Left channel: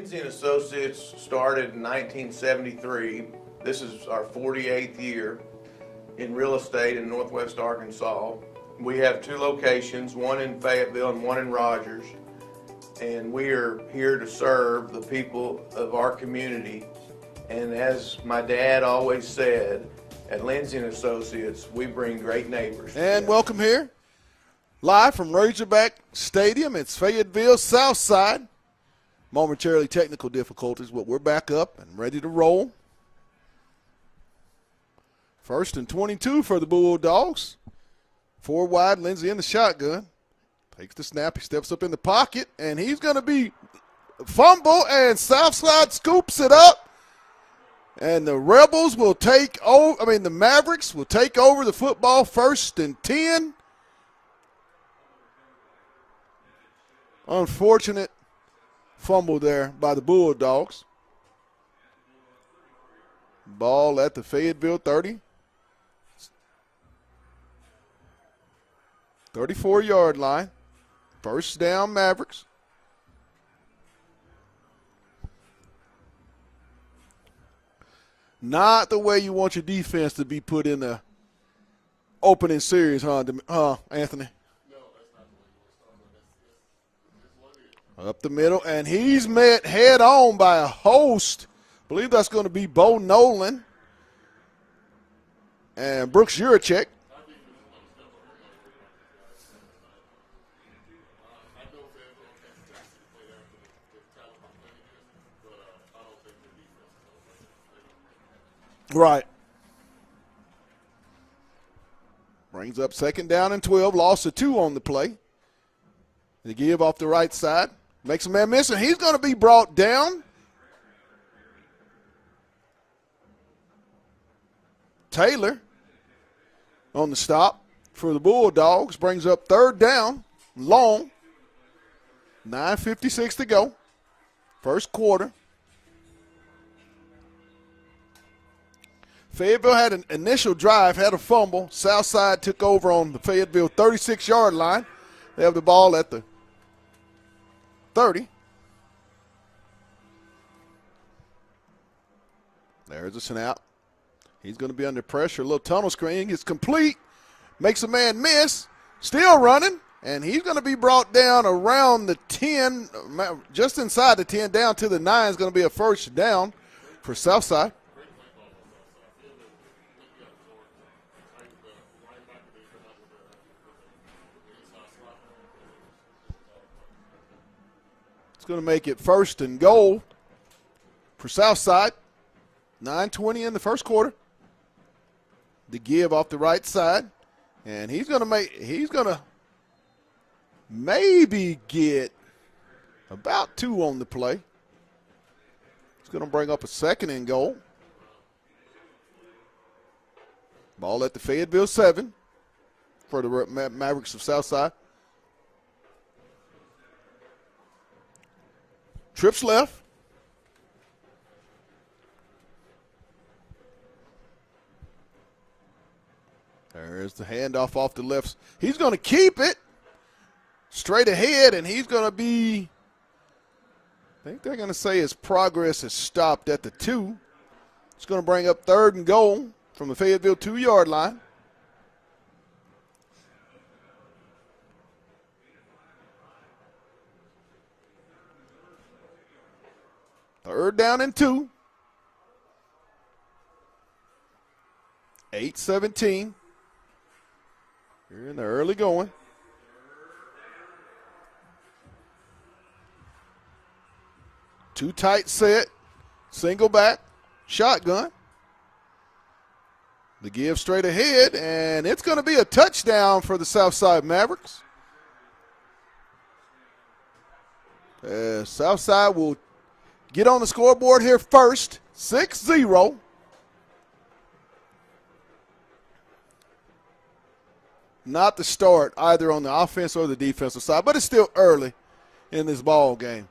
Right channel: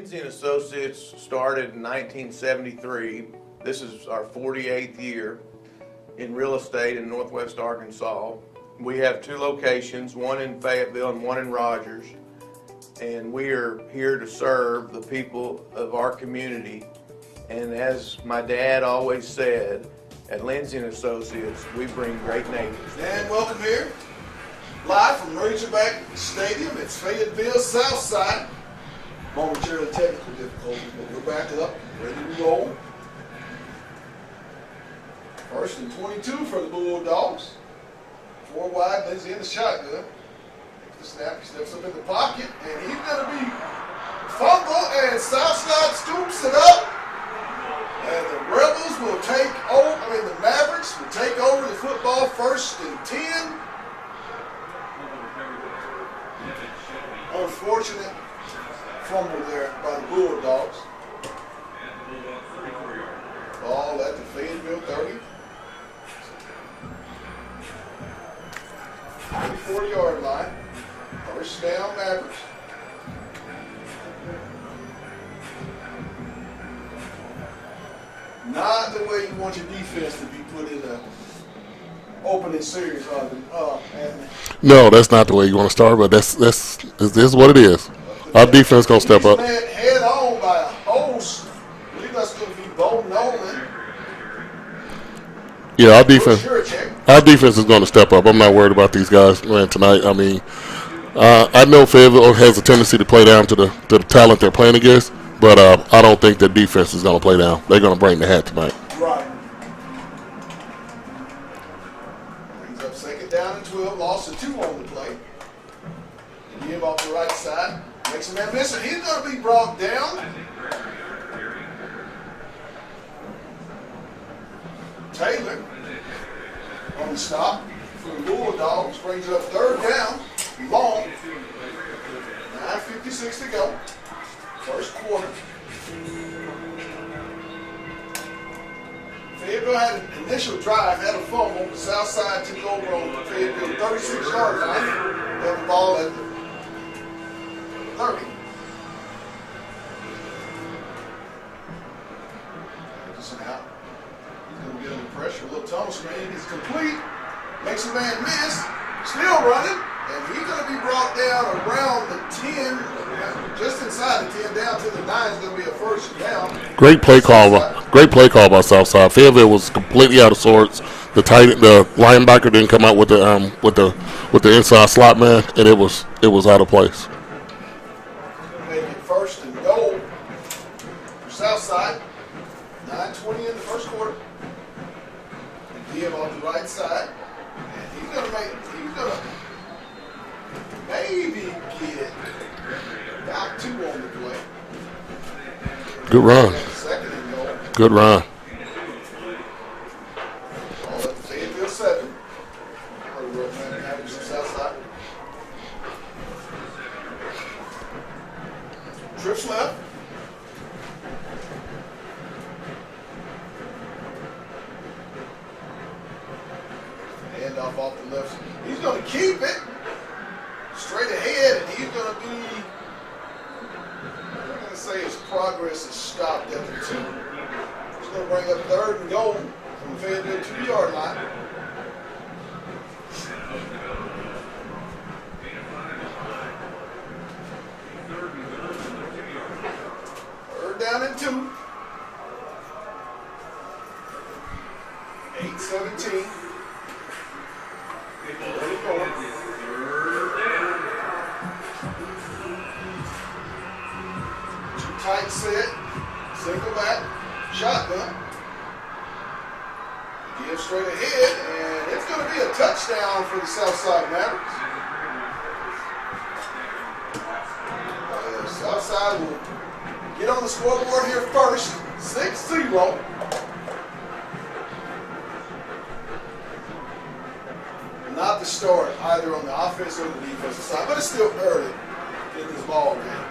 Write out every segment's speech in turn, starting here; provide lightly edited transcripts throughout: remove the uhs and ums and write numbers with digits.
Lindsay and Associates started in 1973. This is our 48th year in real estate in Northwest Arkansas. We have two locations, one in Fayetteville and one in Rogers, and we are here to serve the people of our community. And as my dad always said, at Lindsay and Associates, we bring great neighbors. And welcome here, live from Razorback Stadium. It's Fayetteville, Southside. Momentarily technical difficulties, but we're back up, ready to roll. First and 22 for the Bulldogs. 4 wide, Lindsay in the shotgun. Takes the snap, he steps up in the pocket, and he's going to be fumble, and Southside scoops it up. And the Rebels will take over, the Mavericks will take over the football, 1st and 10. Unfortunate fumble there by the Bulldogs. Ball at the Fayetteville 30. 34-yard line. 1st down, Mavericks. Not the way you want your defense to be put in the opening series, Anthony? No, that's not the way you want to start, but this is what it is. Our defense going to step up. He's led head on by a host. I believe that's going to be Bo Nolan. Yeah, our defense is going to step up. I'm not worried about these guys playing tonight. I know Fayetteville has a tendency to play down to the talent they're playing against, but I don't think their defense is going to play down. They're going to bring the hat tonight. Right. Brings up 2nd down and 12. Loss of 2 on the play. The give off the right side. Makes a man miss, and he's going to be brought down. Taylor on the stop for the Bulldogs. Brings up 3rd down. Long. 9:56 to go. 1st quarter. Fayetteville had an initial drive, had a fumble. Southside took over on the Fayetteville 36-yard line. They have the ball at the 30. There's a snap. He's going to be under pressure. A little tunnel screen is complete. Makes a man miss. Still running. And he's going to be brought down around the 10, just inside the 10, down to the 9 is going to be a 1st down. Great play call by Southside. Fayetteville was completely out of sorts. The linebacker didn't come out with the inside slot man, and it was out of place. It's going to make it 1st and goal for Southside. 9:20 in the 1st quarter. The give off the right side, and he's going to maybe get about 2 on the play. Good run. 2nd and goal. Good run. Ball at the Fayetteville 7 for the Mavericks of Southside. Trips left. There's the handoff off the left. He's going to keep it straight ahead, and he's going to be, they're going to say his progress is stopped at the 2. He's going to bring up 3rd and goal from the Fayetteville 2-yard line. Third down and 2. 8:17. Early going. Too tight set. Single back. Shotgun. The give straight ahead, and it's going to be a touchdown for the Southside Mavericks. Southside will get on the scoreboard here first. 6-0. Not the start either on the offense or the defensive side, but it's still early in this ball game.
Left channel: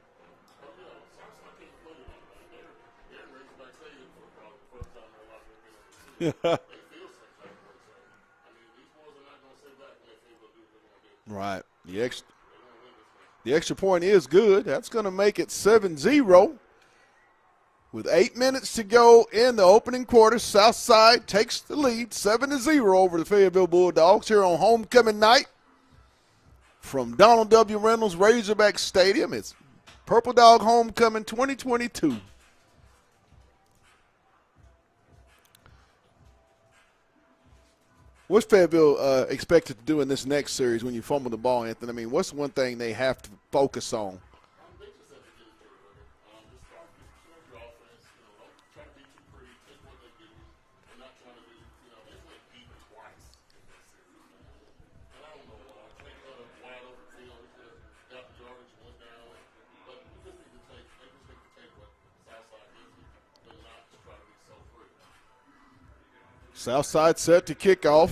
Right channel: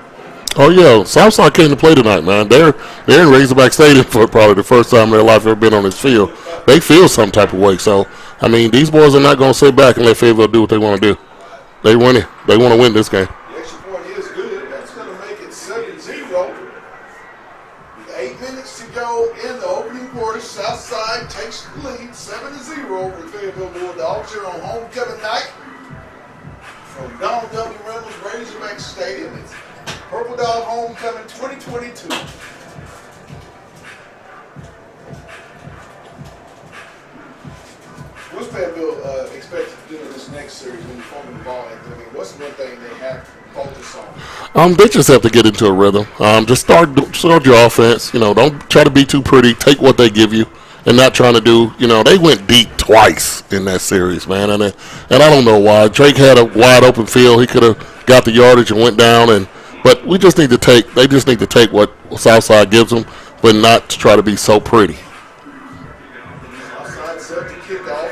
Oh, yeah. Southside came to play tonight, man. They're in Razorback Stadium for probably the first time in their life ever been on this field. They feel some type of way. So, these boys are not going to sit back and let Fayetteville do what they want to do. Right. They win it. They want to win this game. The extra point is good. That's going to make it 7-0. With 8 minutes to go in the opening quarter, Southside takes the lead 7-0 over the Fayetteville Bulldogs here on homecoming night from Donald W. Reynolds Razorback Stadium. It's Purple Dog Homecoming 2022. What's Fayetteville expected to do in this next series when you fumble the ball, Anthony? I mean, what's one thing they have to focus on? They just have to get into a rhythm. Just start your offense. Don't try to be too pretty. Take what they give you, and not trying to do. They went deep twice in that series, man, and I don't know why. Drake had a wide open field. He could have got the yardage and went down, but we just need to take. They just need to take what Southside gives them, but not to try to be so pretty. Southside set to kick off.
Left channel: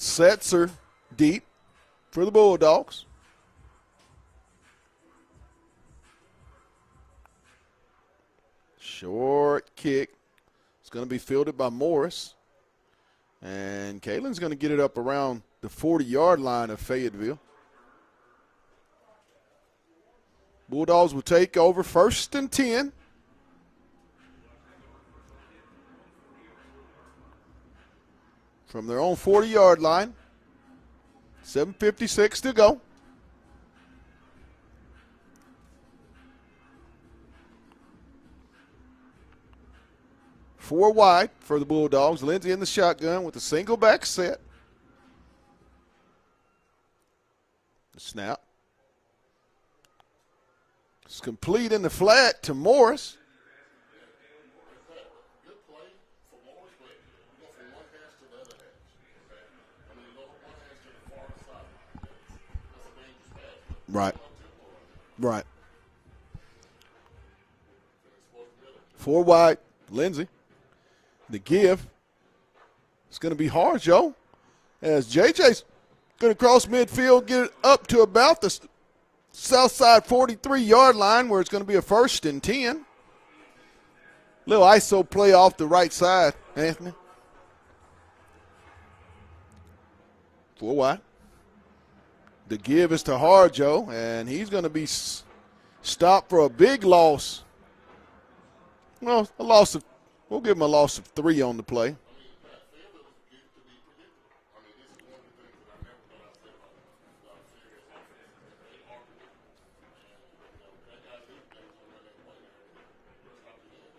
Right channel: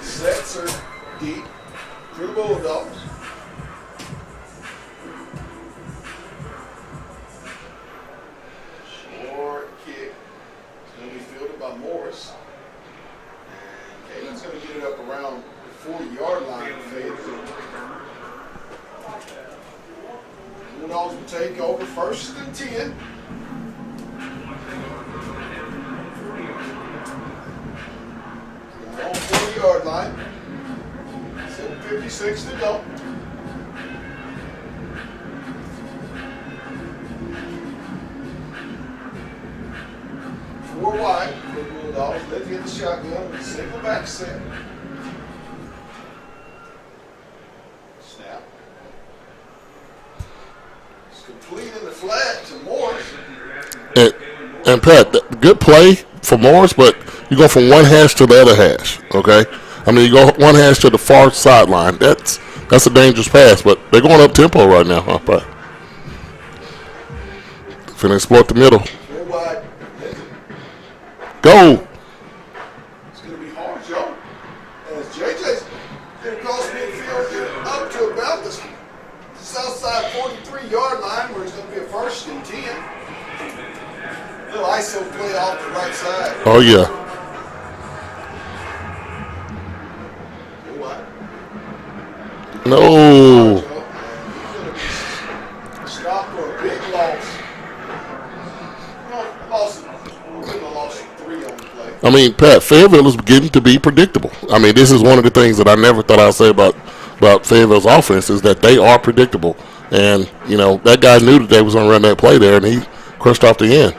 Sets are deep for the Bulldogs. Short kick. It's going to be fielded by Morris. And Caitlin's going to get it up around the 40-yard line of Fayetteville. Bulldogs will take over 1st and 10. From their own 40-yard line. 7:56 to go. Four wide for the Bulldogs. Lindsay in the shotgun with a single back set. Snap. It's complete in the flat to Morris. And Pat, good play for Morris, but you go from one hash to the other hash, okay? I mean, you go one hash to the far sideline. That's a dangerous pass, but they're going up tempo right now, huh, Pat? Finna exploit the middle. Four wide, Lindsay. Go. It's going to be hard, Joe. As JJ's going to cross midfield, get it up to about the Southside 43-yard line, where it's going to be a 1st and 10. Little ISO play off the right side. Oh, yeah. Four wide. No. Hard, Joe, and he's going to be stopped for a big loss. Well, we'll give him a loss of 3 on the play. I mean, Pat, Fayetteville is beginning to be predictable. I mean, this is one of the things that I never thought I'd say about Fayetteville's offense is that they are predictable. And, that guy knew that they was going to run that play there, and he crushed off the end.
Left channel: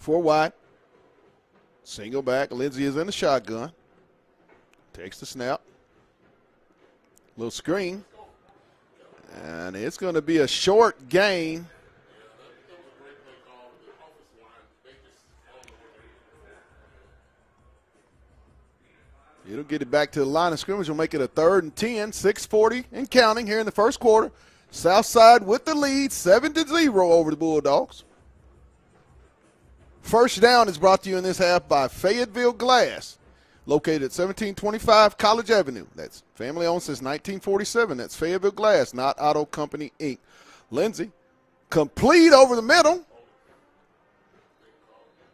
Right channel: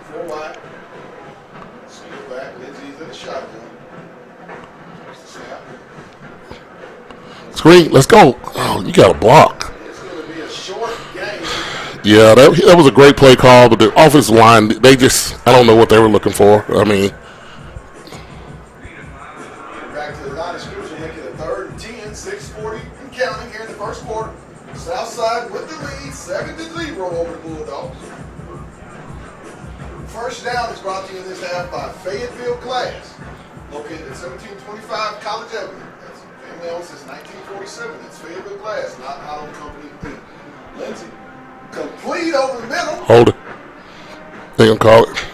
Four wide. Single back. Lindsay is in the shotgun. Takes the snap. Screen, let's go. Oh, you got a block. And it's going to be a short game. Yeah, that was a great play call, but the offensive line, I don't know what they were looking for. I mean. We'll get it back to the line of scrimmage. We'll make it a 3rd and 10, 6:40 and counting here in the first quarter. Southside with the lead, 7-0 over the Bulldogs. First down is brought to you in this half by Fayetteville Glass, located at 1725 College Avenue. That's family owned since 1947. That's Fayetteville Glass, not Auto Company, Inc. Lindsay, complete over the middle. Hold it. They gonna call it.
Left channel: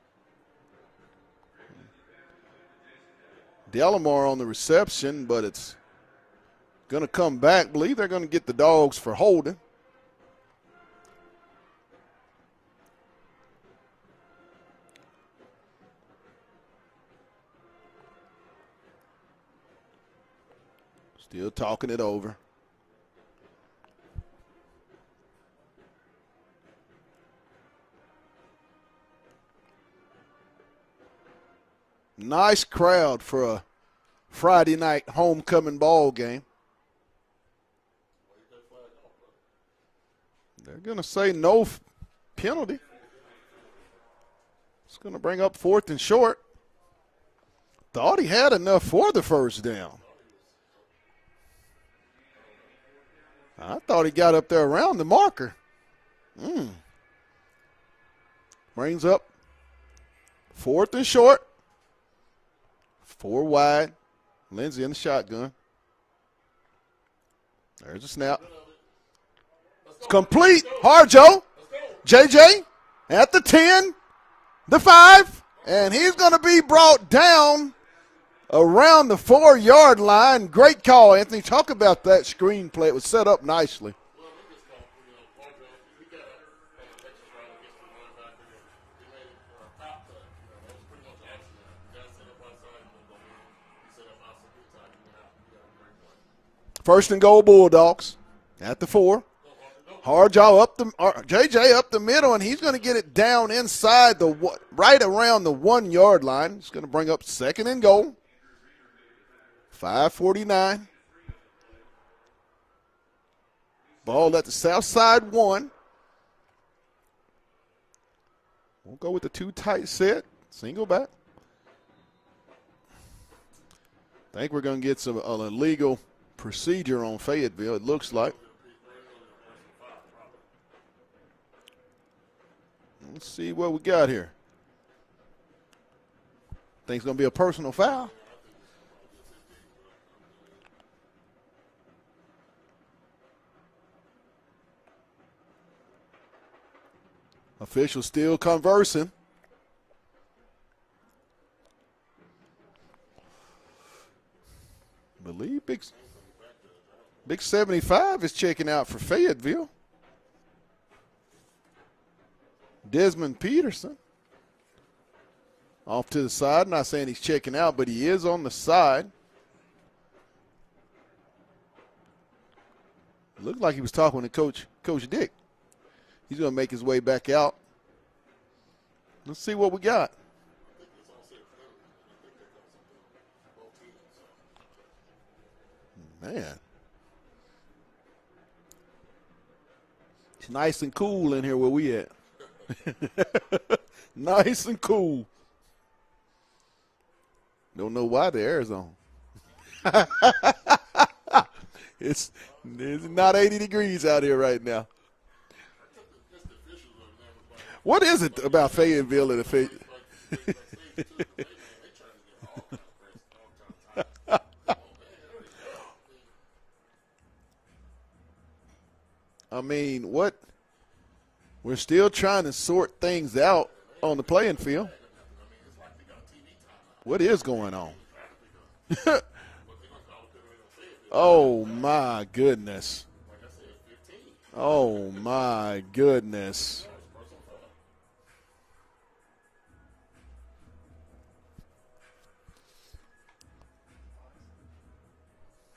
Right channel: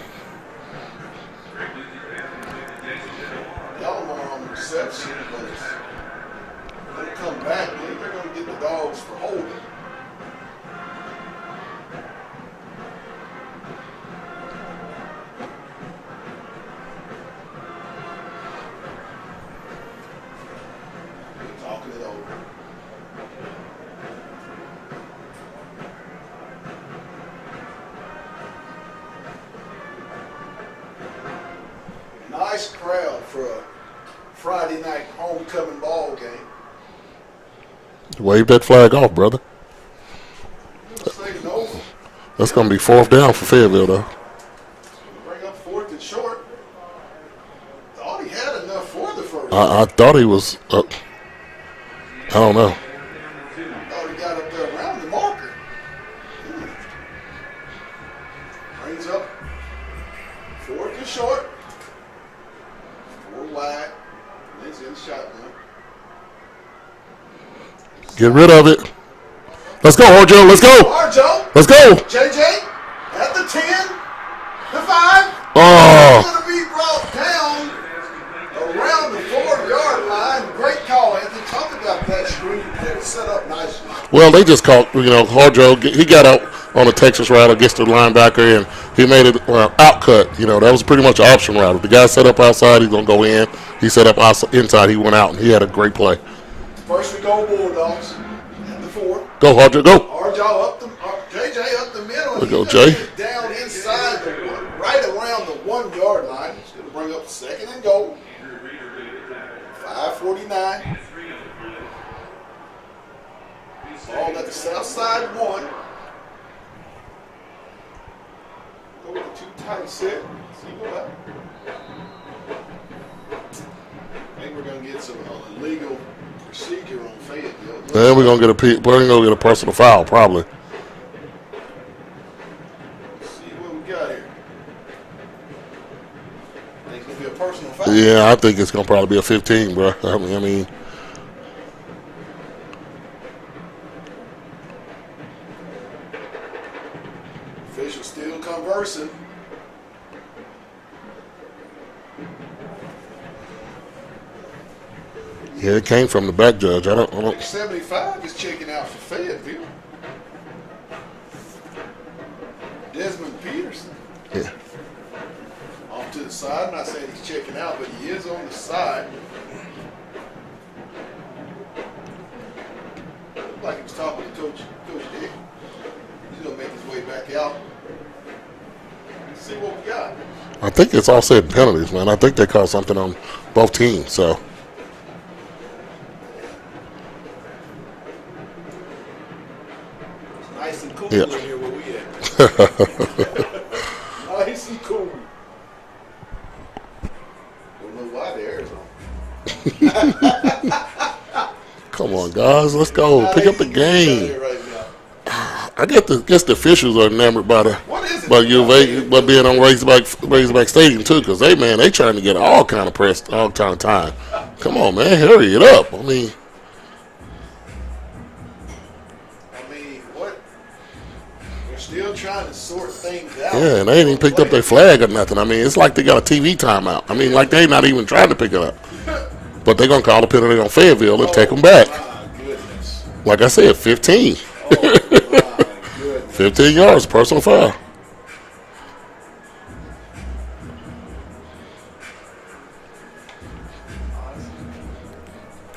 Delamar on the reception, but it's going to come back. I believe they're going to get the Dogs for holding. Still talking it over. Nice crowd for a Friday night homecoming ball game. Wave that flag off, brother. I'm going to say no. That's going to be 4th down for Fayetteville, though. It's going to bring up 4th and short. Thought he had enough for the first. I thought he was up. I don't know. I thought he got up there around the marker. Brings up 4th and short. 4 wide. Lindsay in the shotgun. Get rid of it. Let's go, Harjo. Let's go. Harjo. Let's go. JJ at the 10, the 5. Oh. He's going to be brought down around the 4-yard line. Great call, Anthony. Talk about that screen play. It was set up nicely. Well, they just called, Harjo, he got out on a Texas route against the linebacker, and he made it out cut. That was pretty much an option route. If the guy set up outside, he's going to go in. He set up inside, he went out, and he had a great play. 1st and goal, Bulldogs at the 4. Go, Harjo, go. Harjo up JJ up the middle, and he's going to get it down inside right around the 1-yard line. He's going to bring up 2nd and goal. 5:49. Ball at the Southside 1. Go with the 2 tight set. Single back. I think we're going to get some illegal procedure on Fayetteville. Then we're going to get a personal foul, probably. Let's see what we got here. Think it's going to be a personal foul? Yeah, I think it's going to probably be a 15, bro. I mean. Officials still conversing. Yeah, it came from the back judge. I don't. 75 is checking out for Fayetteville. Desmond Peterson. Yeah. Off to the side. I'm not saying he's checking out, but he is on the side. Looked like he was talking to Coach Dick. He's going to make his way back out. Let's see what we got. I think it's all said penalties, man. I think they called something on both teams, so. Man. It's nice and cool in here where we at. Nice and cool. Don't know why the air is on. Come on, guys. Let's go. Pick up the game. Right now. I guess the officials are enamored by being on Razorback Stadium too, because they trying to get all kind of press all kind of time. Come on, man, hurry it up. I mean, what? We're still trying to sort things out. Yeah, and they ain't even picked up their flag or nothing. I mean, it's like they got a TV timeout. I mean, like they not even trying to pick it up. But they're gonna call a penalty on Fayetteville and take them back. My goodness. Like I said, 15. Oh my goodness. 15 yards, personal foul.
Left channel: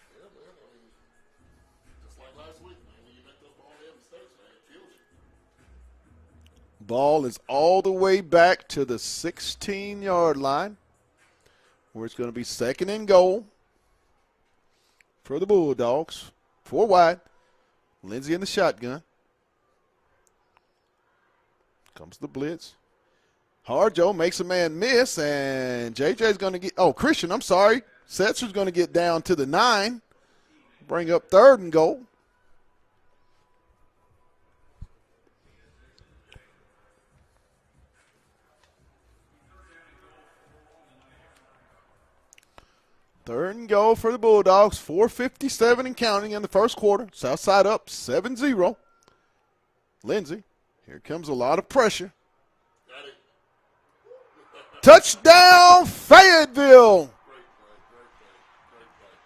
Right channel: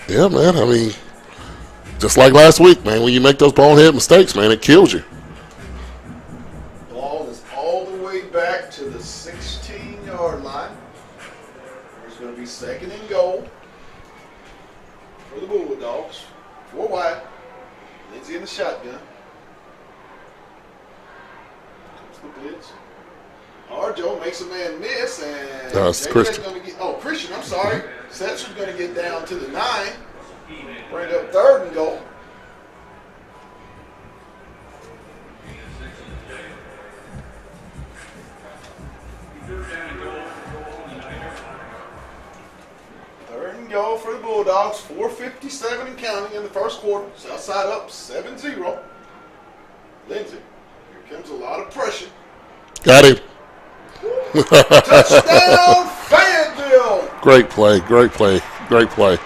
Yeah, man. I mean, just like last week, man, when you make those bonehead mistakes, man, it kills you. Ball is all the way back to the 16-yard line, where it's going to be 2nd and goal for the Bulldogs. 4 wide. Lindsey in the shotgun. Comes the blitz. Harjo makes a man miss, and JJ's going to get. Oh, Christian, I'm sorry. Setzer's going to get down to the 9. Bring up 3rd and goal. Third and goal for the Bulldogs. 4:57 and counting in the first quarter. Southside up 7-0. Lindsey, here comes a lot of pressure. Got him. Touchdown, Fayetteville. Great play, great play, great play.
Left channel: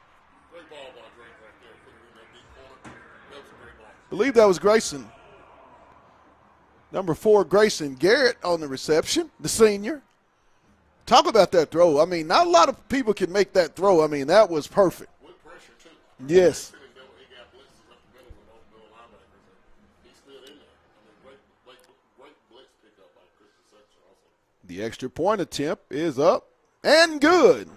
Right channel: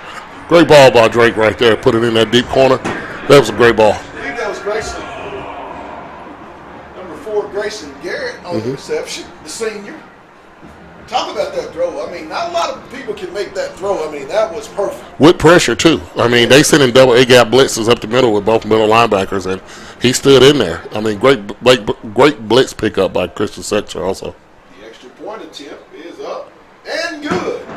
Great ball by Drake right there. Put it in that deep corner. That was a great ball. I believe that was Grayson. Number 4, Grayson Garrett on the reception, the senior. Talk about that throw. I mean, not a lot of people can make that throw. I mean, that was perfect. With pressure, too. I mean, they sent in double A-gap blitzes up the middle with both middle linebackers, and he stood in there. I mean, great blitz pickup by Christian Setzer also. The extra point attempt is up and good.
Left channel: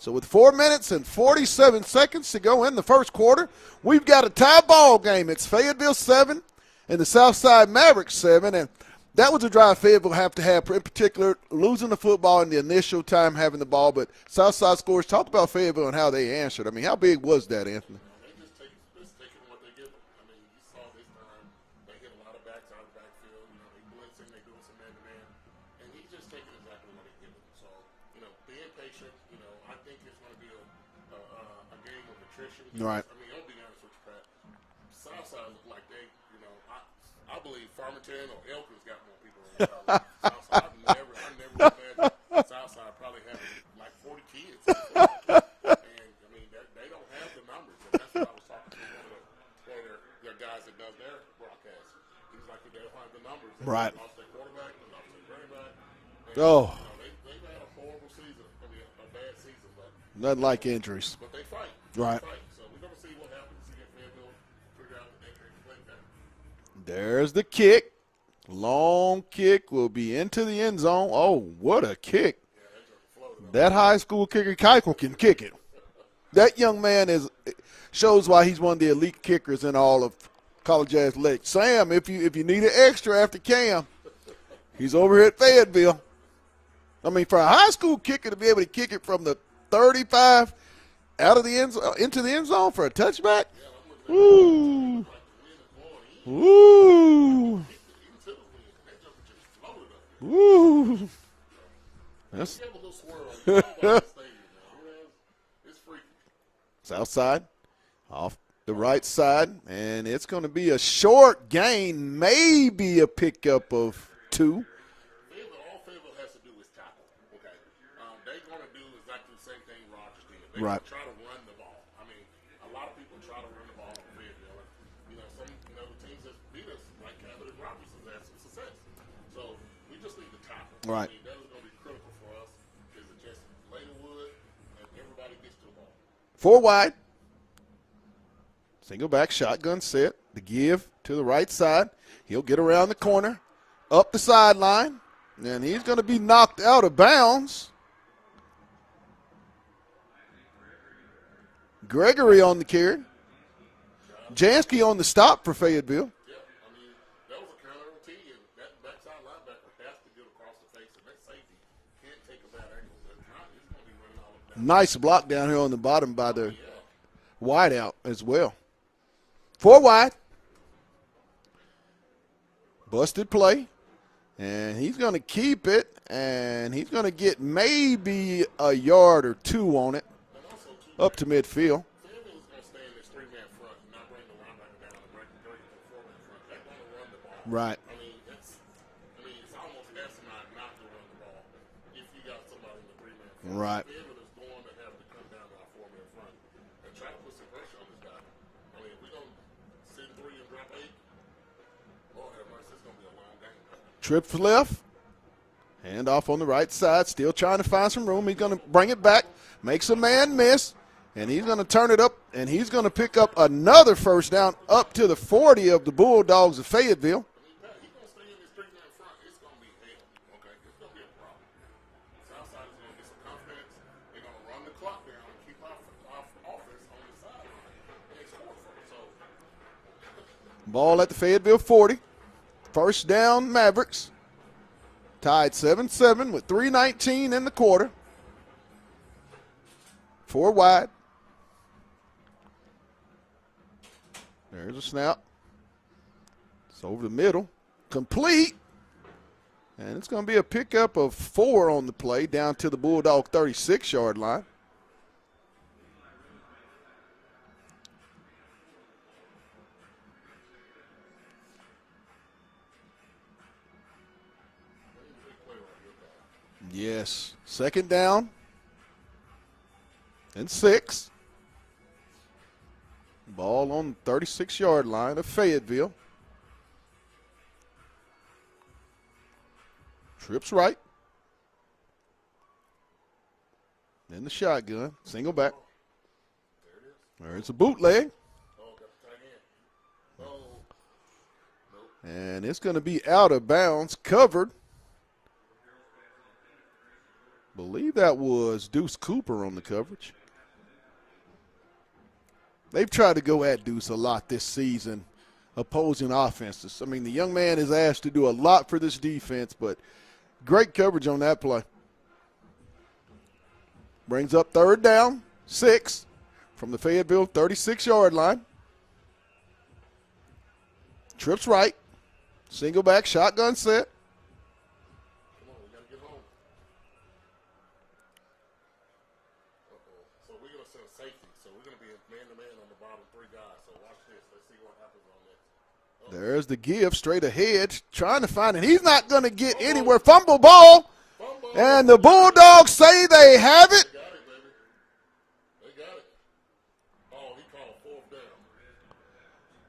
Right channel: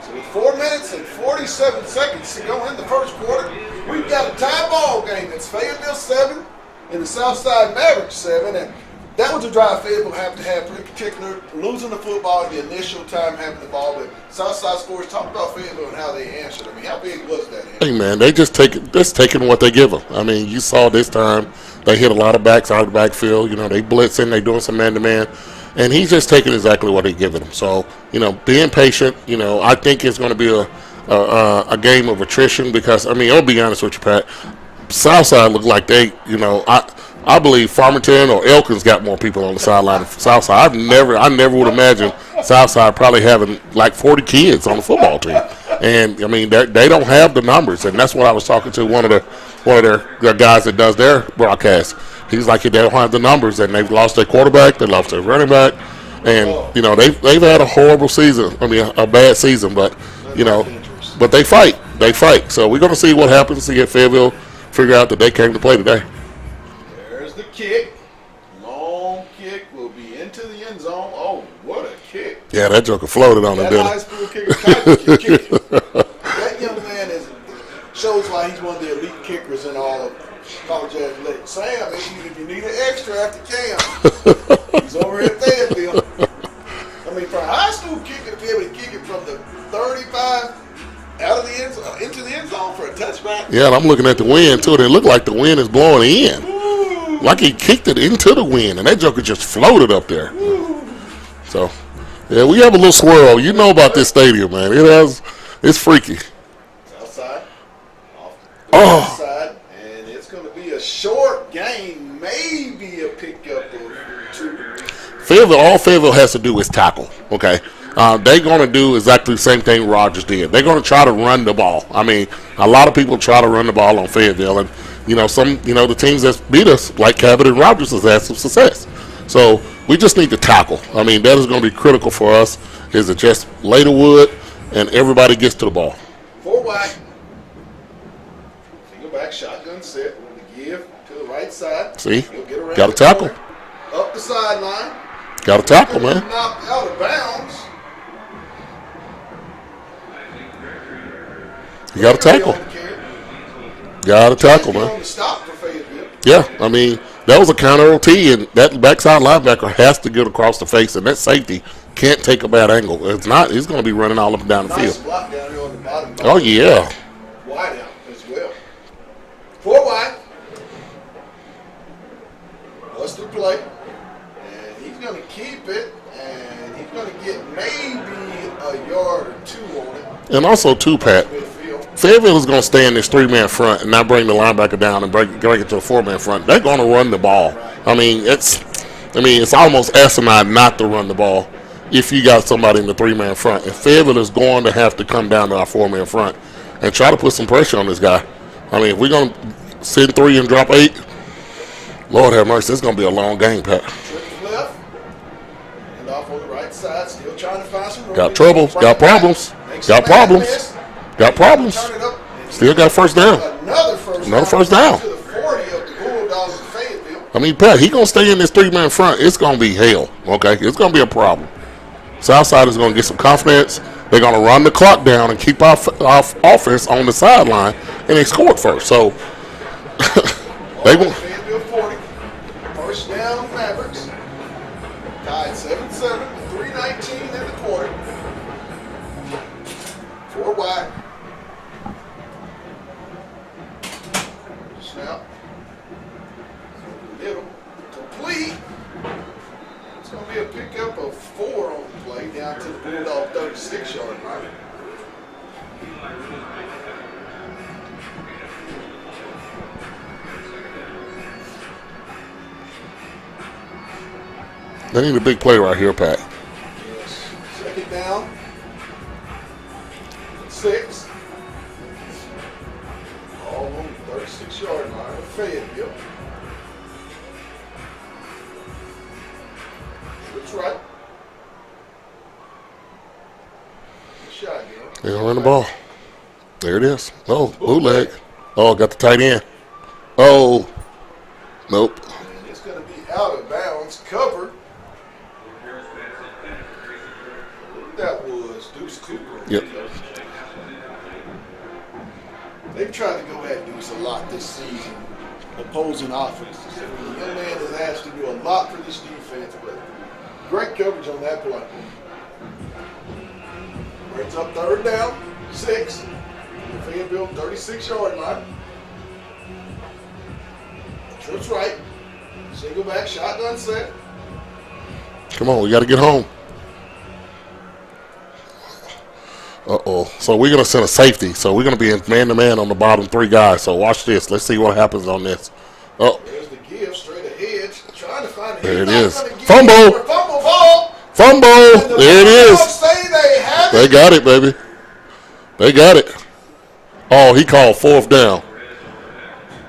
So with 4 minutes and 47 seconds to go in the first quarter, we've got a tie ball game. It's Fayetteville 7 and the Southside Mavericks 7, and that was a drive Fayetteville have to have, in particular, losing the football in the initial time having the ball. But Southside scores. Talk about Fayetteville and how they answered. I mean, how big was that? Hey, man, they just taking what they give them. I mean, you saw this time they hit a lot of backs out of the backfield. You know, they blitzing, they doing some man-to-man. And he's just taking exactly what they're giving him. So, you know, being patient, you know, I think it's going to be a game of attrition because, I mean, I'll be honest with you, Pat. Southside looked like they, you know, I believe Farmington or Elkins got more people on the sideline than Southside. I never would imagine Southside probably having like 40 kids on the football team. And I mean, they don't have the numbers, and that's what I was talking to one of their guys that does their broadcast. He's like, they don't have the numbers, and they've lost their quarterback, they lost their running back, and you know they've had a horrible season. I mean, a bad season, but you know, but they fight. They fight. So we're gonna see what happens. See if Fayetteville figure out that they came to play today. There's the kick. Long kick will be into the end zone. Oh, what a kick. Yeah, that joker floated on that it. That high school kicker Kuiper can kick it. That young man shows why he's one of the elite kickers in all of college athletics. Sam, if you need an extra after Cam, he's over here at Fayetteville. I mean, for a high school kicker to be able to kick it from the 35 out of the end zone, into the end zone for a touchback. Yeah, and I'm looking at the wind too, and it looked like the wind is blowing in. Ooh. Like he kicked it into the wind, and that joker just floated up there. Ooh. So, yeah, we have a little swirl. You know about this stadium, man. It's freaky. Southside, off the right side, and it's going to be a short gain, maybe a pickup of 2. All Fayetteville has to do is tackle, okay? They're going to do exactly the same thing Rogers did. They're going to try to run the ball. I mean, a lot of people try to run the ball on Fayetteville, and the teams that beat us, like Cabot and Rogers, has had some success. So we just need to tackle. I mean, that is going to be critical for us. Is to just lay the wood and everybody gets to the ball. 4 wide. Single back, shotgun set. The give to the right side. See, he'll get around got to tackle. Corner, up the sideline. Got to tackle, man. Knocked out of bounds. You got to tackle. On the carry. Got to tackle, man. On the stop for Fayetteville. Yeah, I mean, that was a counter OT, and that backside linebacker has to get across the face, and that safety can't take a bad angle. If not, he's going to be running all up and down the field. Nice block down here on the bottom. Oh, yeah. Wide out as well. 4 wide. Busted play. And he's going to keep it, and he's going to get maybe a yard or 2 on it. And also, too, Pat, Fayetteville is going to stay in this 3-man front and not bring the linebacker down and bring it to a 4-man front. They're going to run the ball. Right. I mean, it's almost asinine not to run the ball if you got somebody in the 3-man front. And Fayetteville is going to have to come down to our 4-man front and try to put some pressure on this guy. I mean, if we're going to send 3 and drop 8, Lord have mercy, it's going to be a long game, Pat. Trip left. And off on the right side, still trying to find some room. Got trouble. Got problems. Got problems. Got problems. Turn it up. And still got first down. Another first down. To the 40 of the Bulldogs of Fayetteville. I mean, Pat, he's going to stay in this 3-man front. It's going to be hell, okay? It's going to be a problem. Southside is going to get some confidence. They're going to run the clock down and keep our offense on the sideline, and they scored first. So, they will. Fayetteville 40. First down, Mavericks. Tied 7-7 with 3:19 in the quarter. 4 wide. There's a snap. It's over the middle. Complete. And it's going to be a pickup of 4 on the play down to the Bulldog 36-yard line. They need a big play right here, Pat. Yes. 2nd down. And 6. Ball on the 36-yard line of Fayetteville. Trips right. And the shotgun. They're going to run the ball. There it is. Oh, bootleg. Oh, got the tight end. Oh. Nope. And it's going to be out of bounds. Cover. I believe that was Deuce Cooper on the coverage. They've tried to go at Deuce a lot this season, opposing offenses. I mean, the young man is asked to do a lot for this defense, but great coverage on that play. Brings up 3rd down, 6 from the Fayetteville 36-yard line. Trips right. Single back, shotgun set. Come on, we got to get home. Uh-oh. So we're going to send a safety. So we're going to be in man-to-man on the bottom 3 guys. So watch this. Let's see what happens on this. Oh, There's the give straight ahead. Trying to find it. There He's it not is. going to get Fumble. anywhere. Fumble ball. fumble. And the There it Bulldogs is. say they have They it. got it, baby. They got it. Oh, he called 4th down.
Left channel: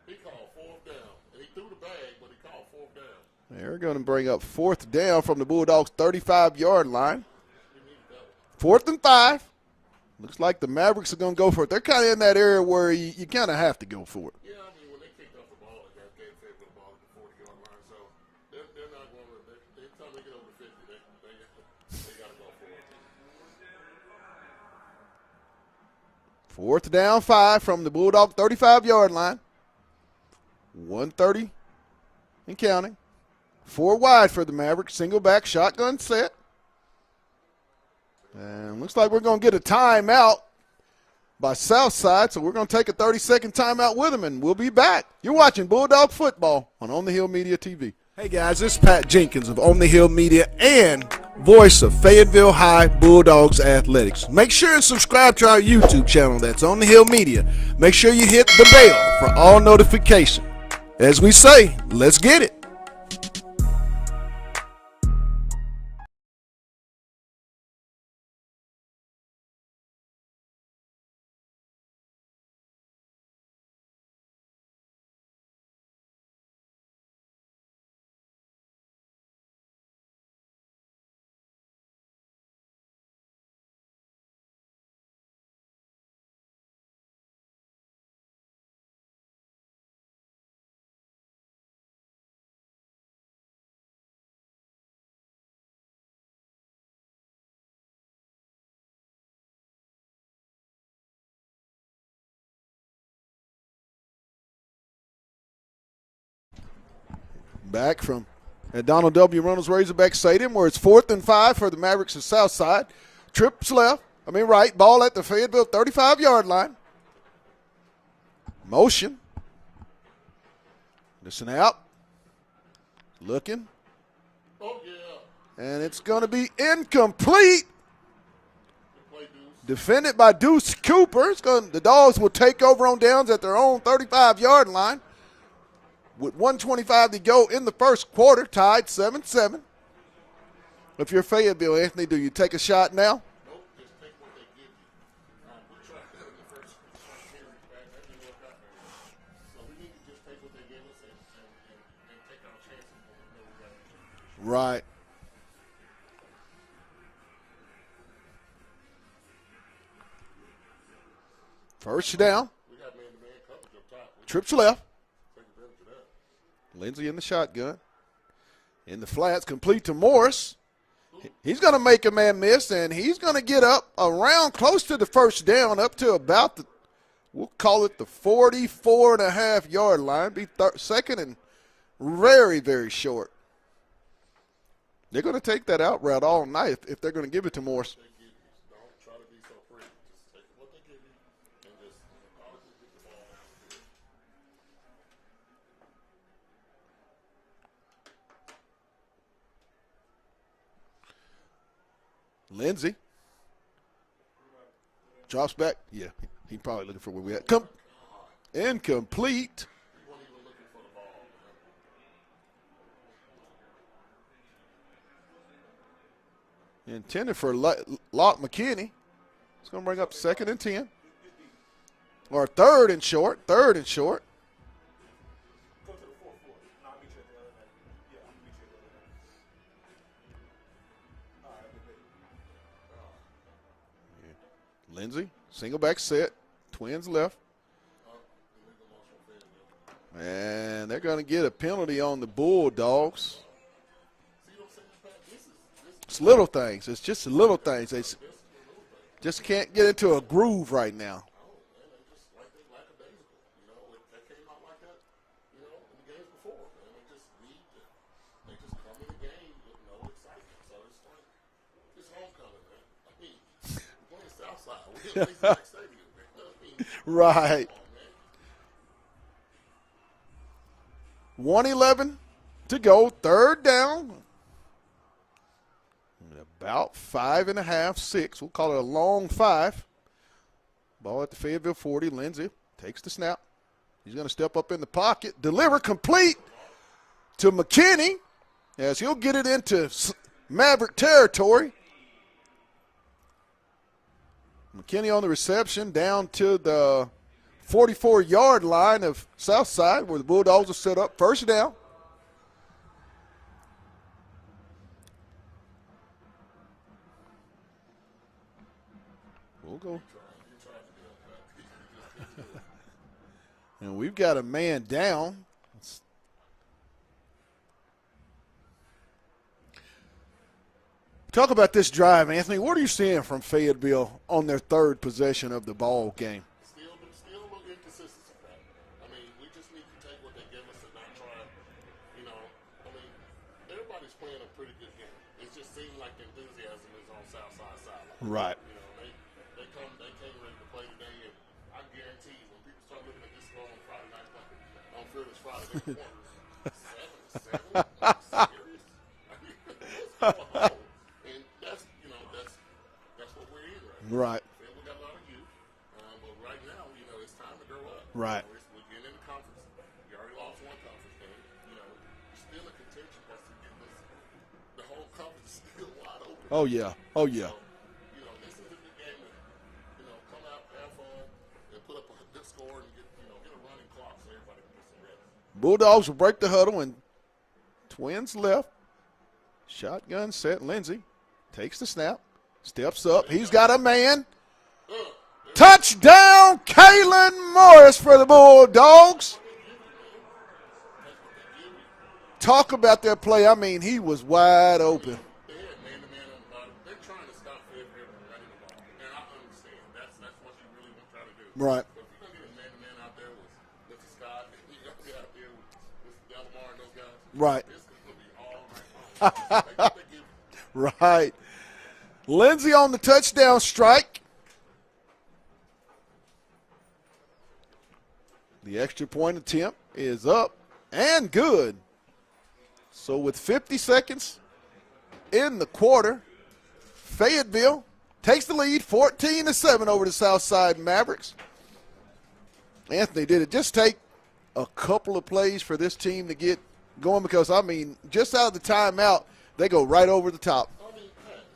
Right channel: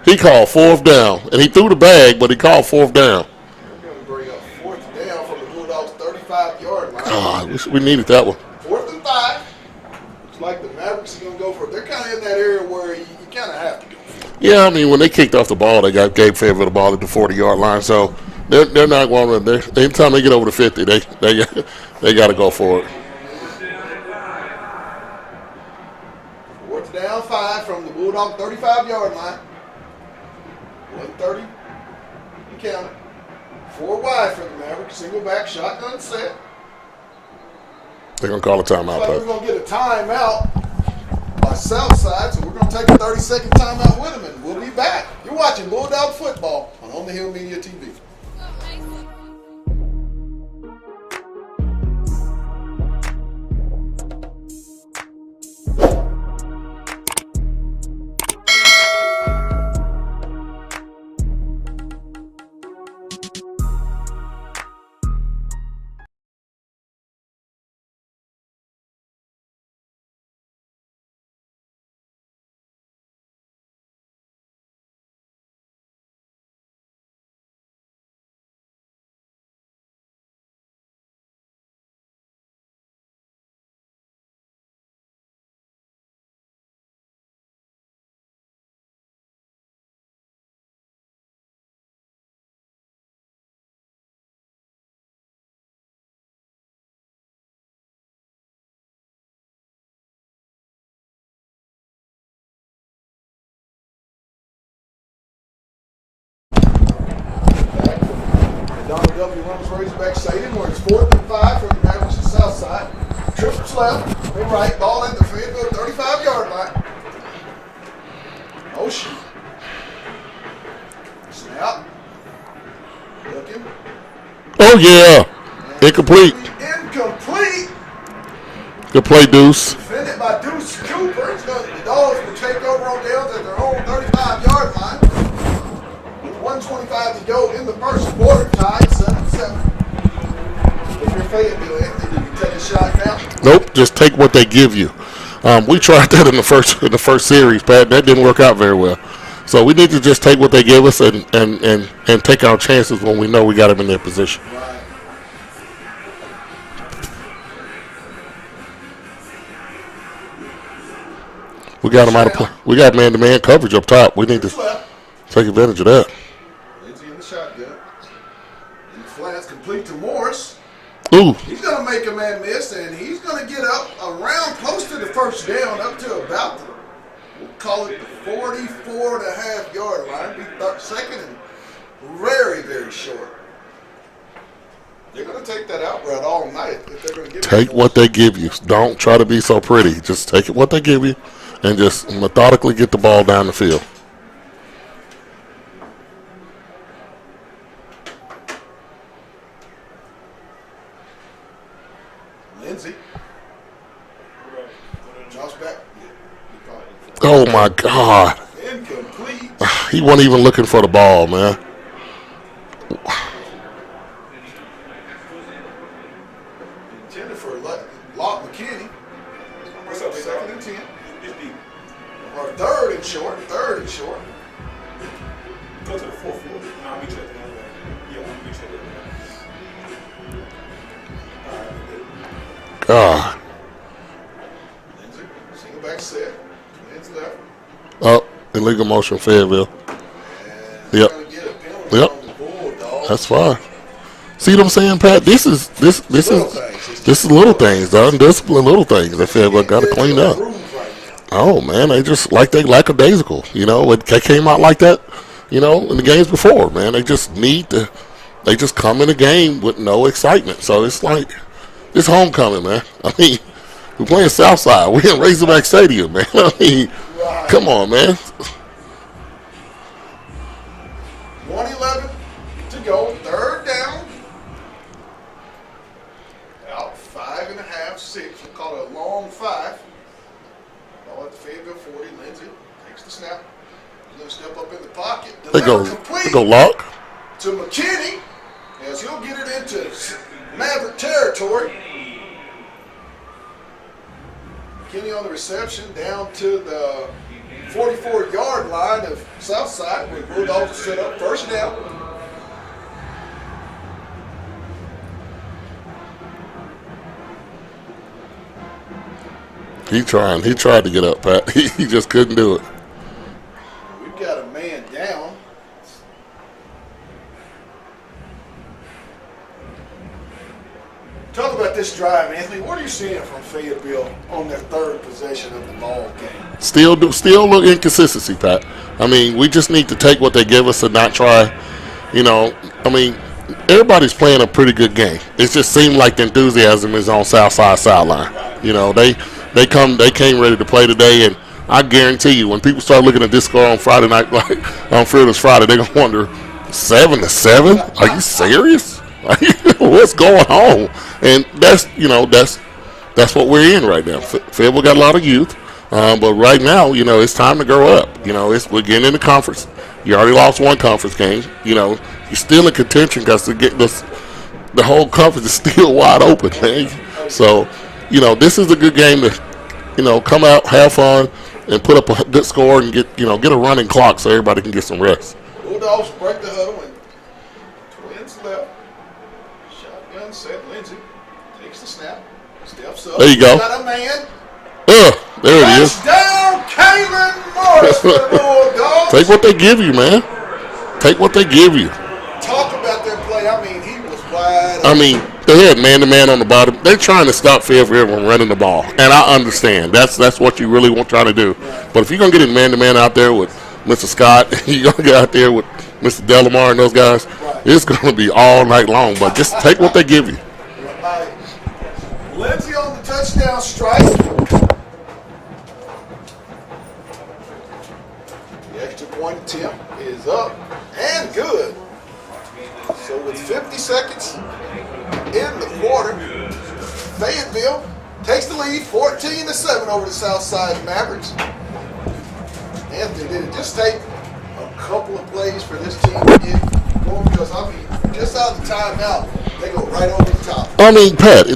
He called 4th down. And he threw the bag, but he called 4th down. They're going to bring up 4th down from the Bulldogs' 35-yard line. Ah, we needed that one. 4th and 5. Looks like the Mavericks are going to go for it. They're kind of in that area where you kind of have to go for it. Yeah, I mean, when they kicked off the ball, they gave Fayetteville the ball at the 40-yard line. So they're not going to. Anytime they get over the 50, they got to go for it. 4th down 5 from the Bulldog 35-yard line. 130 and counting. 4 wide for the Mavericks. Single back shotgun set. They're going to call a timeout. Looks like we're going to get a timeout by Southside, so we're going to take a 30-second timeout with them, and we'll be back. You're watching Bulldog Football on the Hill Media TV. Hey guys, this is Pat Jenkins of On the Hill Media and voice of Fayetteville High Bulldogs Athletics. Make sure and subscribe to our YouTube channel. That's On the Hill Media. Make sure you hit the bell for all notifications. As we say, let's get it. Back from the Donald W. Reynolds Razorback Stadium, where it's 4th and 5 for the Mavericks of Southside. Trips left, me right, ball at the Fayetteville 35-yard line. Motion. Snap. Looking. Oh, yeah. And Incomplete. it's gonna be incomplete. Good play, Deuce. Defended by Deuce Cooper. The Dogs will take over on downs at their own 35-yard line. With 1:25 to go in the first quarter, tied 7-7. If you're Fayetteville, Anthony, do you take a shot now? Nope, just take what they give you. We tried that in the first series, Pat. That didn't work out very well. So we need to just take what they give us and take our chances when we know we got them in their position. Right. We got them out of play. We got man-to-man coverage up top. We need to Left. take advantage of that. Lindsey in the shotgun. In the flats, complete to Morris. Ooh, He's going to make a man miss, and he's going to get up around close to the first down, up to about the, we'll call it the 44.5-yard line. Be second and very, very short. They're going to take that out route all night if they're going to give it take to what they give you. Don't try to be so pretty. Just take it what they give you and just methodically get the ball down the field. Lindsey. Drops back. Yeah, he probably didn't. Oh, my God. Incomplete. He wasn't even looking for the ball, man. Intended for Locke McKinney. He's going to bring up 2nd and 10. Or 3rd and short. 3rd and short. Go to the 4th floor. No, I'll meet you at the other way. Yeah, I'll meet you at the other way. God. Lindsey, single back set. Twins left. Oh, illegal motion, Fayetteville. And they're Yep. going to get a penalty Yep. on the Bulldogs. That's fine. See what I'm saying, Pat? This is little things. It's this is little things, undisciplined little things. I feel like got to clean up. Groove right now. Oh man, they just they lackadaisical. You know, they came out like that. You know, in the games before, man, they just they just come in the game with no excitement. So it's like it's homecoming, man. I mean, we're playing Southside. We're in Razorback Stadium, man. I mean, Right. come on, man. 1:11 to go. 3rd down. About 5.5, 6. We'll call it a long 5. Ball at the Fayetteville 40. Lindsey takes the snap. He's going to step up in the pocket. They Deliver go, complete they go lock. to McKinney as he'll get it into Maverick territory. McKinney on the reception down to the 44-yard line of Southside where the Bulldogs are set up. First down. He tried to get up, Pat. He just couldn't do it. And we've got a man down. Talk about this drive, Anthony. What are you seeing from Fayetteville on their third possession of the ball game? Still look inconsistency, Pat. I mean, we just need to take what they give us and not try. You know, I mean, everybody's playing a pretty good game. It just seemed like the enthusiasm is on Southside sideline. You know, they came ready to play today, and I guarantee you, when people start looking at this score on Friday night, like on Friday, they're gonna wonder, 7-7? Are you serious? What's going on? And that's what we're in right now. Fayetteville got a lot of youth, but right now, you know, it's time to grow up. You know, we're getting in the conference. You already lost one conference game. You know, you're still in contention because the whole conference is still wide open, man. So, you know, this is a good game to, you know, come out, have fun, and put up a good score and get a running clock so everybody can get some rest. Bulldogs will break the huddle and Twins left. Shotgun set. Lindsey takes the snap. Steps up. There you go. Got a man. There it is. Touchdown, Kalen Morris for the Bulldogs. Take what they give you, man. Take what they give you. Talk about their play. I mean, he was wide open. I mean, they had man-to-man on the bottom. They're trying to stop Fayetteville from running the ball, and I understand. That's what you really want trying to do. Right. But if you're going to get in man-to-man out there with Mr. Scott, you're going to get out there with Mr. Delamar and those guys, right, it's going to be all night long. But just take what they give you. Right. Lindsey on the touchdown strike. The extra point attempt is up and good. So with 50 seconds in the quarter, Fayetteville takes the lead 14-7 over the Southside Mavericks. Anthony, did it just take a couple of plays for this team to get going? Because, I mean, just out of the timeout, they go right over the top. I mean, Pat,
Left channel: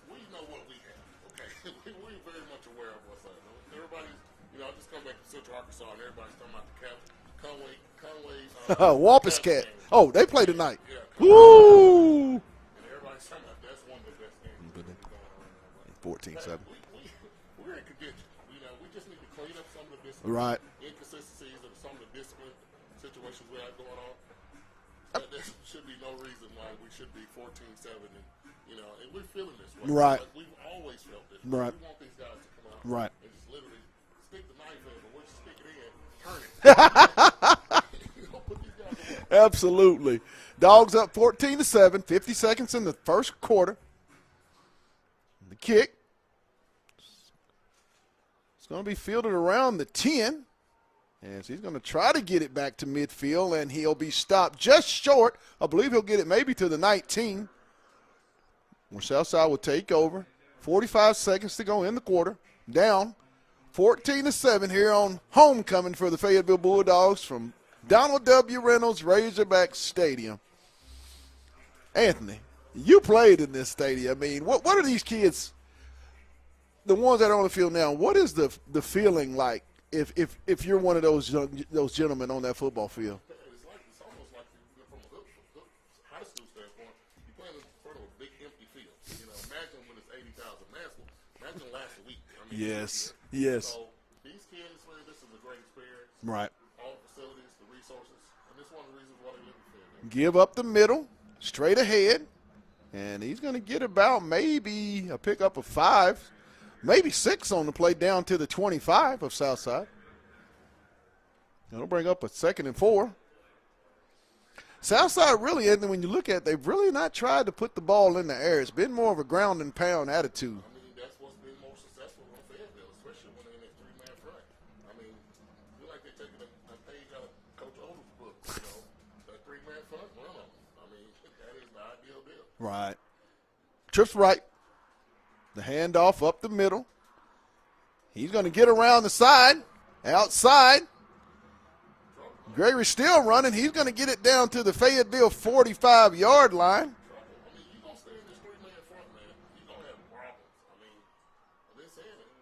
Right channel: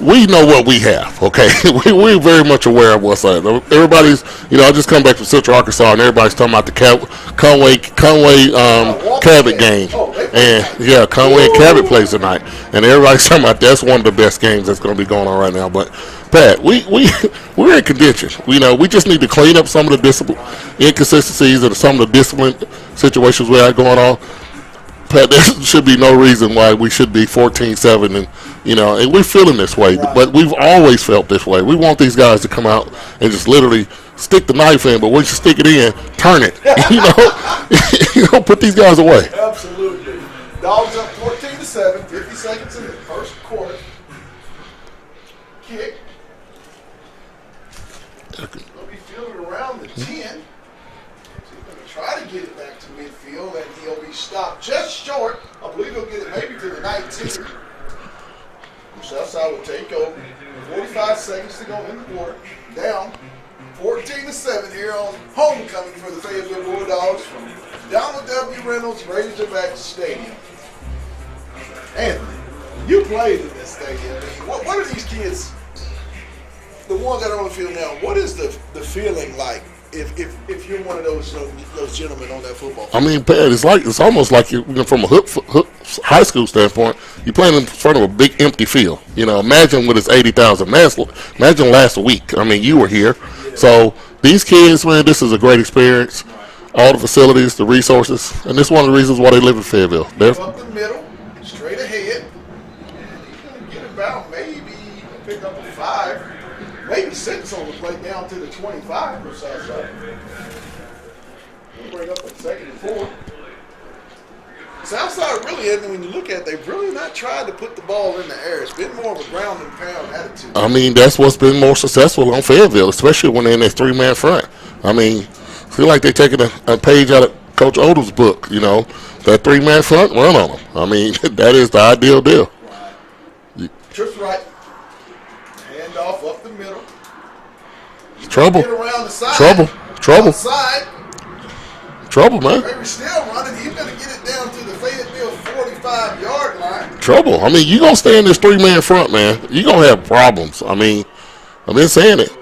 we know what we have, okay? We're very much aware of what's up. Everybody's, I just come back from Central Arkansas, and everybody's talking about the Conway Cabot game. Oh, they and, Conway and Cabot plays tonight. And everybody's talking about that's one of the best games that's going to be going on right now. But, Pat, we're in contention. We just need to clean up some of the discipline inconsistencies and some of the discipline situations we have going on. Pat, there should be no reason why we should be 14-7, and we're feeling this way. Right. But we've always felt this way. We want these guys to come out and just literally stick the knife in, but once you stick it in, turn it. Put these guys away. Absolutely. Dogs up 14-7, 50 seconds in the first quarter. Kick. It's going to be fielded around the 10. He's going to try to get it back to midfield, and he'll be stopped just short. I believe he'll get it maybe to the 19. Southside will take over. 45 seconds to go in the quarter. Down 14-7 here on homecoming for the Fayetteville Bulldogs from Donald W. Reynolds Razorback Stadium. Anthony, you played in this stadium. I mean, what are these kids, the ones that are on the field now, what is the feeling like if you're one of those gentlemen on that football field? I mean, Pat, it's almost like you from a high school standpoint, you're playing in front of a big empty field. Imagine with its 80,000. Imagine last week. I mean, you were here. Yeah. So these kids, man, this is a great experience. Right. All the facilities, the resources, and this is one of the reasons why they live in Fayetteville. Give up the middle, straight ahead, and he's going to get about maybe a pick up of 5. Maybe 6 on the play down to the 25 of Southside. We'll bring up a 2nd and 4. Southside really, when you look at it, they've really not tried to put the ball in the air. It's been more of a ground and pound attitude. I mean, that's what's been more successful on Fayetteville, especially when they're in that 3-man front. I mean, I feel like they're taking a page out of Coach Odom's book, that 3-man front, run on them. I mean, that is the ideal deal. Right. Trips right. Handoff up the middle. He's Trouble. Get around the side. Trouble. Outside. Trouble, man. Gregory's still running. He's going to get it down to the Fayetteville 45-yard line. Trouble. I mean, you're going to stay in this three-man front, man. You're going to have problems. I mean, I've been saying it.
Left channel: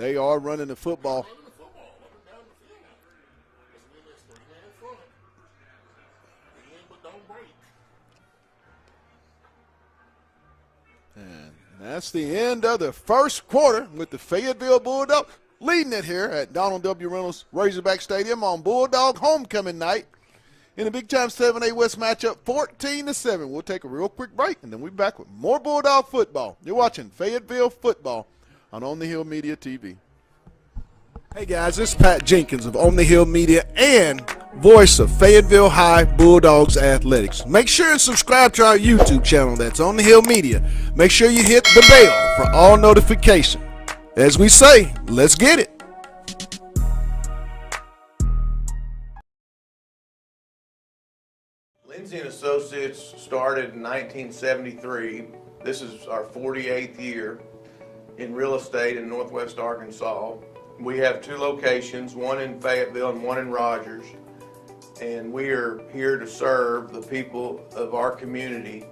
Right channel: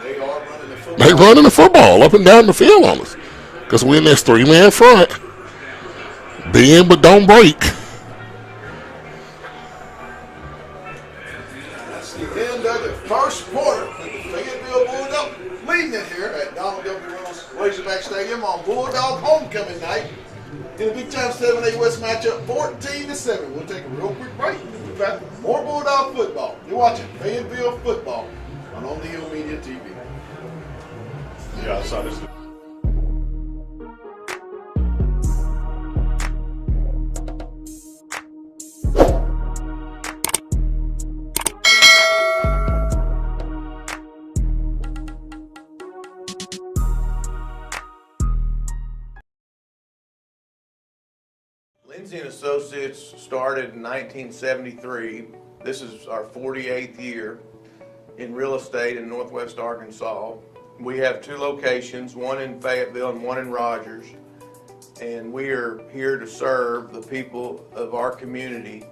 They are running the football. They running the football up and down the field on us. Because we're in this three-man front. Bend but don't break. That's the end of the first quarter with the Fayetteville Bulldogs leading it here at Donald W. Reynolds Razorback Stadium on Bulldog homecoming night. In a big time 7A West matchup, 14-7. We'll take a real quick break, and then we'll be back with more Bulldog football. You're watching Fayetteville football on On the Hill Media TV. Hey guys, this is Pat Jenkins of On the Hill Media and voice of Fayetteville High Bulldogs Athletics. Make sure and subscribe to our YouTube channel. That's On the Hill Media. Make sure you hit the bell for all notifications. As we say, let's get it. Lindsay and Associates started in 1973. This is our 48th year in real estate in Northwest Arkansas. We have two locations, one in Fayetteville and one in Rogers. And we are here to serve the people of our community.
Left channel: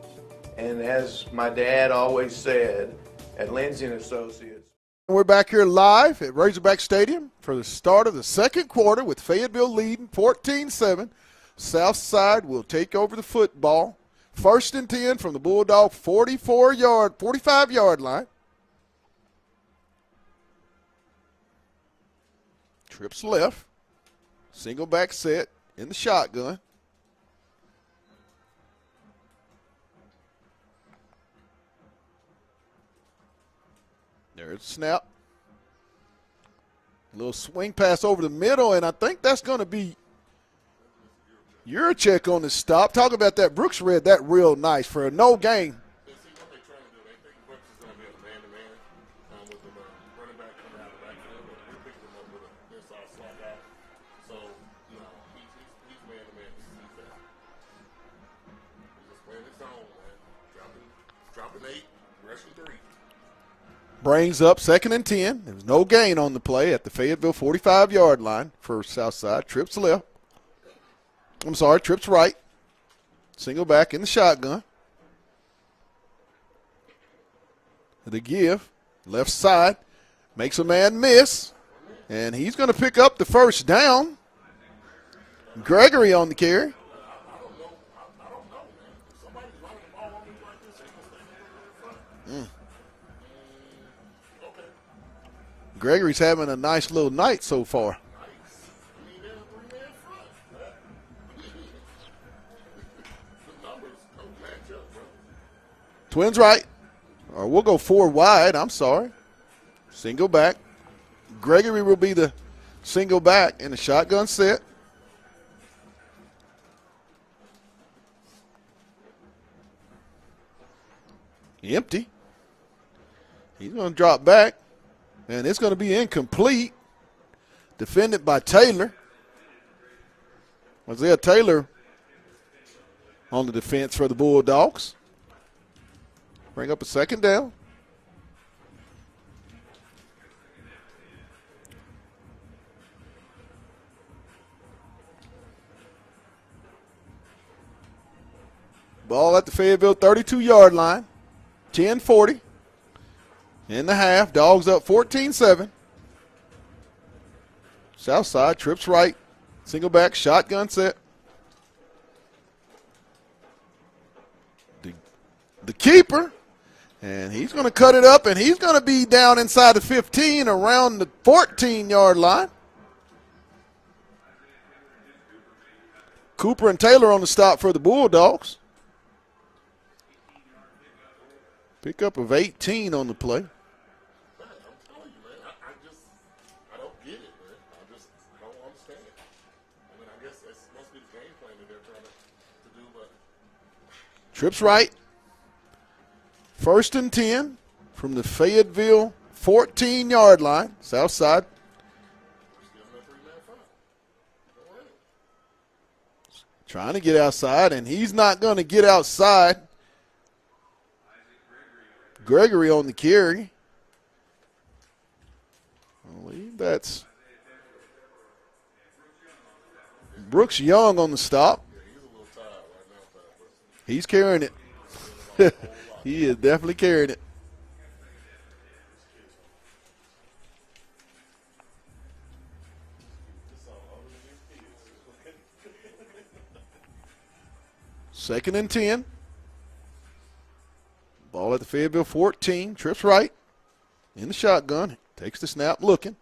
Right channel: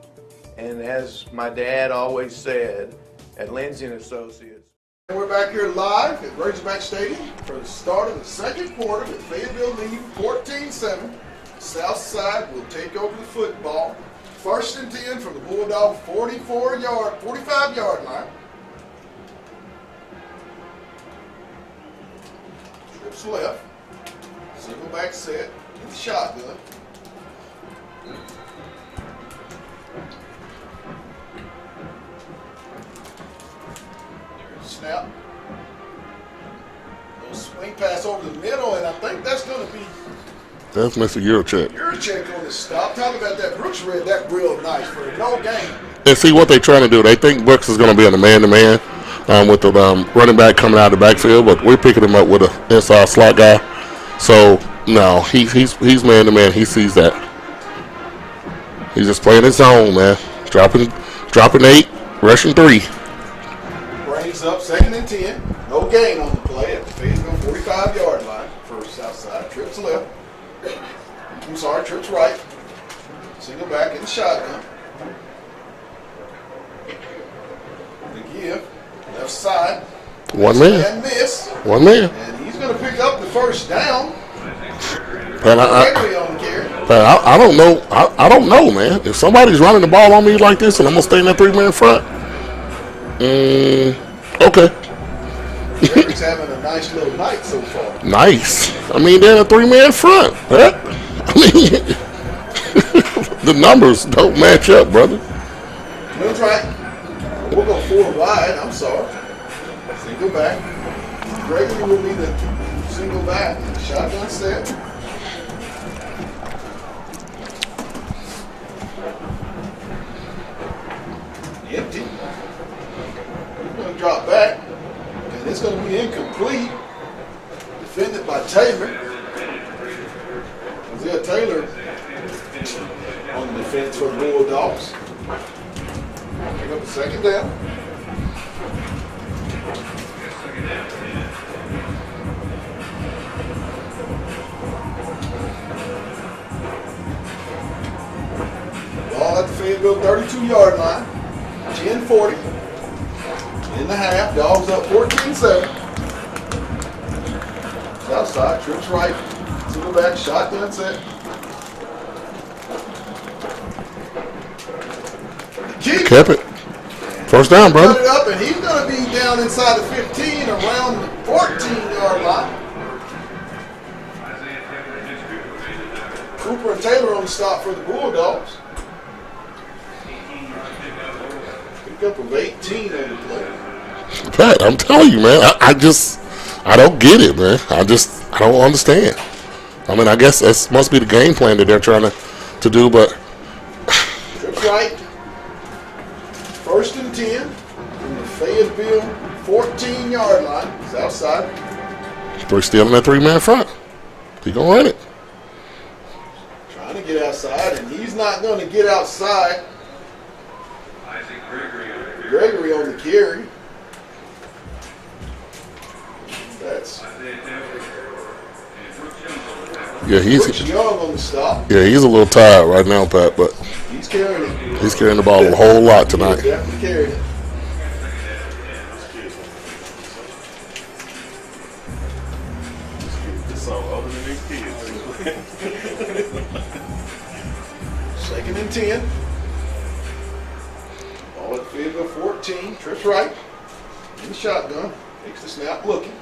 And as my dad always said, at Lindsay and Associates. And we're back here live at Razorback Stadium for the start of the second quarter with Fayetteville leading 14-7. Southside will take over the football. 1st and 10 from the Bulldog 45-yard line. Trips left. Single back set in the shotgun. There's a snap. Little swing pass over the middle, and I think that's going to be That's Mr. Eurocheck. Eurocheck on the stop. Talk about that. Brooks read that real nice for a no gain. And see what they're trying to do. They think Brooks is going to be on the man-to-man with the running back coming out of the backfield, but we're picking him up with an inside slot guy. So, no, he's man-to-man. He sees that. He's just playing his zone, man. Dropping 8, rushing 3. Brings up 2nd and 10. No gain on the play at the Fayetteville 45-yard line for Southside. Trips left. Trips right. Single back in the shotgun. The give. Left side. One man. Miss. One man. And he's going to pick up the first down. But Gregory on the carry. But I don't know. I don't know, man. If somebody's running the ball on me like this and I'm going to stay in that three-man front, okay. Gregory's having a nice little night so far. Nice. I mean, they're in a three-man front. Huh? I mean, the numbers don't match up, brother. Twins right. We'll go 4 wide. I'm sorry. Single back. Gregory will be the single back in the shotgun set. Empty. He's going to drop back, and it's going to be incomplete. Defended by Taylor. Isaiah Taylor on the defense for the Bulldogs. Pick up a 2nd down. Ball at the Fayetteville 32-yard line. 10-40. In the half. Dogs up 14-7. Southside trips right. Single back. Shotgun set. The keeper. Kept it. First down, Cut brother. it up, and he's going to be down inside the 15 around the 14-yard line. Cooper and Taylor on the stop for the Bulldogs. Pickup of 18 on the play. Pat, I'm telling you, man. I don't get it, man. I don't understand. I mean, I guess that must be the game plan that they're trying to do, but. Trips right. 1st and 10 from the Fayetteville 14-yard line. Southside. They're still in that three-man front. He gonna run it. Trying to get outside, and he's not going to get outside. Gregory on the carry. Yeah, Brooks Young on the stop. Yeah, he's a little tired right now, Pat, but He's carrying it. he's carrying the ball a whole lot tonight. He's definitely carried it. Second and 10. Ball at the Fayetteville 14. Trips right. In the shotgun. Takes the snap looking.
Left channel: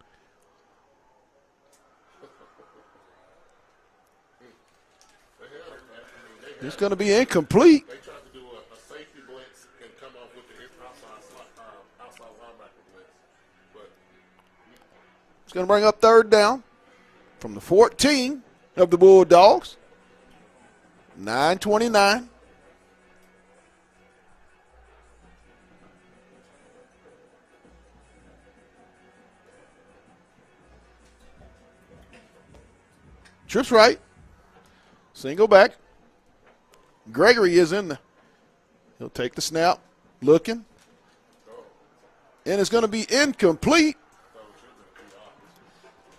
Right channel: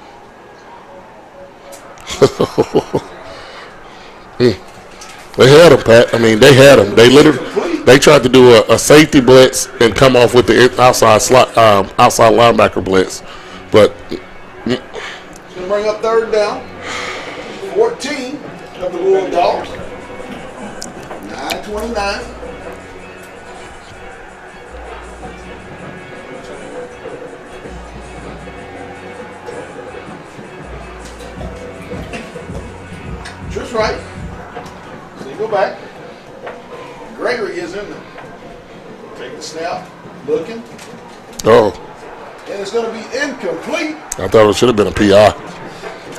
They had him, Pat. I mean, they had him. They tried to do a safety blitz and come off with the outside linebacker blitz, but it's going to bring up third down. 14 of the Bulldogs. 9:29. Trips right. Single back. Gregory is in there. Take the snap. Looking. oh, And it's going to be incomplete. I thought it should have been a PI.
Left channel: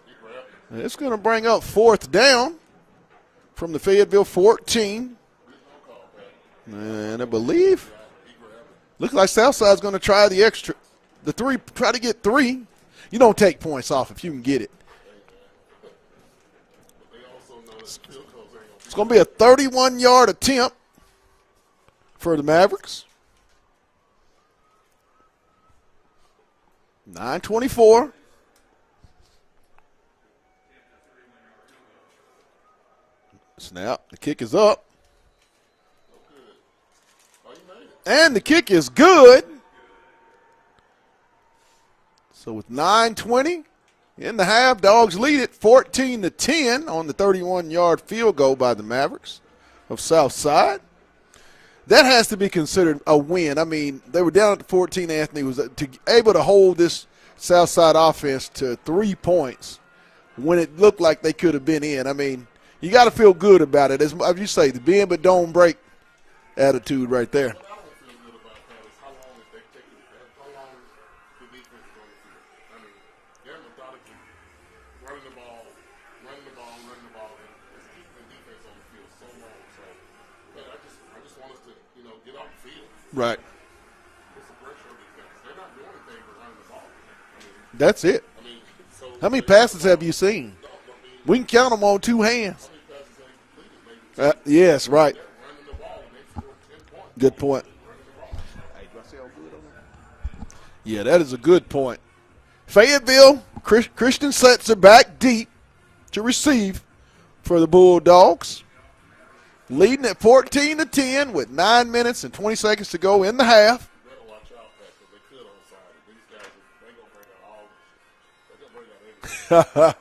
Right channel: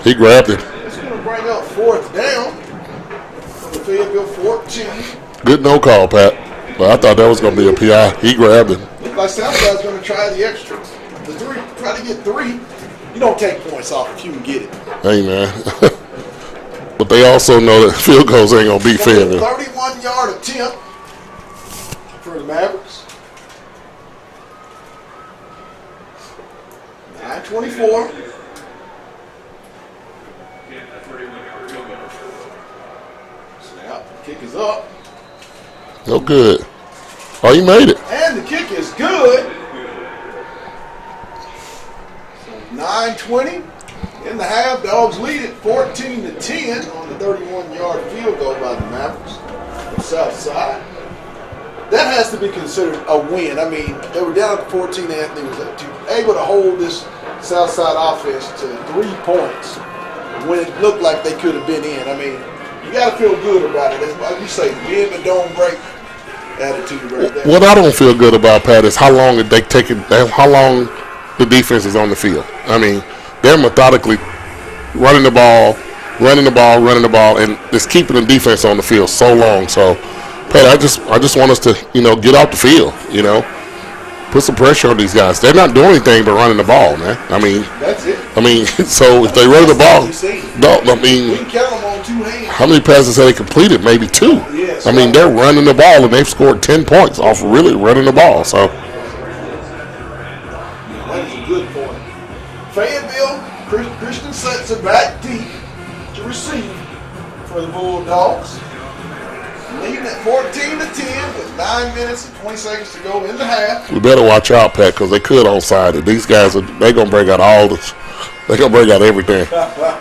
He grabbed it. It's going to bring up fourth down from the Fayetteville 14. Good no call, Pat. But I thought that was going to be a PI. He grabbed it. Looks like Southside's going to try the extra. The three, try to get three. You don't take points off if you can get it. Hey, man. But they also know that field goals ain't going to be fair. 31-yard attempt for the Mavericks. 9:24. Snap. Kick is up. No good. Oh, you made it. And the kick is good. So 9:20 in the half. Dogs lead it 14-10 on the 31-yard field goal by the Mavericks of Southside. That has to be considered a win. I mean, they were down at 14. Anthony was able to hold this Southside offense to 3 points when it looked like they could have been in. I mean, you got to feel good about it. As you say, bend but don't break attitude right there. What I don't feel good about, Pat, is how long the defense is on the field. I mean, they're methodically running the ball, and just keeping the defense on the field so long. So, Pat, I just want us to, get off the field, Put some pressure on these guys. They're not doing anything but running the ball, man. I mean, that's it. I mean, so if they run the ball, we can count them on 2 hands. How many passes have they completed? Maybe 2. Yes. I mean, they're running the ball, and they've scored 10 points off really running the ball. So, yeah, that is a good point. Fayetteville, Christian sets it back deep to receive for the Bulldogs. Leading at 14-10 with 9 minutes and 20 seconds to go in the half. We better watch out, Pat, because they could onside it. These guys they're gonna break out they're gonna break out everything. It's gonna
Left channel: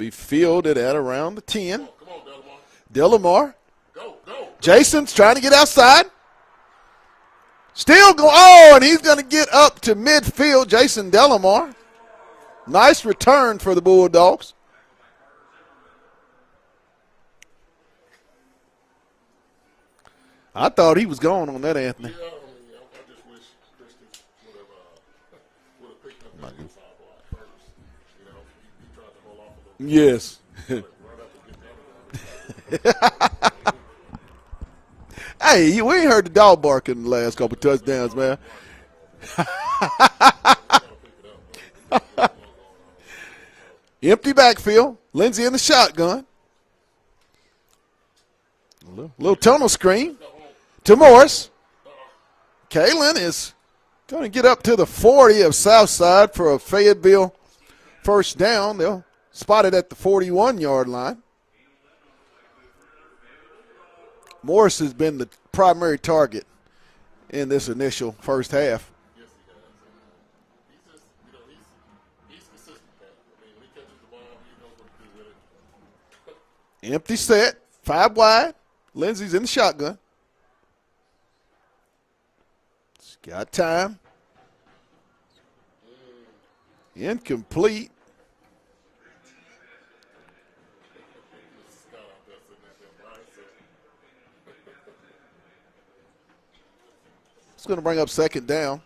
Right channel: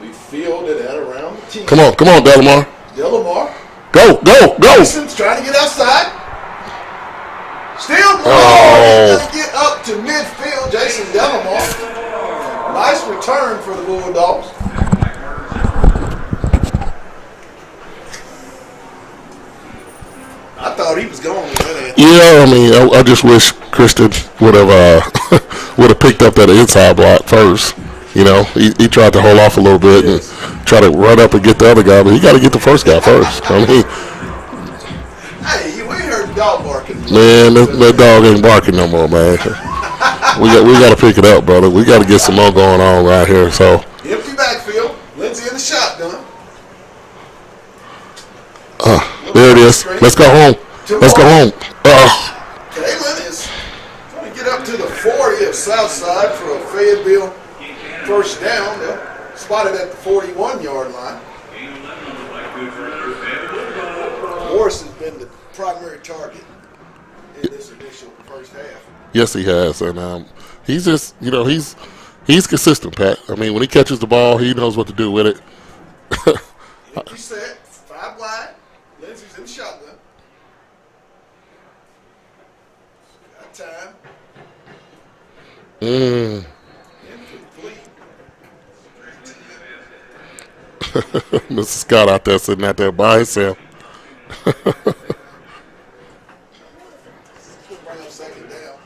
be fielded at around the 10. Come on, Delamar. Delamar. Go. Mason's trying to get outside. Still going. He's gonna get up to midfield. Jason Delamar. Nice return for the Bulldogs. I thought he was gone with that answer. Yeah, I mean, I just wish Christian would have picked up that inside block first. He tried to hold off a little bit and try to run up and get the other guy, but he got to get the first guy first. I mean, hey, we heard the dog barking. Man, that dog ain't barking no more, man. we got to pick it up, brother. We got to get some more going on right here. So empty backfield. Lindsay in the shotgun. there it is. Let's go home. Let's go home. Kalen is going to get up to the 40 of Southside for a Fayetteville first down. They'll spot it at the 41-yard line. Morris has been the primary target in this initial first half. Yes, he has, and he's just, he's consistent, Pat. I mean, when he catches the ball, he knows what to do with it. Empty set, 5 wide. Lindsay's in the shotgun. He's got time. Incomplete. Mr. Scott out there sitting out there by himself. It's going to bring up second down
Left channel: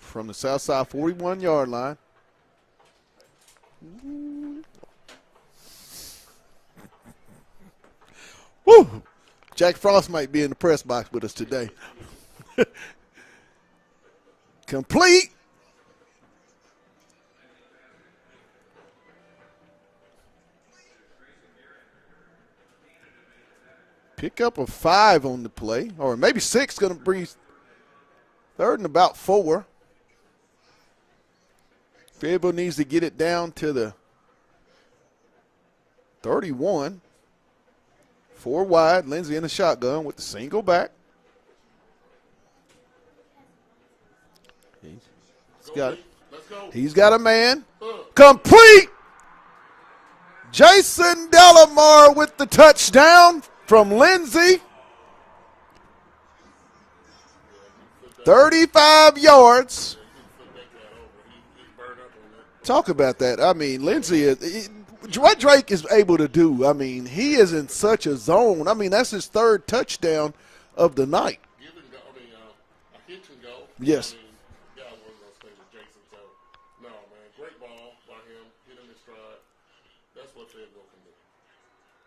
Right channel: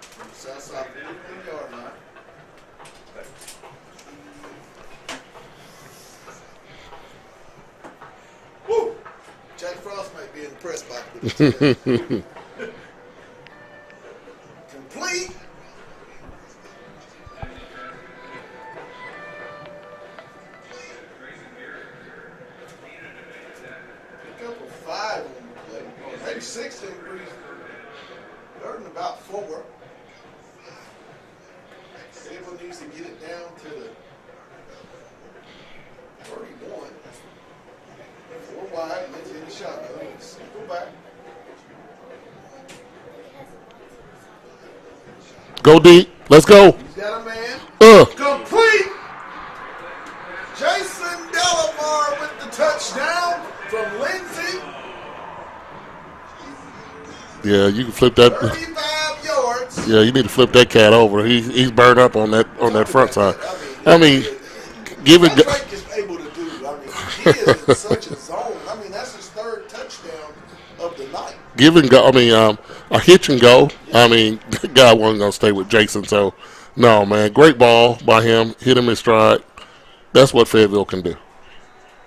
from the Southside 41-yard line. Jack Frost might be in the press box with us today. Complete. Pick up a 5 on the play, or maybe 6. Going to breathe 3rd and about 4. Fayetteville needs to get it down to the 31. 4 wide. Lindsey in the shotgun with the single back. Go deep. Let's go. He's got a man. Complete. Jason Delamar with the touchdown from Lindsey. Yeah, you can flip that. 35 yards. Yeah, you need to flip that cat over. He's burned up on that front side. That. I mean, what Drake is able to do. I mean, he is in such a zone. I mean, that's his 3rd touchdown of the night. Give and go. I mean, a hitch and go. Yes. I mean, the guy wasn't gonna stay with Jason. So, no, man, great ball by him. Hit him in stride. That's what Fayetteville can do.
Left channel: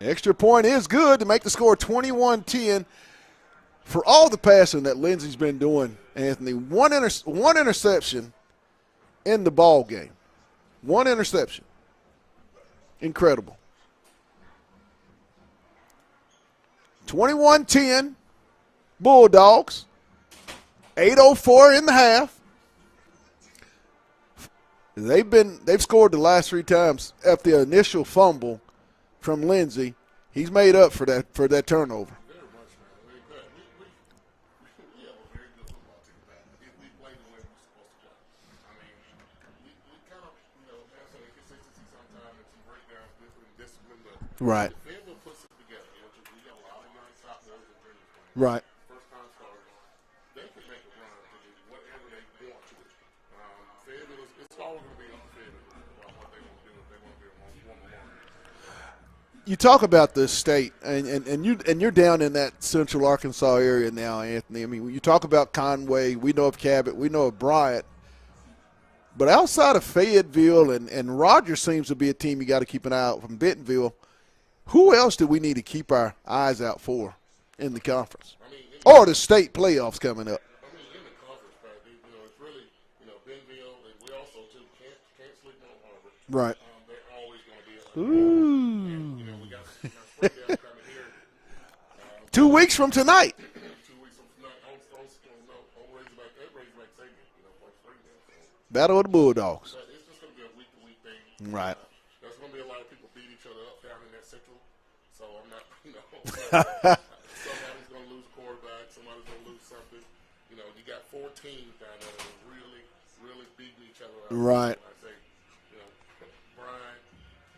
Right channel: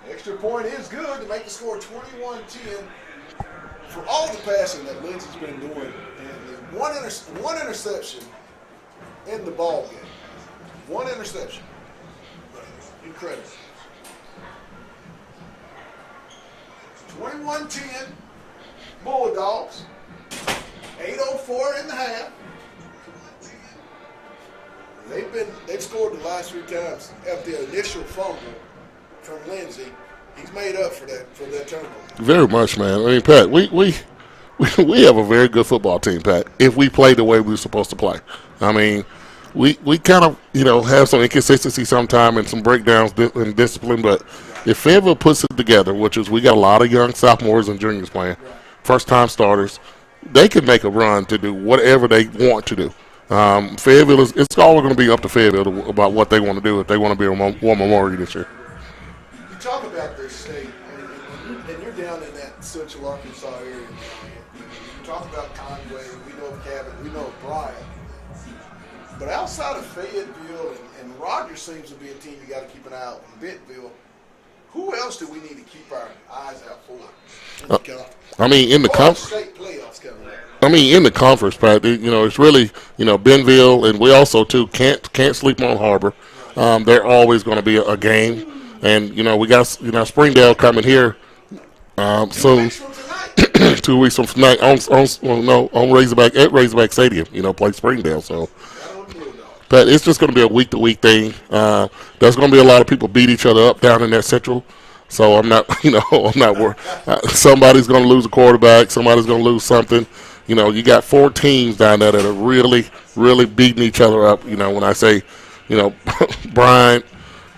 Extra point is good to make the score 21-10. For all the passing that Lindsey's been doing, Anthony, one interception in the ball game. 1 interception. Incredible. 21-10, Bulldogs. 8:04 in the half. They've scored the last 3 times after the initial fumble from Lindsey. He's made up for that turnover. Very much, man. I mean, Pat, we have a very good football team, Pat, if we play the way we're supposed to play. I mean, we kind of, have some inconsistency sometime and some breakdowns in discipline, but if Fayetteville puts it together, which is we got a lot of young sophomores and juniors playing, first-time starters, they can make a run to do whatever they want to do. Fayetteville it's all going to be up to Fayetteville about what they want to do if they want to be a War Memorial this year. You talk about the state, and you're down in that central Arkansas area now, Anthony. I mean, you talk about Conway. We know of Cabot. We know of Bryant. But outside of Fayetteville, and Rogers seems to be a team you got to keep an eye out from Bentonville, who else do we need to keep our eyes out for in the conference? I mean, in the state playoffs coming up. I mean, in the conference, Pat, it's really, Bentonville, and we also, too, can't sleep on Harbor. Right. They're always going to be a game. And, we got, Springdale coming here. 2 weeks from tonight. 2 weeks from tonight on Razorback, at Razorback Stadium, play Springdale. So Battle of the Bulldogs. But it's just going to be a week-to-week thing. There's going to be a lot of people beat each other up down in that central. So I'm not, I'm not worried. Somebody's going to lose a quarterback. Somebody's going to lose something. You got 4 teams down there that are really, really beating each other up. Right. When I say, Bryant,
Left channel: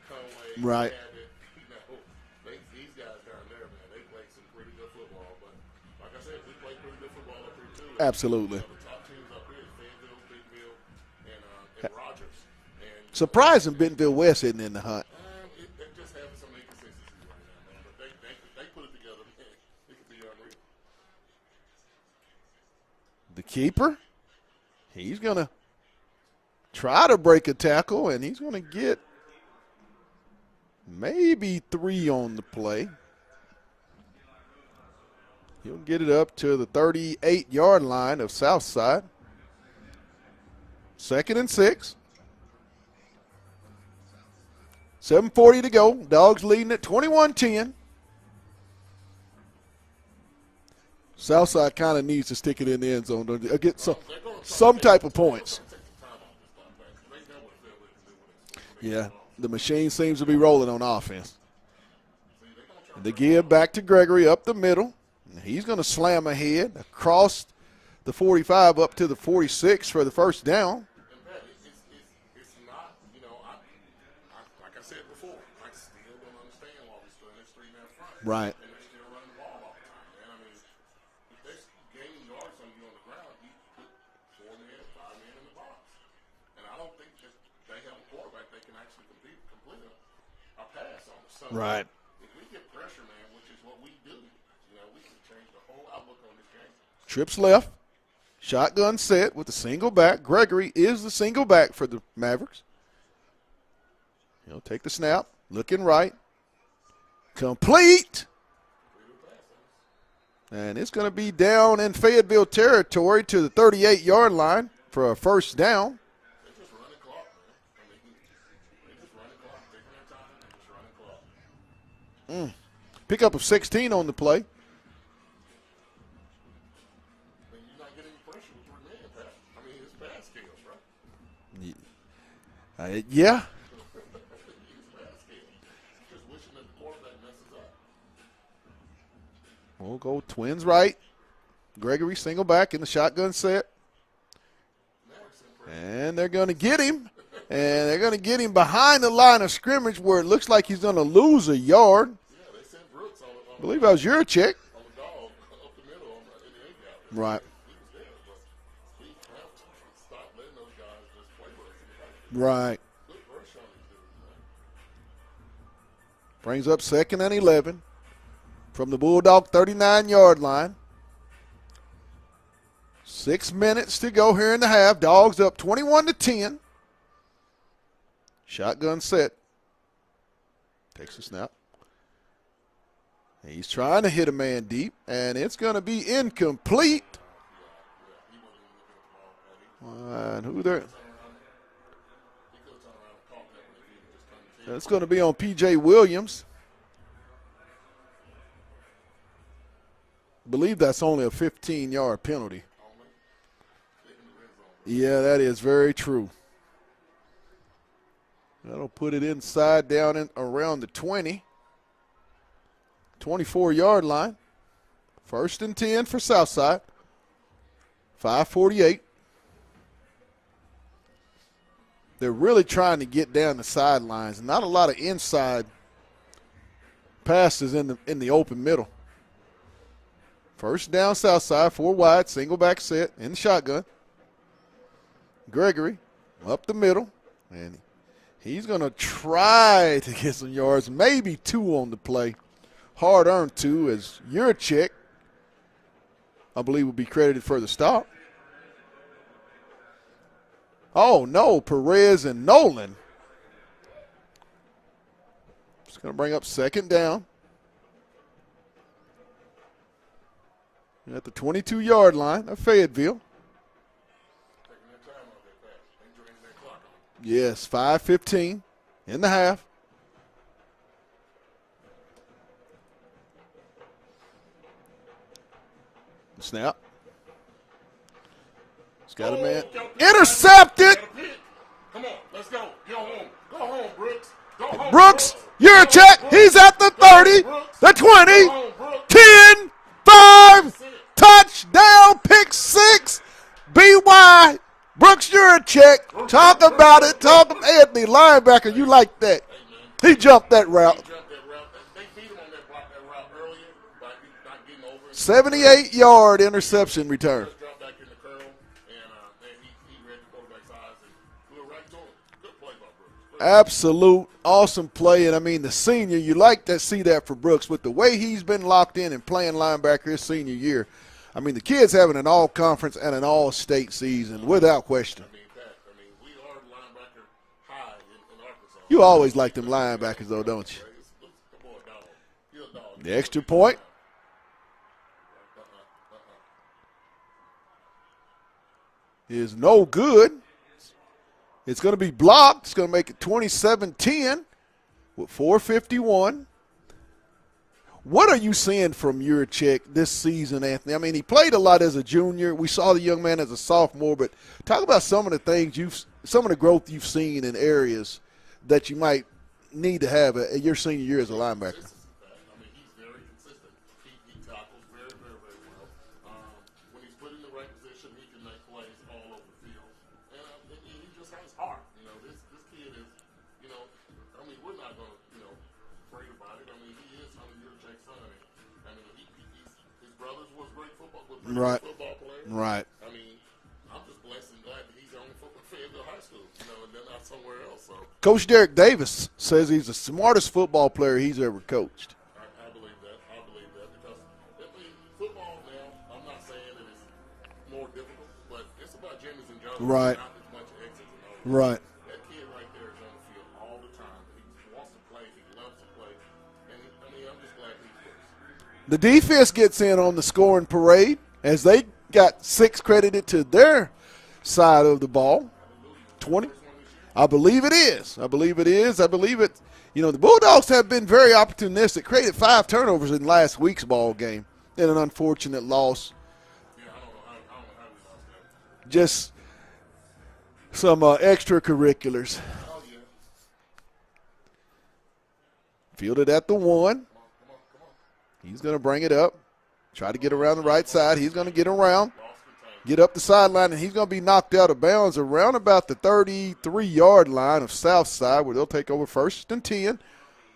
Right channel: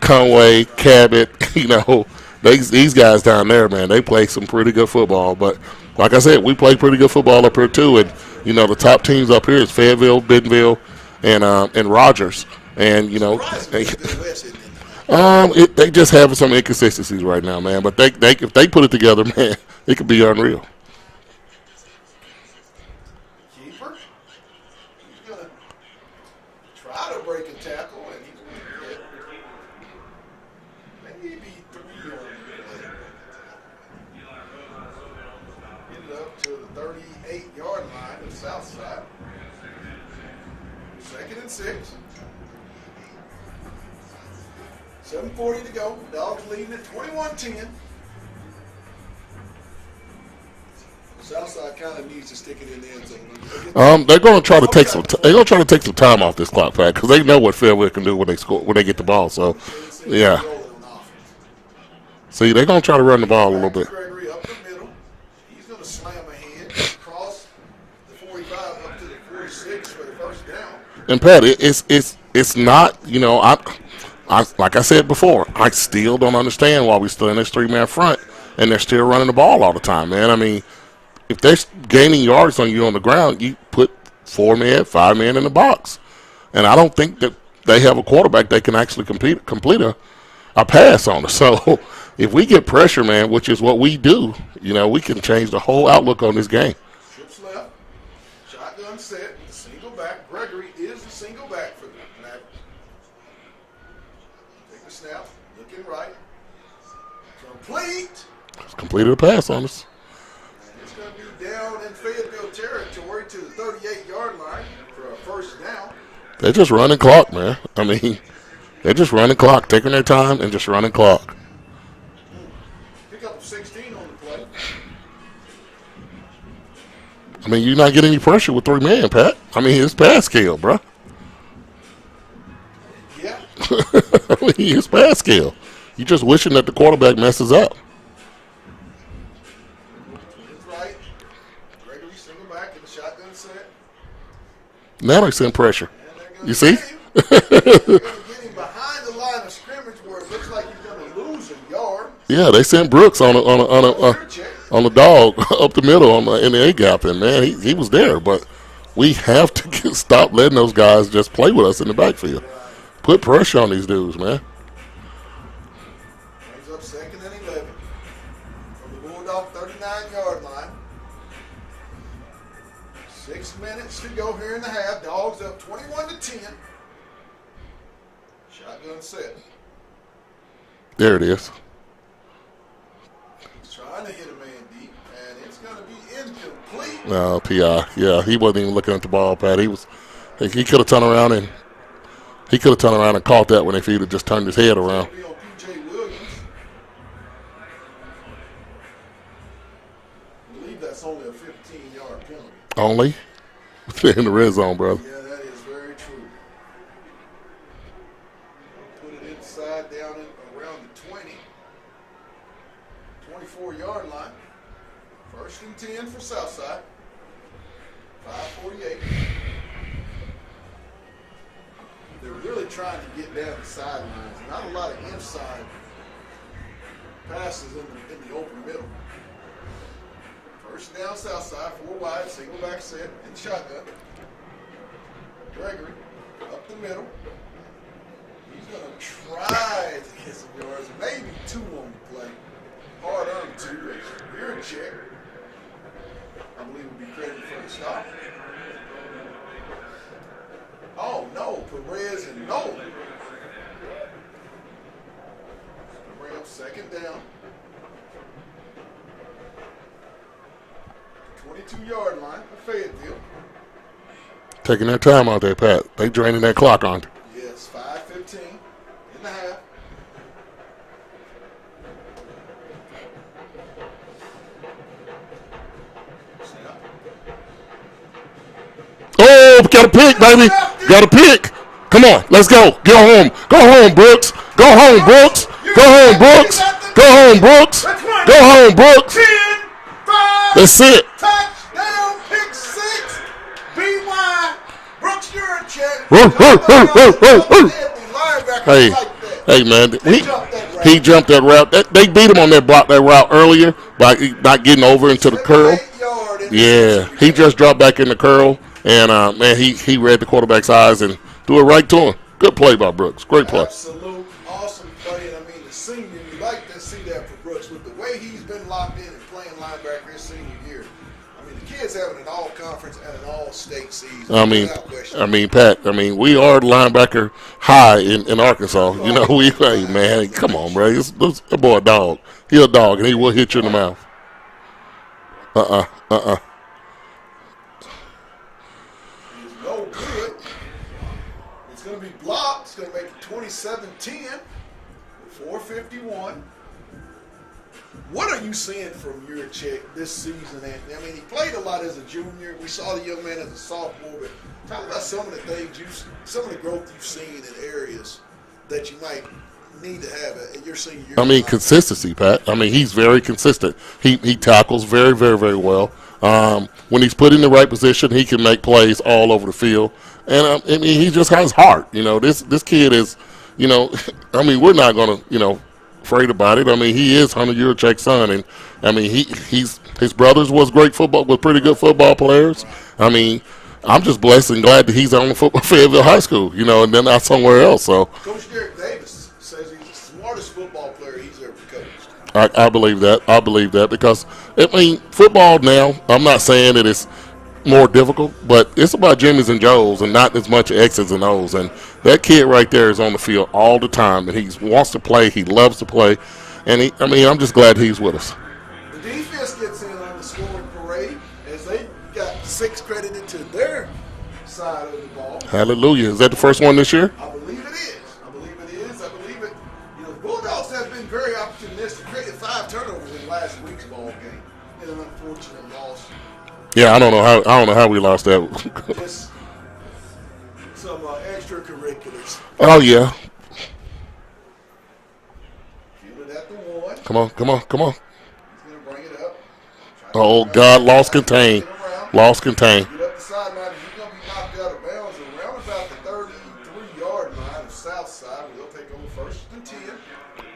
Conway, Cabot, these guys down there, man, they play some pretty good football. But like I said, we play pretty good football up here too. And absolutely. The top teams up here is Fayetteville, Bentonville, and Rogers. And surprising Bentonville West isn't in the hunt. They just have some inconsistencies right now, man. But they if they put it together, man, it could be unreal. The keeper, he's gonna try to break a tackle, and he's gonna get maybe 3 on the play. He'll get it up to the 38-yard line of Southside. 2nd and 6. 7:40 to go. Dogs leading at 21-10. Southside kind of needs to stick it in the end zone, don't you? They're going to try to take some time off this clock, Pat, because they know what Fayetteville can do when they score when they get the ball. So the machine seems to be rolling on offense. See, they're going to try to run the ball a little bit. Back to Gregory up the middle. He's going to slam ahead, cross the 45 up to the 46 for the first down. And Pat, it's not, I like I said before, I still don't understand why we still in this 3-man front, and they're still running the ball all the time, man. I mean, if they're gaining yards on you on the ground, you put 4 men, 5 men in the box, and I don't think that they have a quarterback that can actually complete a pass on us. So if we get pressure, man, which is what we do, we can change the whole outlook on this game. Trips left, shotgun set with the single back. Gregory is the single back for the Mavericks. He'll take the snap, looking right, complete. Completed a pass on us. And it's going to be down in Fayetteville territory to the 38-yard line for a first down. They're just running clock, man. I mean, they're just running clock, taking their time and just running clock. Pickup of 16 on the play. I mean, you're not getting any pressure with 3 men, Pat. I mean, it's pass scale, bro. Yeah. I mean, it's pass scale. You're just wishing that the quarterback messes up. We'll go twins right. Gregory single back in the shotgun set. Now they send pressure. And they're going to see? get him. And they're going to get him behind the line of scrimmage where it looks like he's going to lose a yard. Yeah, they sent Brooks on the dog up the middle in the A gap, and man, he was there. But we have to stop letting those guys just play with us in the backfield. Right. Put pressure on these dudes, man. Brings up 2nd and 11 from the Bulldog 39-yard line. 6 minutes to go here in the half. Dogs up 21-10. Shotgun set. There it is. He's trying to hit a man deep, and it's going to be incomplete. No, PI. Yeah, he wasn't even looking at the ball, Pat. He could have turned around and caught that one if he'd have just turned his head It's around. going to be on P.J. Williams. I believe that's only a 15-yard penalty. Only? In the red zone, brother. Yeah, that is very true. That'll put it inside down in around the 24-yard line. 1st and 10 for Southside. 5:48. They're really trying to get down the sidelines. Not a lot of inside passes in the open middle. First down Southside, 4 wide, single back set in the shotgun. Gregory up the middle, and he's going to try to get some yards, maybe 2 on the play. Hard-earned 2 as Yurchek, I believe, will be credited for the stop. Oh, no, Perez and Nolan. It's going to bring up 2nd down. At the 22-yard line of Fayetteville. Taking their time out there, Pat. They draining that clock on. Yes, 5:15 in the half. Snap. Oh, got a pick, baby. Intercepted. Got a pick. Come on, let's go. Go home. Go home, Brooks. Go home, Brooks. You're Go home, Brooks. He's at the 30, Go home, Brooks. the 20, Go home, Brooks. 10, 5. That's it. Touchdown, pick 6. BY. Brooks Yurchek. Whoa, Talk whoa, about whoa, it. whoa, whoa. The linebacker, he like that. Hey, man. He jumped that route. He jumped that route. They beat him on that route earlier by not getting over into the curl. 78-yard interception. Yeah, he return. just dropped back in the curl, and, man, he read the quarterback's eyes and threw it right to him. Good play by Brooks. Great play. Absolute awesome play. And, I mean, the senior, you like to see that for Brooks. With the way he's been locked in and playing linebacker his senior year, I mean, the kid's having an all-conference and an all-state season without question. I mean, Pat, we are linebacker high in Arkansas. You always like the man, linebackers, come don't on, you? bro. That boy a dog. He a dog, and he will hit you in the mouth. Is no good. It's going to be blocked. It's going to make it 27-10 with 4:51. What are you seeing from Yurchek this season, Anthony? I mean, he played a lot as a junior. We saw the young man as a sophomore, but talk about some of the things some of the growth you've seen in areas that you might need to have at your senior year. I mean, consistency, Pat. I mean, he's very consistent. He tackles very, very, very well. When he's put in the right position, he can make plays all over the field. And I mean, he just has heart. This kid is, I mean, we're not going to, afraid about it. I mean, he is Hunter Yurchek's son, and I mean, his brothers was pretty good football players. Right. I mean, I'm just blessed and glad that he's on Fayetteville High School, and then not somewhere else. So, Coach Derek Davis says he's the smartest football player he's ever coached. I believe that. I believe that because I mean, football now. I'm not saying that it's more difficult, but it's about Jimmys and Joes and not as much X's and O's. Right. And that kid right there is on the field all the time, and he wants to play. He loves to play, and I'm just glad he's with us. The defense gets in on the scoring parade as they got 6 credited to their side of the ball. Hallelujah. Is that the first one this year? I believe it is. I believe it. You know, the Bulldogs have been very opportunistic. Created 5 turnovers in last week's ball game in an unfortunate loss. Yeah, I don't know how we lost that. Just some extracurriculars. Oh yeah. Fielded at the 1. Come on. He's going to bring it up. Try to Oh, get God, around lost side. He's gonna contained. Get around. Lost contained. Get up the sideline, and he's going to be knocked out of bounds around about the 33-yard line of Southside, where they'll take over 1st and 10.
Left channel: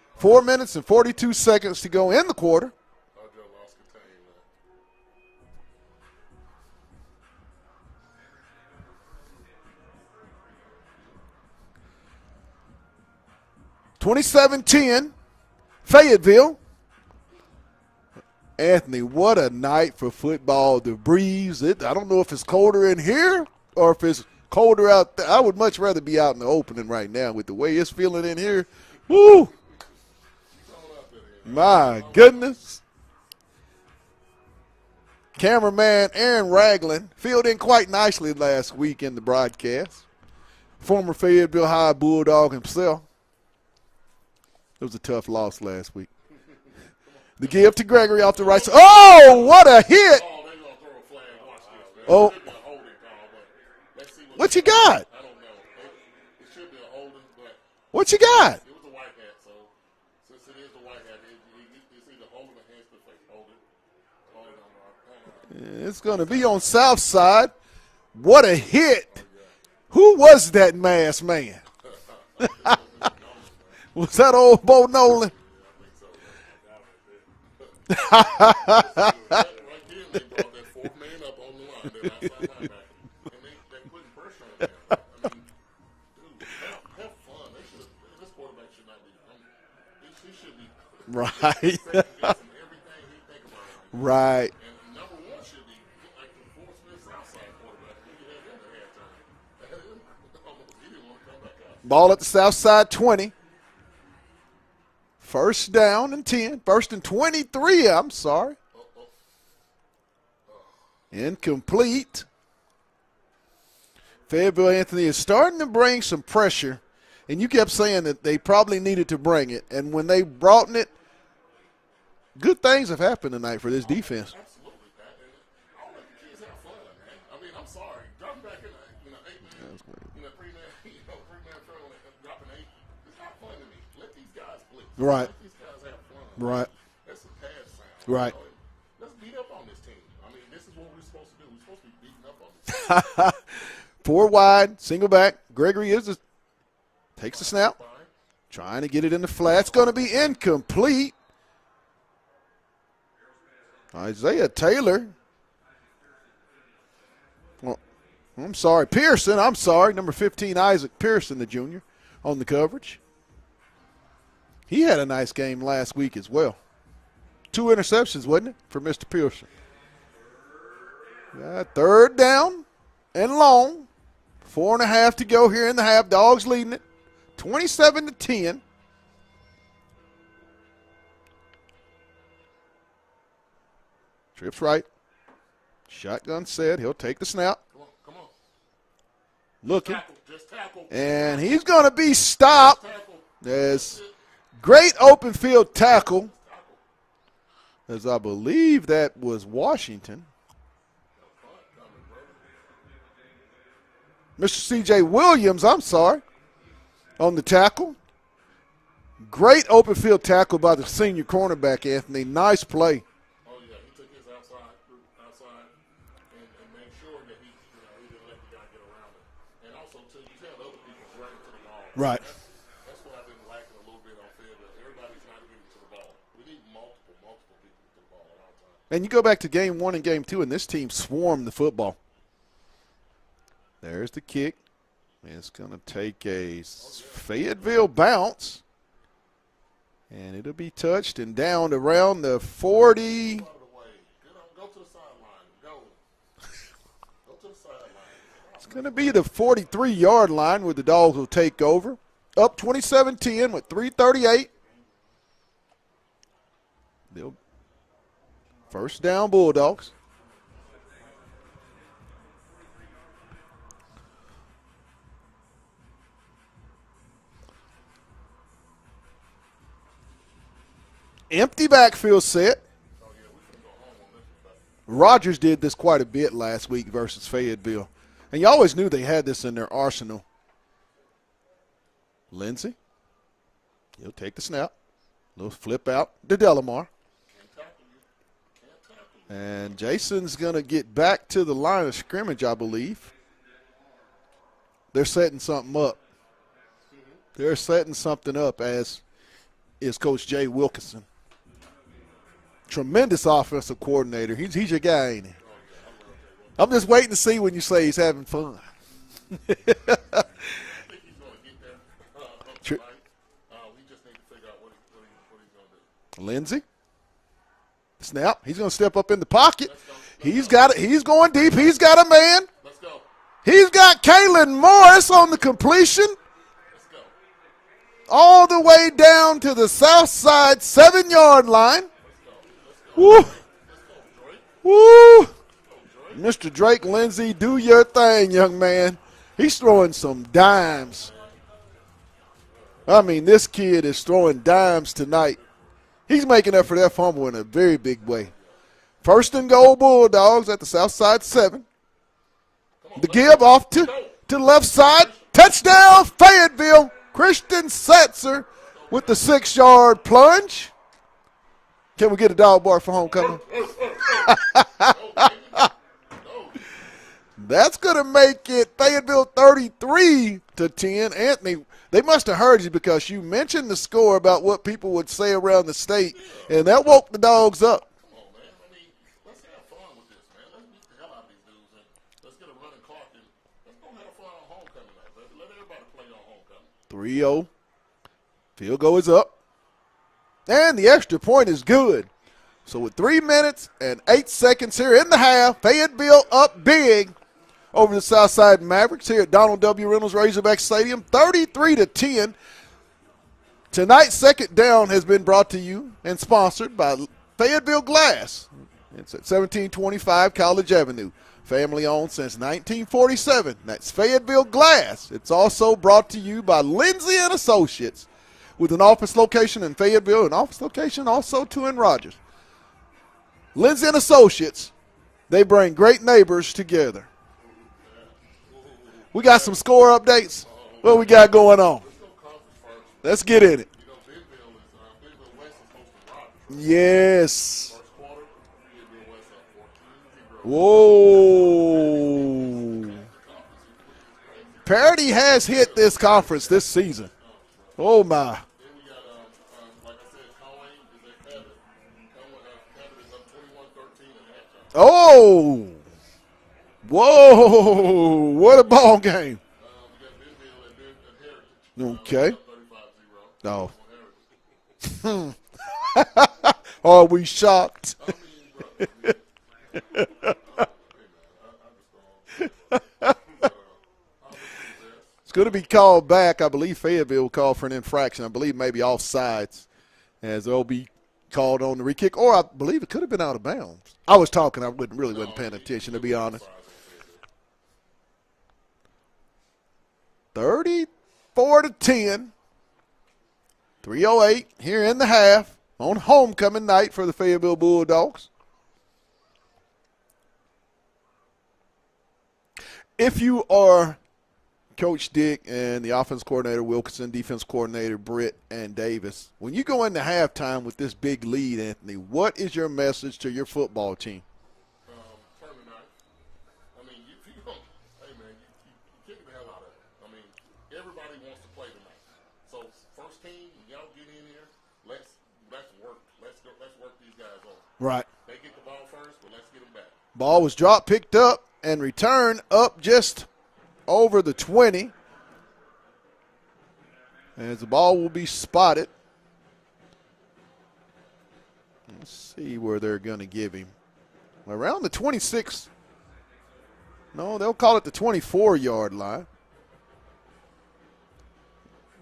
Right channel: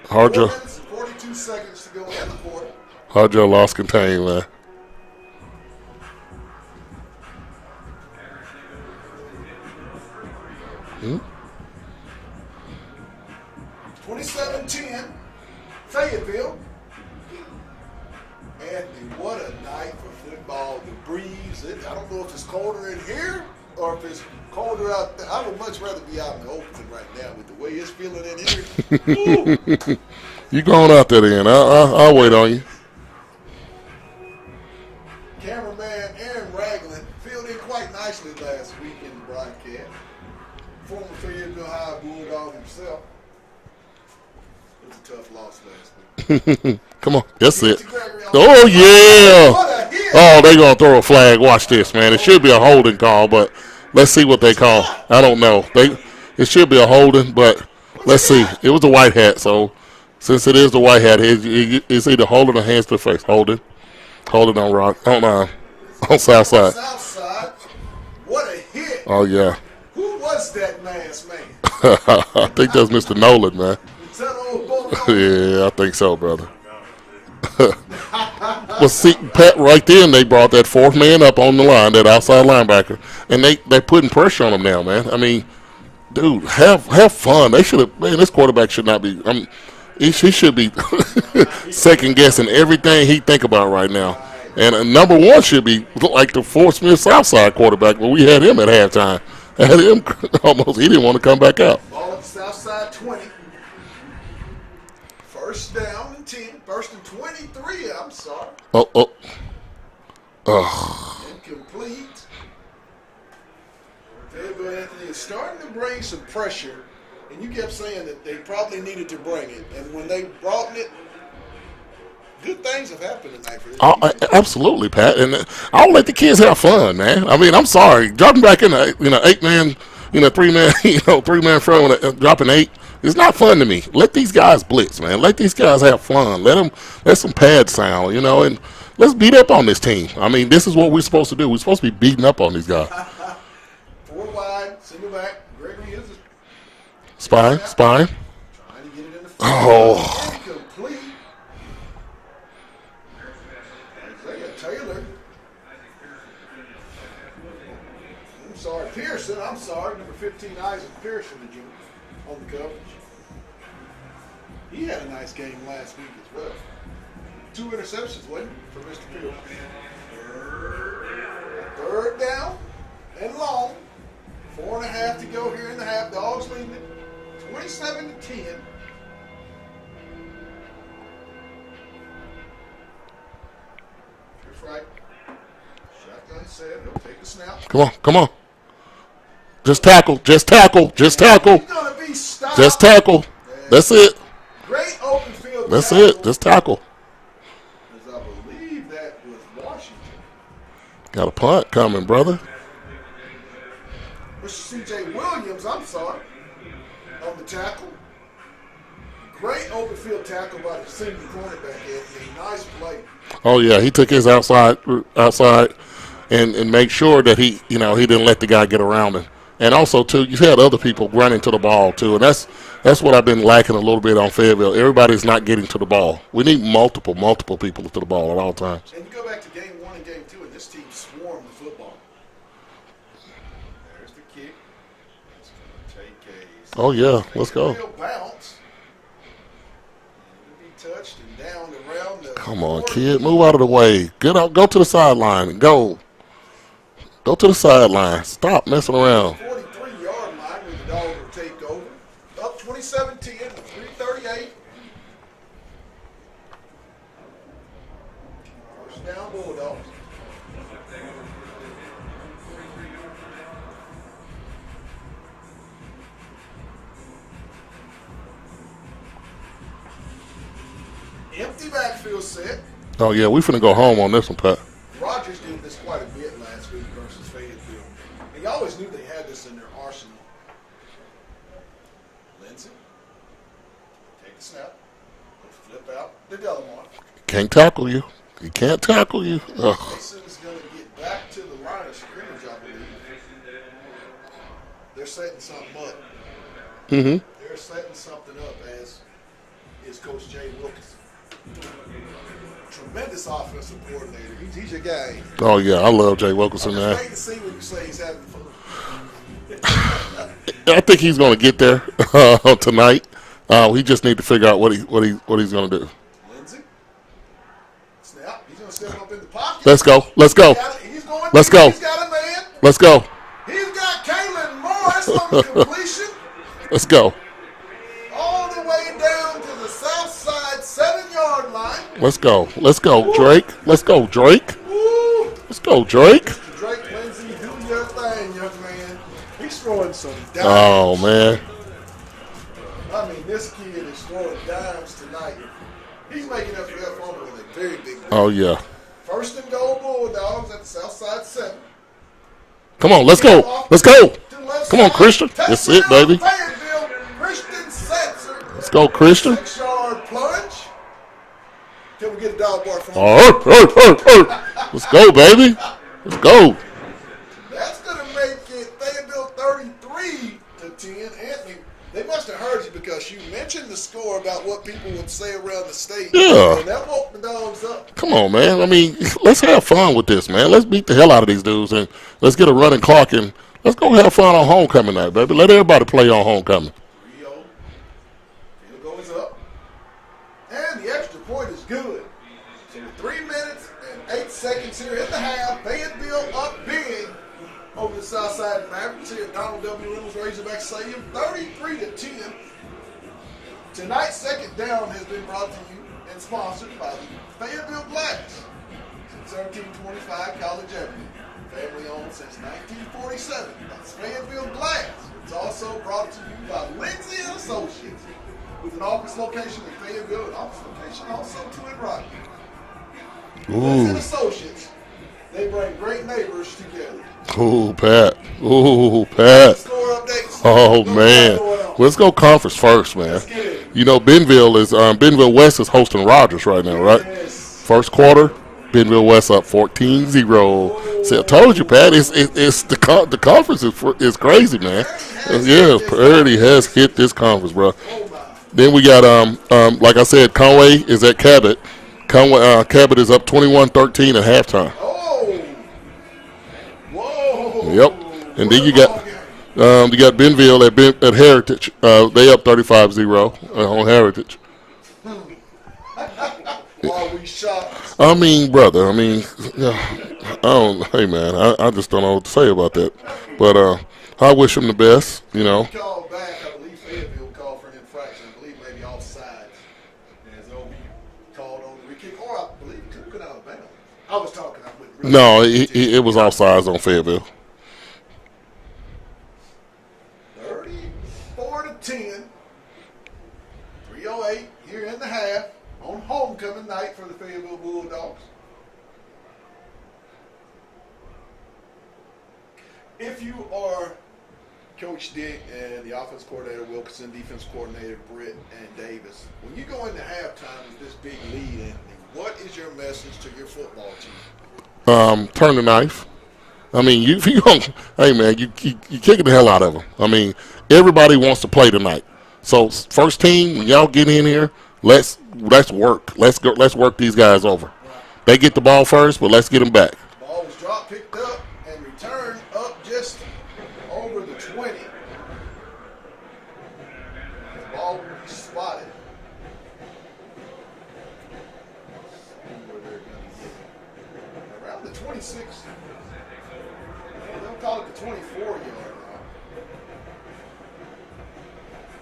4 minutes and 42 seconds to go in the quarter. Hardjo lost contained, man. Hmm? 27-10, Fayetteville. Anthony, what a night for football. The breeze. I don't know if it's colder in here or if it's colder out there. I would much rather be out in the opening right now with the way it's feeling in here. Woo. You going out there then? I'll wait on you. Cameraman Aaron Ragland filled in quite nicely last week in the broadcast. Former Fayetteville High Bulldog himself. It was a tough loss last week. Come on. That's Give it to Gregory. Oh, yeah. Oh, what a hit. Oh, they're going to throw a flag. Watch this, man. It should be a holding call, but let's see what they call. Got? I don't know. It should be a holding, but let's see. It was a white hat, so since it is the white hat, it's either holding or hands to the face. Holding on rock. On Southside. Southside. What a hit. Oh, yeah. Who was that masked man? I think that's Mr. Nolan, man. Was that old Bo Nolan? Yeah, I think so, brother. Well, see, Pat, right then they brought that 4th man up on the line, that outside linebacker, and they're putting pressure on him now, man. I mean, dude, have fun. They should have. Man, this quarterback should not be. He should be second guessing everything he think about right now. Right. And number 1 should be like the Fort Smith Southside quarterback, but we had him at halftime. Had him almost. He didn't want to come back out. Ball at the Southside 20. 1st down and 10. 1st and 23. I'm sorry. Oh. Incomplete. Fayetteville Anthony is starting to bring some pressure, and you kept saying that they probably needed to bring it. And when they brought it, good things have happened tonight for this defense. Absolutely, Pat. And I'll let the kids have fun, man. I mean, I'm sorry. Dropping back in a 8-man, 3-man, 3-man front, dropping 8. It's not fun to me. Let these guys blitz, man. Right. Let these guys have fun. Let some pads sound, and let's beat up on this team. I mean, this is what we're supposed to do. We're supposed to be beating up on these guys. 4 wide, single back. Gregory is the spine. Trying to get it in the flat. It's going to be incomplete. Isaiah Taylor. Well, I'm sorry, Pearson. I'm sorry, number 15, Isaac Pearson, the junior, on the coverage. He had a nice game last week as well. 2 interceptions, wasn't it, for Mr. Pearson? 3rd down and long. 4.5 to go here in the half. Dogs leading it, 27-10. Trips right. Shotgun set. He'll take the snap. Come on. Just tackle. He's going to be stopped. Just tackle. That's it. Great open field tackle. That's it. Just tackle. As I believe that was Washington. Got a punt coming, brother. Mr. C.J. Williams, I'm sorry, on the tackle. Great open field tackle by the senior cornerback, Anthony. Nice play. Oh, yeah. He took his outside and make sure that he didn't let the guy get around him. And also, too, you had other people running to the ball, too. Right. And that's what I've been lacking a little bit on Fayetteville. Everybody's not getting to the ball. We need multiple people to the ball at all times. And you go back to game 1 and game 2, and this team swarmed the football. There's the kick. It's going to take a Fayetteville bounce. And it'll be touched and down around the 40. Come on, kid. Move out of the way. Go to the sideline and go. Go to the sideline. Stop messing around. The 43-yard line where the Dogs will take over. Up 27-10 with 3:38. First down, Bulldogs. Empty backfield set. Oh, yeah, we finna go home on this one, Pat. Rogers did this quite a bit last week versus Fayetteville. And you always knew they had this in their arsenal. Lindsey. He'll take the snap. He'll flip out to Delamar. Can't tackle you. He can't tackle you. And Jason's going to get back to the line of scrimmage, I believe. They're setting something up. Mm-hmm. They're setting something up, as is Coach Jay Wilkinson. Tremendous offensive coordinator. He's your guy, ain't he? Oh, yeah, I love Jay Wilkinson. I'm just man. waiting to see when you say he's having fun. I think he's going to get there tonight. We just need to figure out what he's going to do. Lindsey. Snap. He's going to step up in the pocket. Let's go. Let's go. He's going Let's deep. go. He's got a man. Let's go. He's got Kalen Morris on the completion. Let's go. All the way down to the Southside 7-yard line. Let's go. Let's go, Woo. Drake. Let's go, Drake. Woo! Let's go, Drake. Mr. Drake Lindsey, do your thing, young man. He's throwing some Oh, dimes. man. I mean, this kid is throwing dimes tonight. He's making up for that fumble in a very big way. Oh, yeah. First and goal, Bulldogs at the Southside 7. Come on, let's Give go. off Let's to- go. To the left Come side. on, Christian. That's it, Touchdown, baby. Fayetteville. Christian Setzer. Let's go, with Christian. the 6-yard plunge. Can we get a dog bark from home? Let's go, baby. Let's go. That's going to make it Fayetteville 33-10. Anthony, they must have heard you because you mentioned the score about what people would say around the state. Yeah. And that woke the dogs up. Come on, man. I mean, let's have fun with this, man. Let's beat the hell out of these dudes and let's get a running clock and let's go have fun on homecoming night, baby. Let everybody play on homecoming. 3-0. Field goal is up. And the extra point is good. So with 3 minutes and 8 seconds here in the half, Fayetteville up big over the Southside Mavericks here at Donald W. Reynolds Razorback Stadium, 33-10. Tonight's second down has been brought to you and sponsored by Fayetteville Glass. It's at 1725 College Avenue. Family owned since 1947. That's Fayetteville Glass. It's also brought to you by Lindsey and Associates, with an office location in Fayetteville, an office location also too in Rogers. Lindsey and Associates, they bring great neighbors together. Ooh, Pat. Ooh, Pat. We got some score updates. Oh, what man. we got going on? Let's go conference first, man. Let's get in it. You know, Bentonville West is hosting Rogers right now, right? Yes. First quarter, Bentonville West up 14-0. See, I told you, Pat, it's the conference is crazy, man. Parity has hit this Parity conference has this hit season. this conference, bro. Oh, my. Then we got, like I said, Conway is at Cabot. Cabot is up 21-13 at halftime. Oh. Whoa. Yep. And What then a you ball got game. you got Bentonville at Heritage. Okay. They up 35-0 on Heritage. Are we shocked? I mean, brother. I mean, I don't. Hey, man. I just don't know what to say about that. But I wish them the best. You know. Be called back. I believe Fayetteville called for an infraction. I believe maybe offsides, as they'll be called on the re-kick, or I believe it could have been out of bounds. I was talking. I wouldn't really. No, it was offsides on Fayetteville. 34-10. 3:08 here in the half on homecoming night for the Fayetteville Bulldogs. If you are Coach Dick and the offense coordinator Wilkinson, defense coordinator Britt and Davis, when you go into halftime with this big lead, Anthony, what is your message to your football team? Turn the knife. I mean, you don't. Hey, man, you kicking the hell out of them. I mean, everybody wants to play tonight. So first team, when y'all get in here, let's work. Let's go. Let's work these guys over. Right. They get the ball first, but let's get them back. Ball was dropped, picked up, and returned up just over the 20. And the ball will be spotted. Let's see where they're going to give him. Around the 26. No, they'll call it the 24-yard line.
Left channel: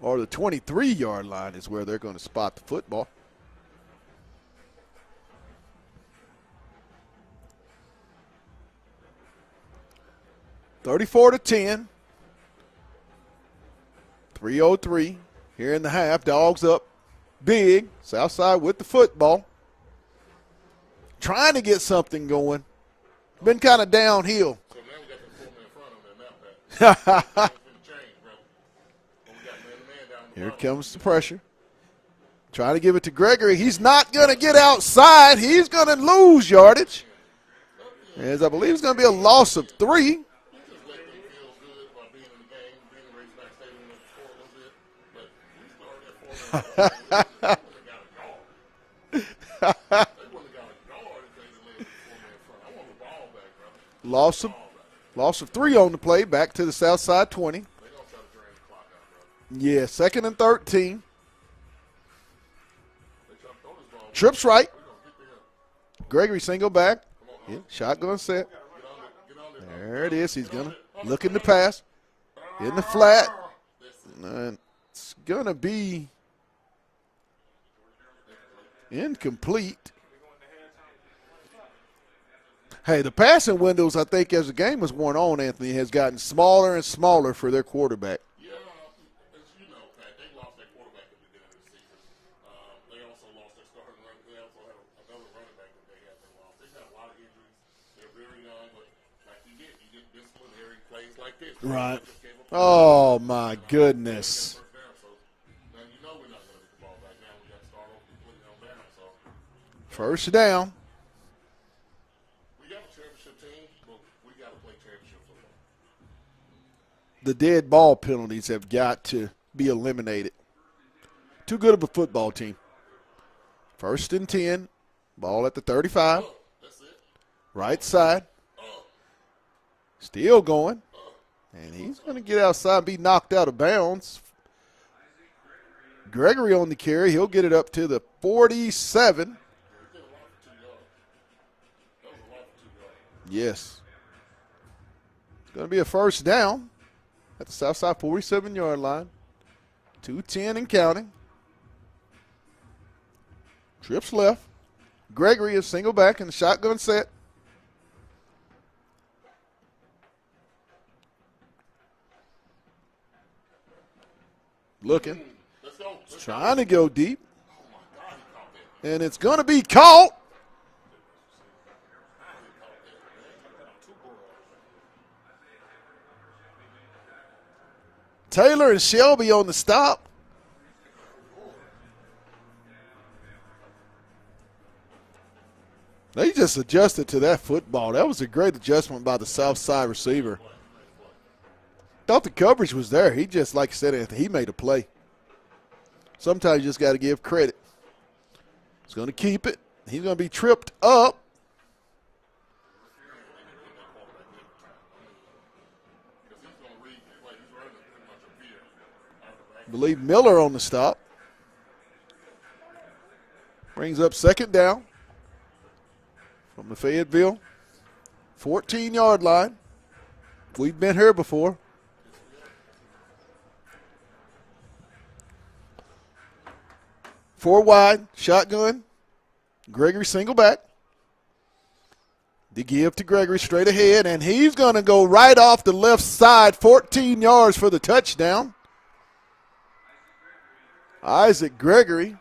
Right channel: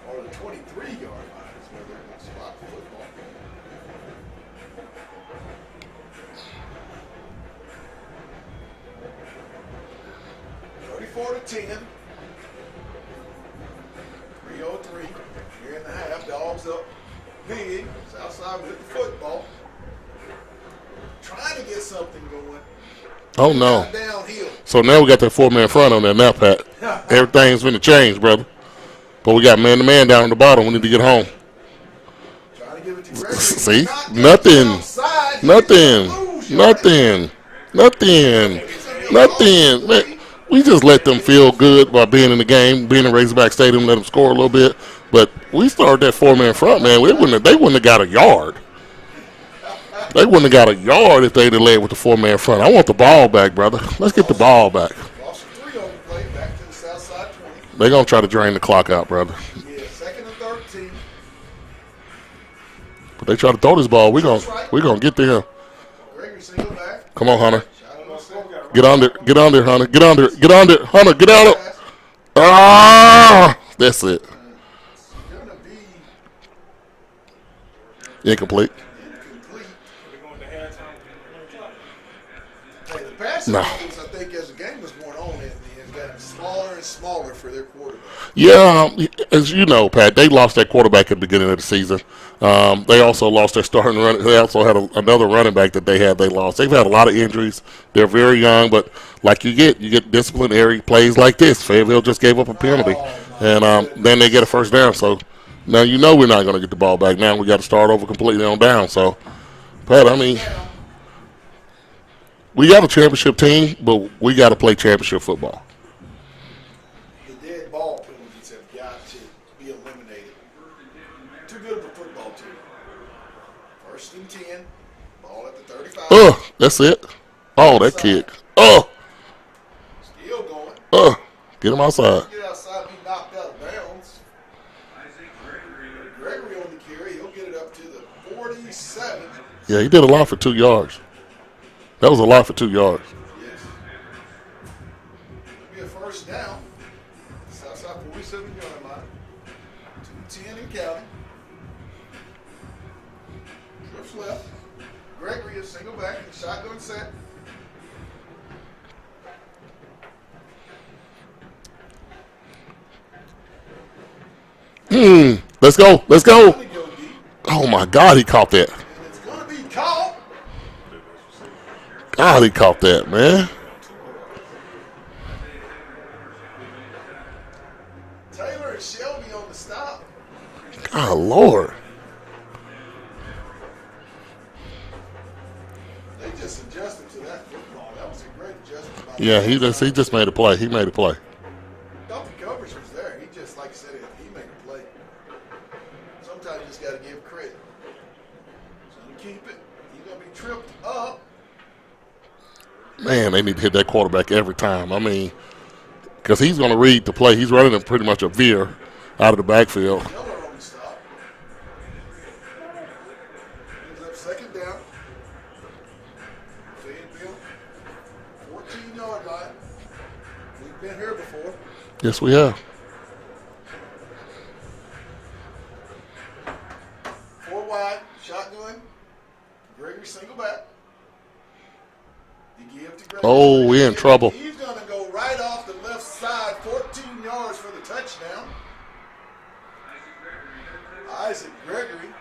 Or the 23-yard line is where they're going to spot the football. 34-10. 3:03 here in the half. Dogs up big. Southside with the football. Trying to get something going. Oh, Been no. kind of downhill. So now we got that 4-man front on there now, Pat. Everything's going to change, brother. But we got man-to-man down at the bottom. We need to get home. Trying to give it to Gregory. See? He's not going to get outside. He's going to lose yardage. Nothing. He's going to be a loss of 3. We just let them feel good by being in the game, being in Razorback Stadium, let them score a little bit. But we started that 4-man front, man. They wouldn't have got a yard. They wouldn't have got a yard if they'd have led with the 4-man front. I want the ball back, brother. Let's get the ball back. Loss of 3 on the play, back to the Southside 20. They're going to try to drain the clock out, brother. Yeah, 2nd and 13. But they try to throw this ball. We're going to get to him. Gregory single back. Come on, Hunter. Shotgun set. Get on there, Hunter. Get on there, Hunter. Get on there. Pass. Ah, that's it. And it's going to be Incomplete. Hey, the passing windows, I think, as the game was going on, Anthony, has gotten smaller and smaller for their quarterback. Yeah, as you know, Pat, they lost that quarterback at the beginning of the season. They also lost their starting running. They also had another running back that they lost. They've had a lot of injuries. They're very young, but like you get disciplinary plays like this. Fayetteville just gave up a penalty, and then they get a first down. So now you know we're not going to get the ball back. Now we got to start over completely on down. So, Pat, I mean, we got a championship team, but we got to play championship football. The dead ball penalties have got to be eliminated. Too good of a football team. 1st and 10. Ball at the 35. That's it. Oh, that kick. Still going. Get him outside. Get outside, be knocked out of bounds. Gregory on the carry. He'll get it up to the 47. Yeah, he did a lot for 2 yards. That was a lot for 2 yards. Yes. Going to be a first down at the Southside 47-yard line. 2:10 and counting. Trips left. Gregory is single back in the shotgun set. Let's go. Trying to go deep. Oh, my God, he caught that. And it's going to be caught. God, he caught that, man. Taylor and Shelby on the stop. God, Lord. They just adjusted to that football. That was a great adjustment by the Southside he just made a play. He made a play. Thought the coverage was there. He just, like I said, Anthony, he made a play. Sometimes you just got to give credit. He's going to keep it. He's going to be tripped up. Man, they need to hit that quarterback every time. I mean, because he's going to read the play. He's running pretty much a veer out of the backfield. Lee Miller on the stop. Brings up 2nd down from the Fayetteville 14-yard line. We've been here before. Yes, we have. 4 wide, shotgun. Gregory single back. The give to Gregory straight we ahead. in trouble. And he's going to go right off the left side, 14 yards for the touchdown. Isaac Gregory.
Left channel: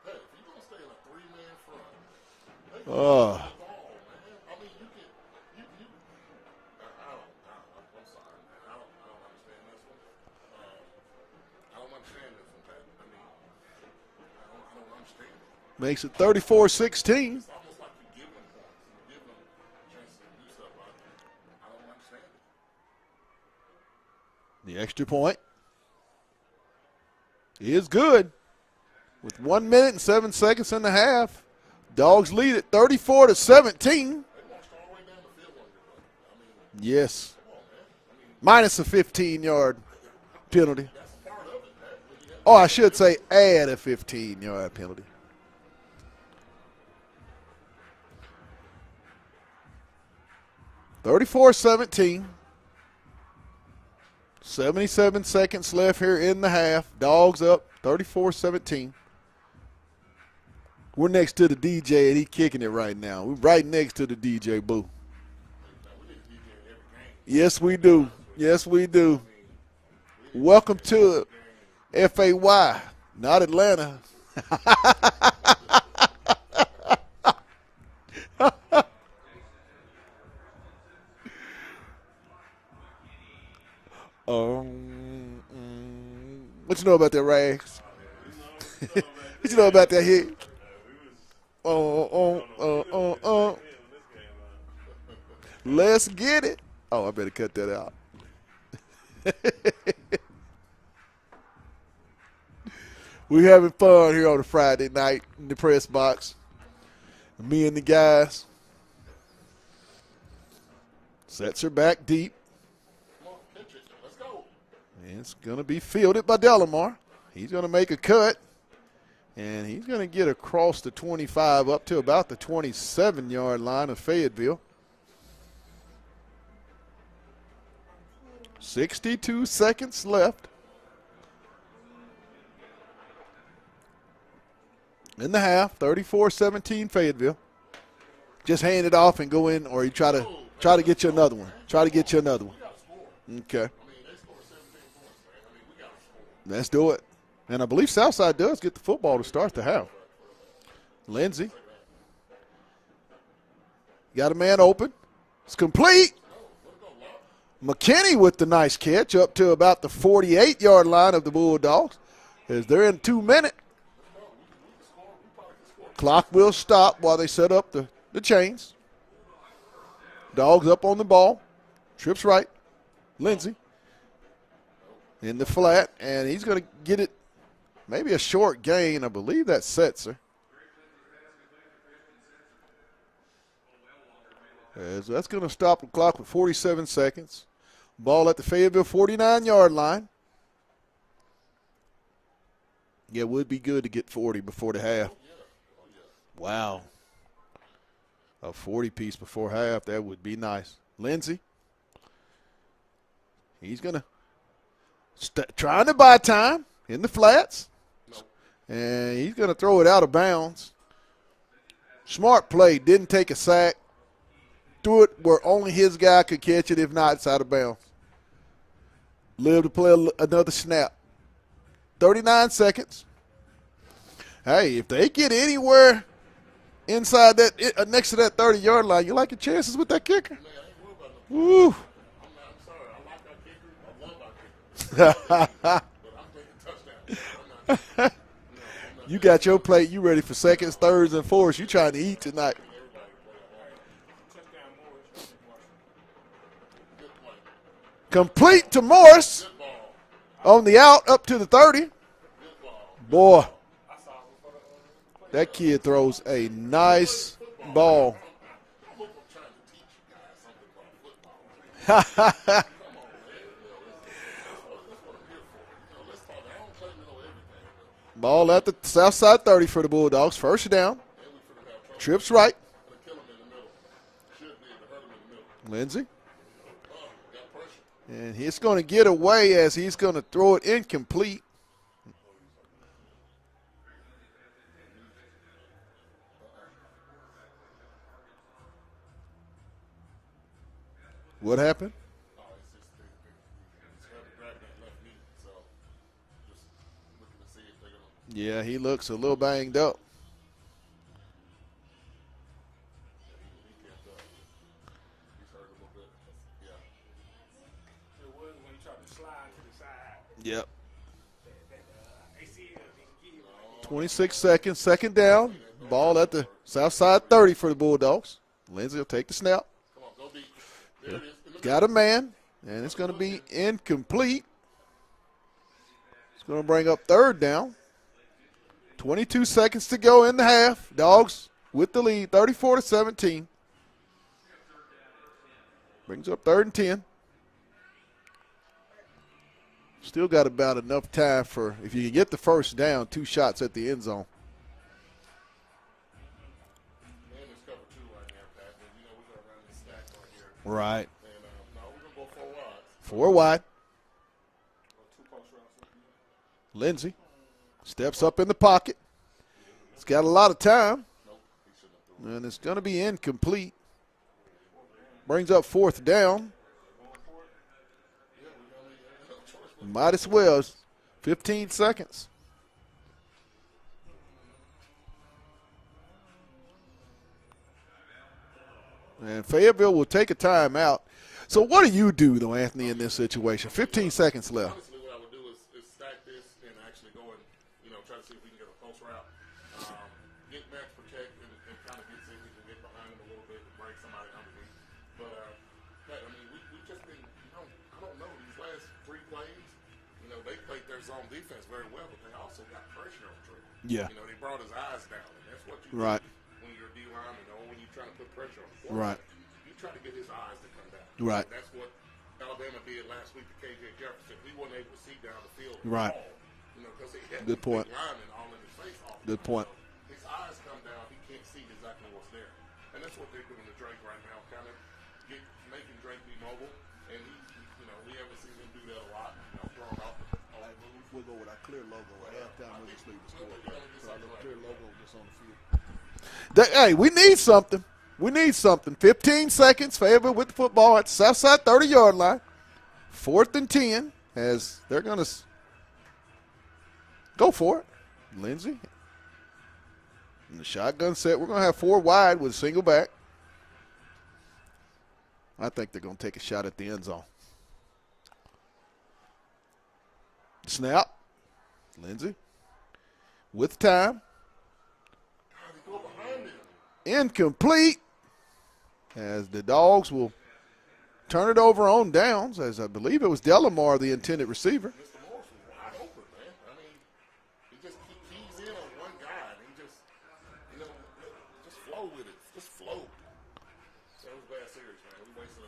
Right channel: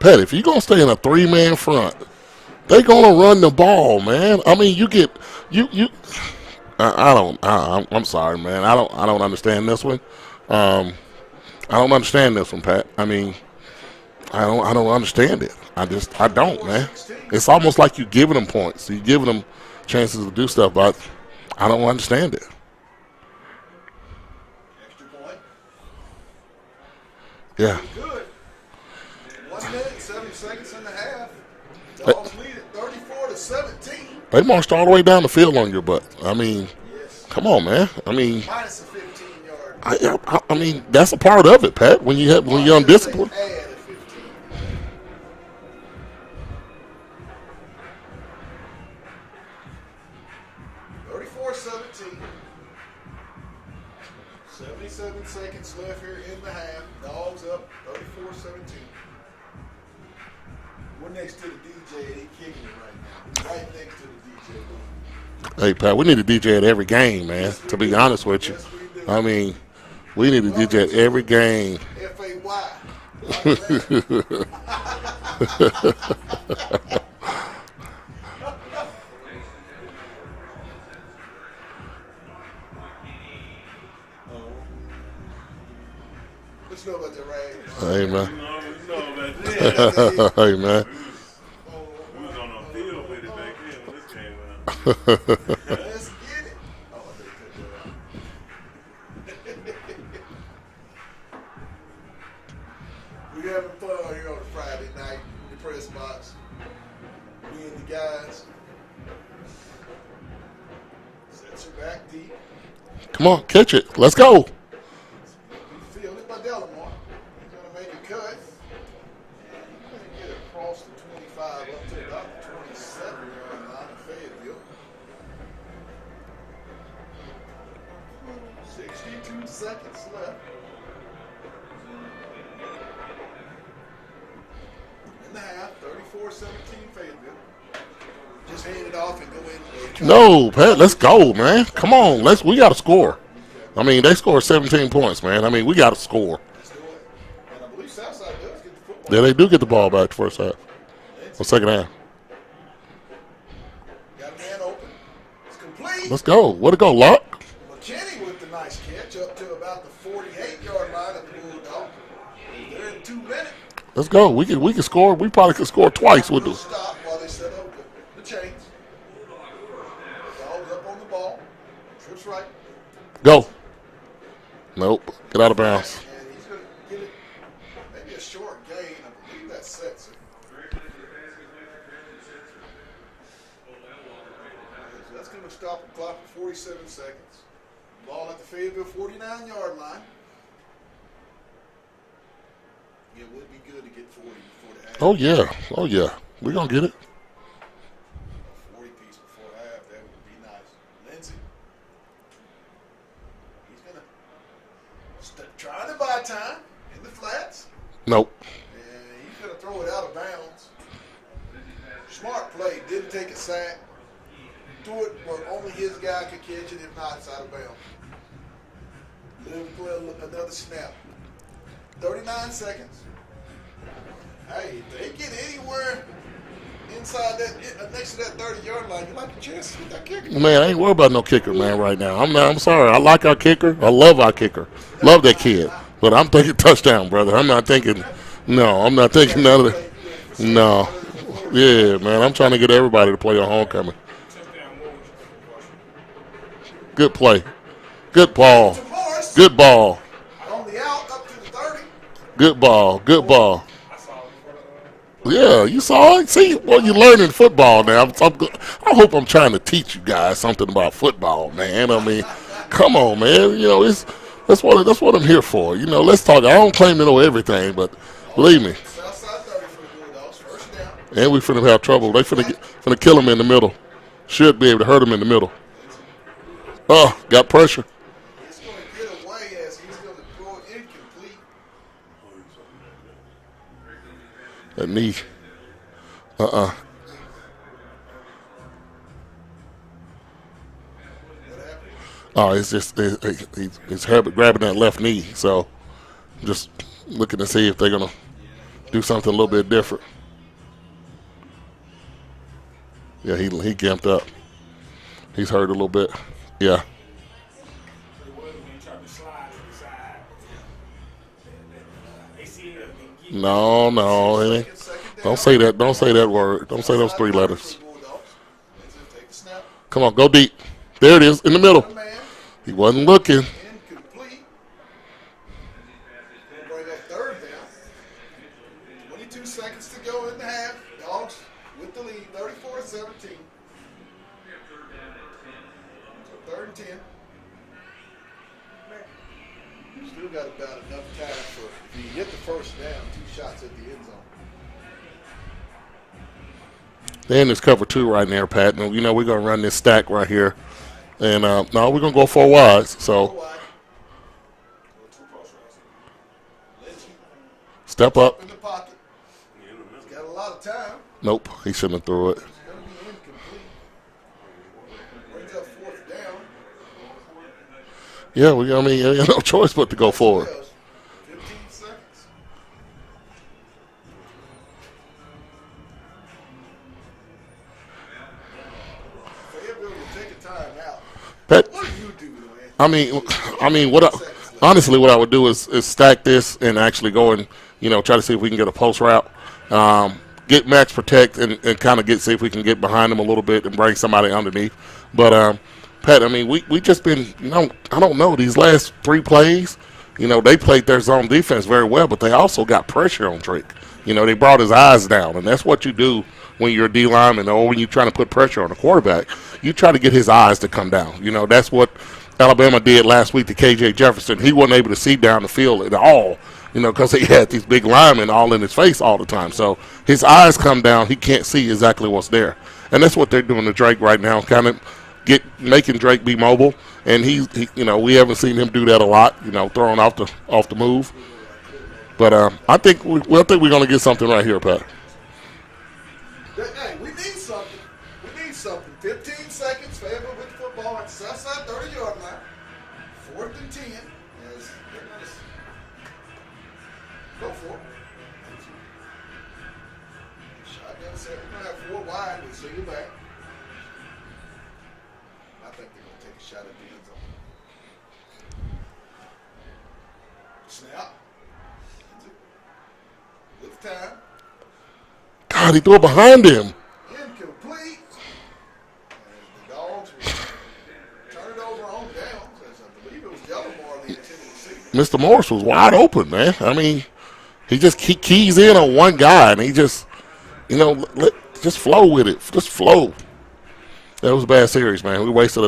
Pat, if you're going to stay in a 3-man front, they're going to run the ball, man. I mean, I'm sorry, man. I don't understand this one. I don't understand this one, Pat. I mean, I don't understand it. I don't, man. It's almost like you're giving them points. You're giving them chances to do stuff, but I don't understand it. The extra point. Yeah. It's good. With 1 minute and 7 seconds in the half. Dogs lead at 34-17. They marched all the way down the field on your butt. I mean, yes. Come on, man. I mean, minus a 15-yard. I mean, that's a part of it, Pat. When you're undisciplined. Add a 15-yard. 34-17. 77 seconds left here in the half. Dogs up 34-17. We're next to the DJ, and he's kicking it right now. We're right next to the DJ booth. Hey, Pat, we need a DJ at every game, man. Yes, we to do. be honest with you. Yes, we do. I mean, we need a Welcome DJ at to every game. FAY, not Atlanta. What you know about that, Ray? Hey, man. What you know about that hit? Hey, man. Let's get it. Oh, I better cut that out. We having fun here on a Friday night in the press box. Me and the guys. Sets her back deep. Come on, catch it. Let's go. It's going to be fielded by Delamar. He's going to make a cut. And he's going to get across the 25 up to about the 27-yard line of Fayetteville. 62 seconds left in the half. 34-17 Fayetteville. Just hand it off and go in, or you try. No, try Pat, to let's get you go, another- man. try to Come get you on, another. we got to score. Okay, I mean, they scored 17 points, man. I mean, we got to score. let's do it. And I believe Southside does get the football. Yeah, they to do start get the ball half. back the first half, Lindsey the second half. got a man open. It's complete. Let's go. Way to go, Lock. McKinney with the nice catch up to about the 48-yard line of the Bulldogs. As they're in 2 minutes. Let's go. We can score. We probably could score twice with We'll this. stop while they set up the chains. Dogs up on the ball. Trips right. Go. Lindsey Nope. in Get the out of flat, bounds. and he's going to get it. Maybe a short gain. I believe that sets her. As that's going to stop the clock with 47 seconds. Ball at the Fayetteville 49-yard line. Yeah, it would be good to get 40 before the half. Oh, yeah. Oh, yeah. We're Wow. going to get it. A 40-piece before half, that would be nice. Lindsey. He's going to trying to buy time in the flats. Nope. And he's going to throw it out of bounds. Smart play. Didn't take a sack. Threw it where only his guy could catch it. If not, it's out of bounds. Live to play another snap. 39 seconds. Hey, if they get anywhere inside that, next to that 30-yard line, you like your chances with that kicker. Man, I ain't worried about no kicker, man, right now. I'm sorry. I like our kicker. I love our kicker. Love that kid. But I'm thinking touchdown, brother. I'm not thinking I'm not You thinking got none your of play, that. you ready for seconds, No. thirds, and fourths. Yeah, man. I'm trying to get everybody to play on homecoming. Good play. Good ball. to Morris Good ball. on the out up to the 30. Good ball. Good Boy. ball. Yeah, you saw it. See, well, Nice you're learning football now. ball. I hope I'm trying to teach you guys something about football, man. I mean, come on, man. You know, that's what I'm here for. You know, let's talk. I don't claim to know everything, but Ball believe at me. the Southside 30 for the Bulldogs. First down. And we finna have trouble. They Trips finna kill him in the middle. Should be able to hurt him in the middle. Lindsey. Oh, got pressure. And he's going to get away as he's going to throw it incomplete. That knee. What happened? Oh, it's just he's Herbert grabbing that left knee. So just looking to see if they're gonna Yeah, he looked do something a little bit banged up. different. Yeah, he gimped up. He's hurt a little bit. Yeah. Yeah. No. 6 hey. seconds, second down. Don't say that. Don't say Ball that at the word. Don't say those Southside 3 30 letters. for the Bulldogs. Lindsey will take the snap. Come on, go deep. There it is in the Got a middle. man. He It's wasn't gonna be looking. Incomplete. It's going to bring up third down. 22 seconds to go in the half. Dogs with the lead, 34-17. Brings up 3rd and 10. Still got about enough time for, if you get the first down, 2 shots at the end zone. They're in this cover 2 right there, Pat. And, you know, we're going to run this stack right here. Right. And, no, we're going to go 4 wides. 4 So wide. Lindsey step up up. in the pocket. He's got a lot of time. Nope, he shouldn't have threw it. And it's going to be incomplete. Brings up 4th down. Yeah, I mean, no choice but to go forward. Well. 15 seconds. And Fayetteville will take a timeout. So what do you do, though, Anthony? Seconds left. Honestly, what I would do is stack this and actually go and try to see if we can get a post route, get max protect, and kind of see if we can get behind them a little bit and bring somebody underneath. But Pat, I mean, we just been I don't know, these last 3 plays. They played their zone defense very well, but they also got pressure on Drake. Yeah. They brought his eyes down, and that's what you do when you're a D lineman or when you're trying to put pressure on the quarterback. You try to get his eyes to come down. That's what Alabama did last week to K.J. Jefferson. He wasn't able to see down the field at all, because he had these big linemen all in his face all the time. So his eyes come down. He can't see exactly what's there. And that's what they're doing to Drake right now, kind of making Drake be mobile. And he we haven't seen him do that a lot, throwing off the move. But I think we're going to get something right here, Pat. Hey, we need something. 15 seconds. Fayetteville with the football at the Southside 30-yard line. 4th and 10 as they're going to go for it. Lindsey. Shotgun set. We're going to have 4 wide with a single back. I think they're going to take a shot at the end zone. Snap. Lindsey. With time. God, he threw it behind him. Incomplete. As the Dogs will turn it over on downs, as I believe it was Delamar, the intended receiver. Mr. Morris was wide open, man. I mean, he just keys in on one guy, and he just, just flow with it. Just flow. That was a bad series, man. We wasted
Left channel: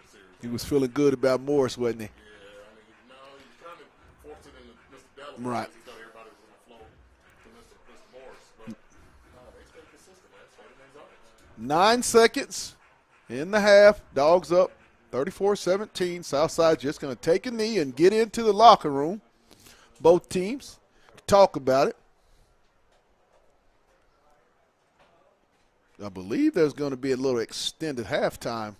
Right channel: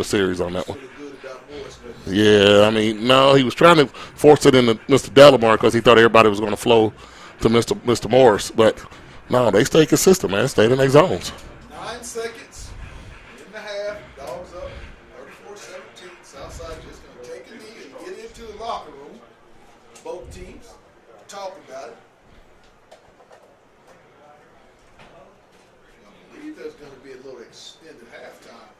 a series on that one. Feeling good about Morris, wasn't he? Yeah, I mean, no, he was trying to force it into Mr. Delamar because he thought everybody was going to flow to Mr. Morris. But, no, they stayed consistent, man. Stayed in their zones. 9 seconds in the half. Dogs up 34-17. Southside just going to take a knee and get into the locker room. Both teams talk about it. I believe there's going to be a little extended halftime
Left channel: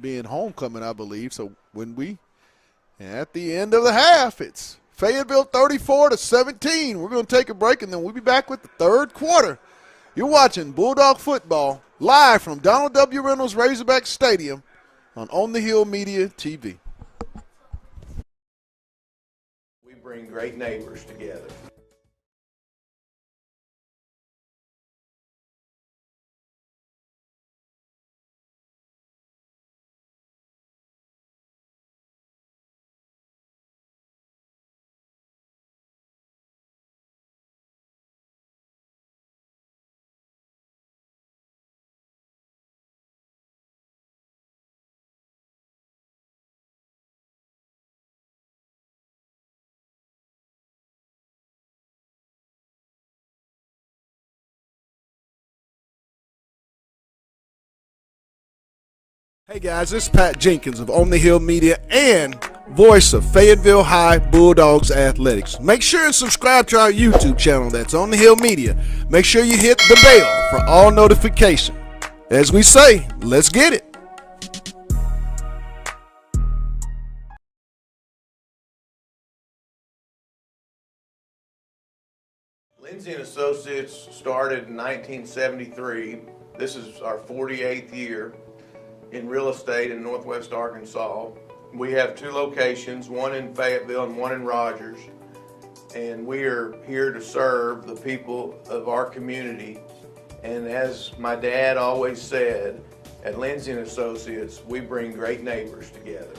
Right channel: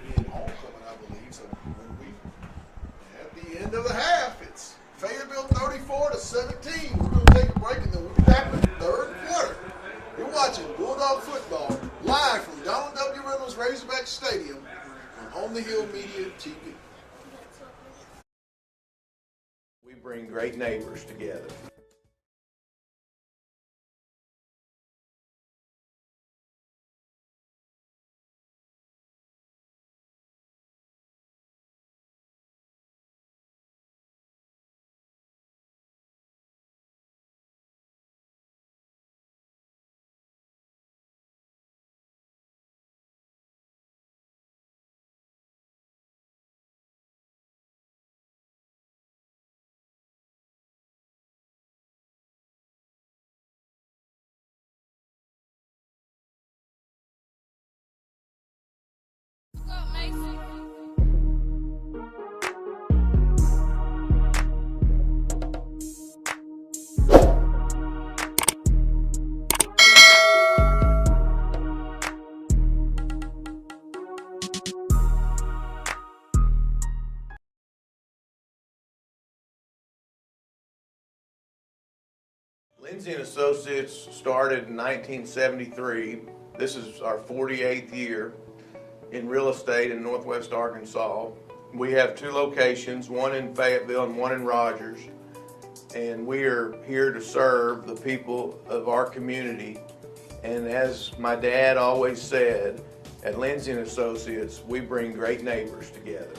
being homecoming, I believe. So at the end of the half, it's Fayetteville 34-17. We're going to take a break, and then we'll be back with the third quarter. You're watching Bulldog Football live from Donald W. Reynolds Razorback Stadium on the Hill Media TV. We bring great neighbors together. Hey guys, this is Pat Jenkins of On the Hill Media and voice of Fayetteville High Bulldogs Athletics. Make sure and subscribe to our YouTube channel that's On the Hill Media. Make sure you hit the bell for all notifications. As we say, let's get it. Lindsay & Associates started in 1973. This is our 48th year in real estate in Northwest Arkansas. We have 2 locations, one in Fayetteville and one in Rogers. And we are here to serve the people of our community. And as my dad always said, at Lindsay & Associates, we bring great neighbors together.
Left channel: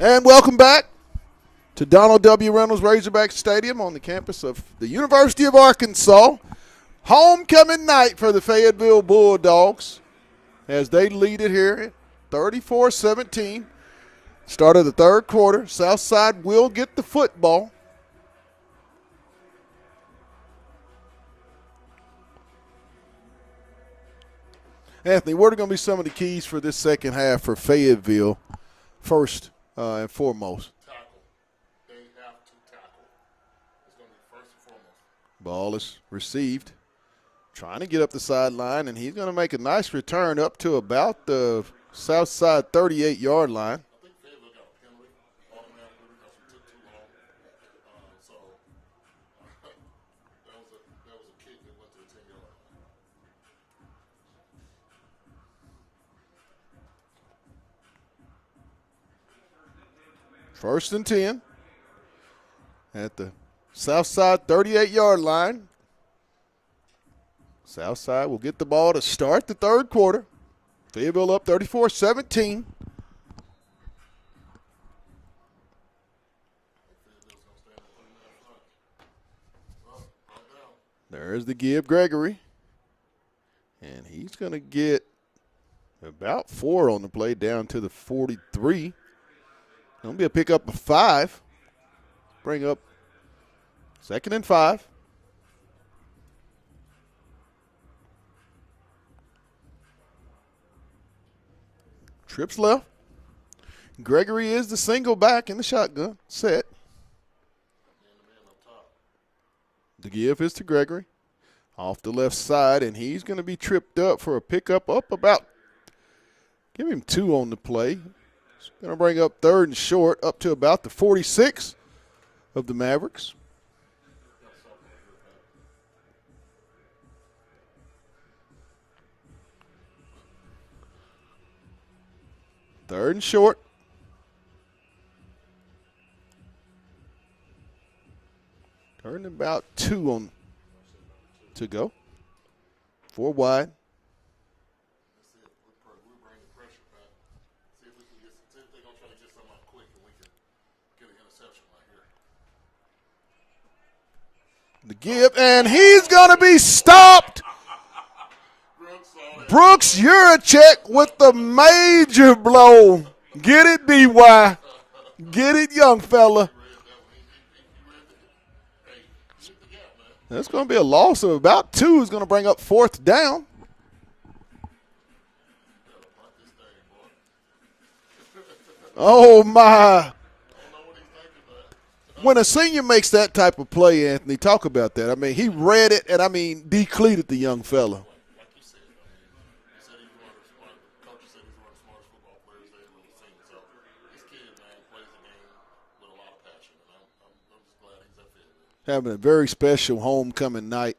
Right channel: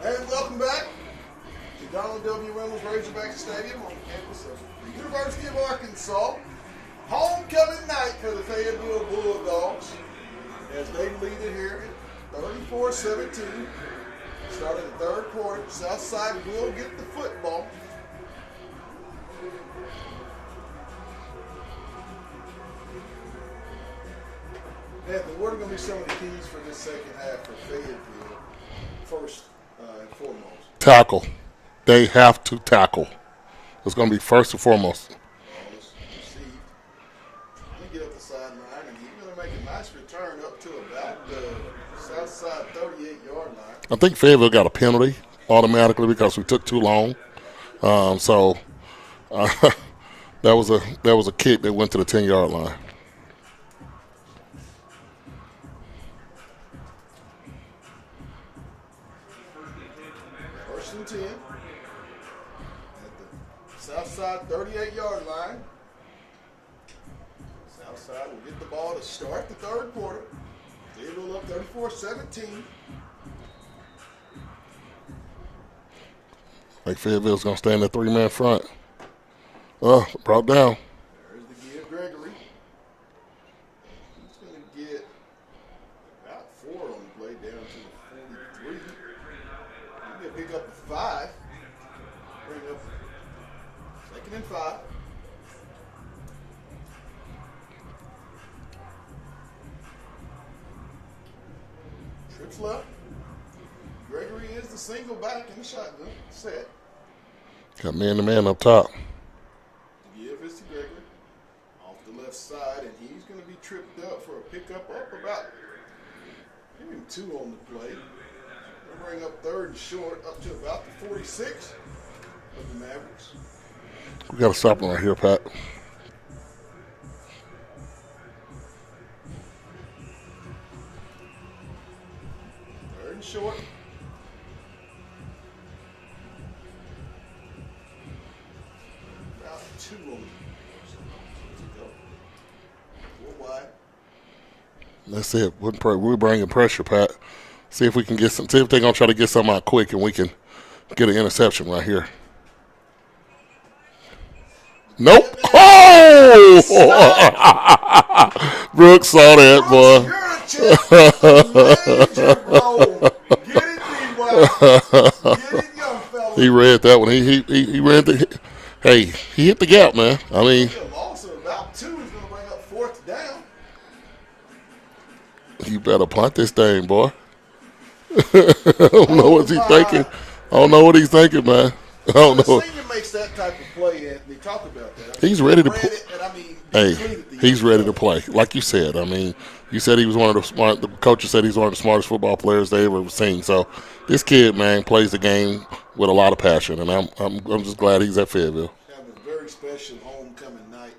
And welcome back to Donald W. Reynolds Razorback Stadium on the campus of the University of Arkansas. Homecoming night for the Fayetteville Bulldogs as they lead it here 34-17. Start of the third quarter. Southside will get the football. Anthony, what are going to be some of the keys for this second half for Fayetteville? First and foremost. Tackle. They have to tackle. It's going to be first and foremost. Ball is received. Trying to get up the sideline, and he's going to make a nice return up to about the Southside 38-yard line. I think Fayetteville got a penalty automatically because we took too long. That was a kick that went to the 10-yard line. First and 10 at the Southside 38-yard line. Southside will get the ball to start the third quarter. Fayetteville up 34-17. Like Fayetteville's going to stay in the three-man front. Brought down. There's the give, Gregory. And he's going to get about 4 on the play down to the 43. Going to be a pickup of 5. Bring up 2nd and 5. Trips left. Gregory is the single back in the shotgun set. Got man-to-man up top. The give is to Gregory. Off the left side, and he's going to be tripped up for a pickup up about, give him 2 on the play. Going to bring up 3rd and short up to about the 46 of the Mavericks. We got to stop him right here, Pat. Third and short. Third and about 2 on to go. 4 wide. That's it. We're bringing pressure, Pat. See if we can get some. See if they're gonna try to get something out quick, and we can get an interception right here. Nope. And he's gonna be stopped. Brooks saw that. Brooks, boy. you're a check with a major blow. Get it, BY. Get it, young fella. He read that one. He ran the. Hey, he hit the gap, man. It's going to be a loss of about 2. Is going to bring up 4th down. You better punt this thing, boy. Oh, my. I don't know what he's thinking, man. When a senior makes that type of play, Anthony, talk about that. I mean, he's ready to read it, and I mean, depleted the young He's ready fella. to play, like you said. I mean, you said he was one of the smart. The coaches said he's one of the smartest football players they ever seen. So this kid, man, plays the game with a lot of passion, and I'm just glad he's at Fayetteville. Having a very special homecoming night.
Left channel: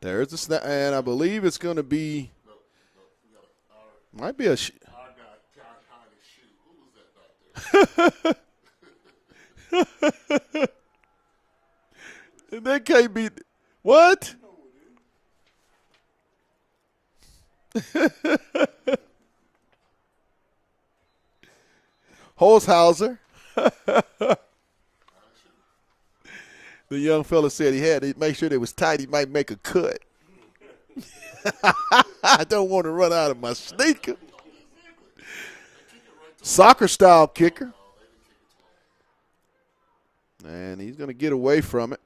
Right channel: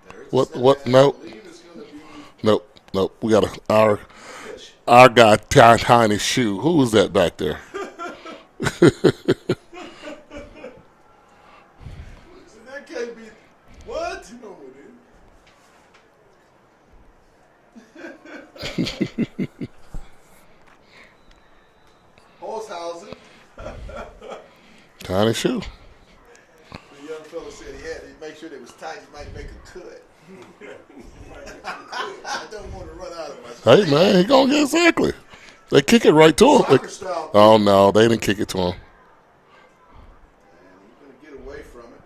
There's the snap, and no. I believe it's going to be. Nope. We got Might be our guy tying his shoe. Who was that back there? That can't be. What? Holzhauser. Tying his shoe. The young fella said he had to make sure it was tight. He might make a cut. I don't want to run out of my sleep. Hey, man, he going to get exactly. They kick it right to him. Soccer style kick. Oh, no, they didn't kick it to him. And he's going to get away from it.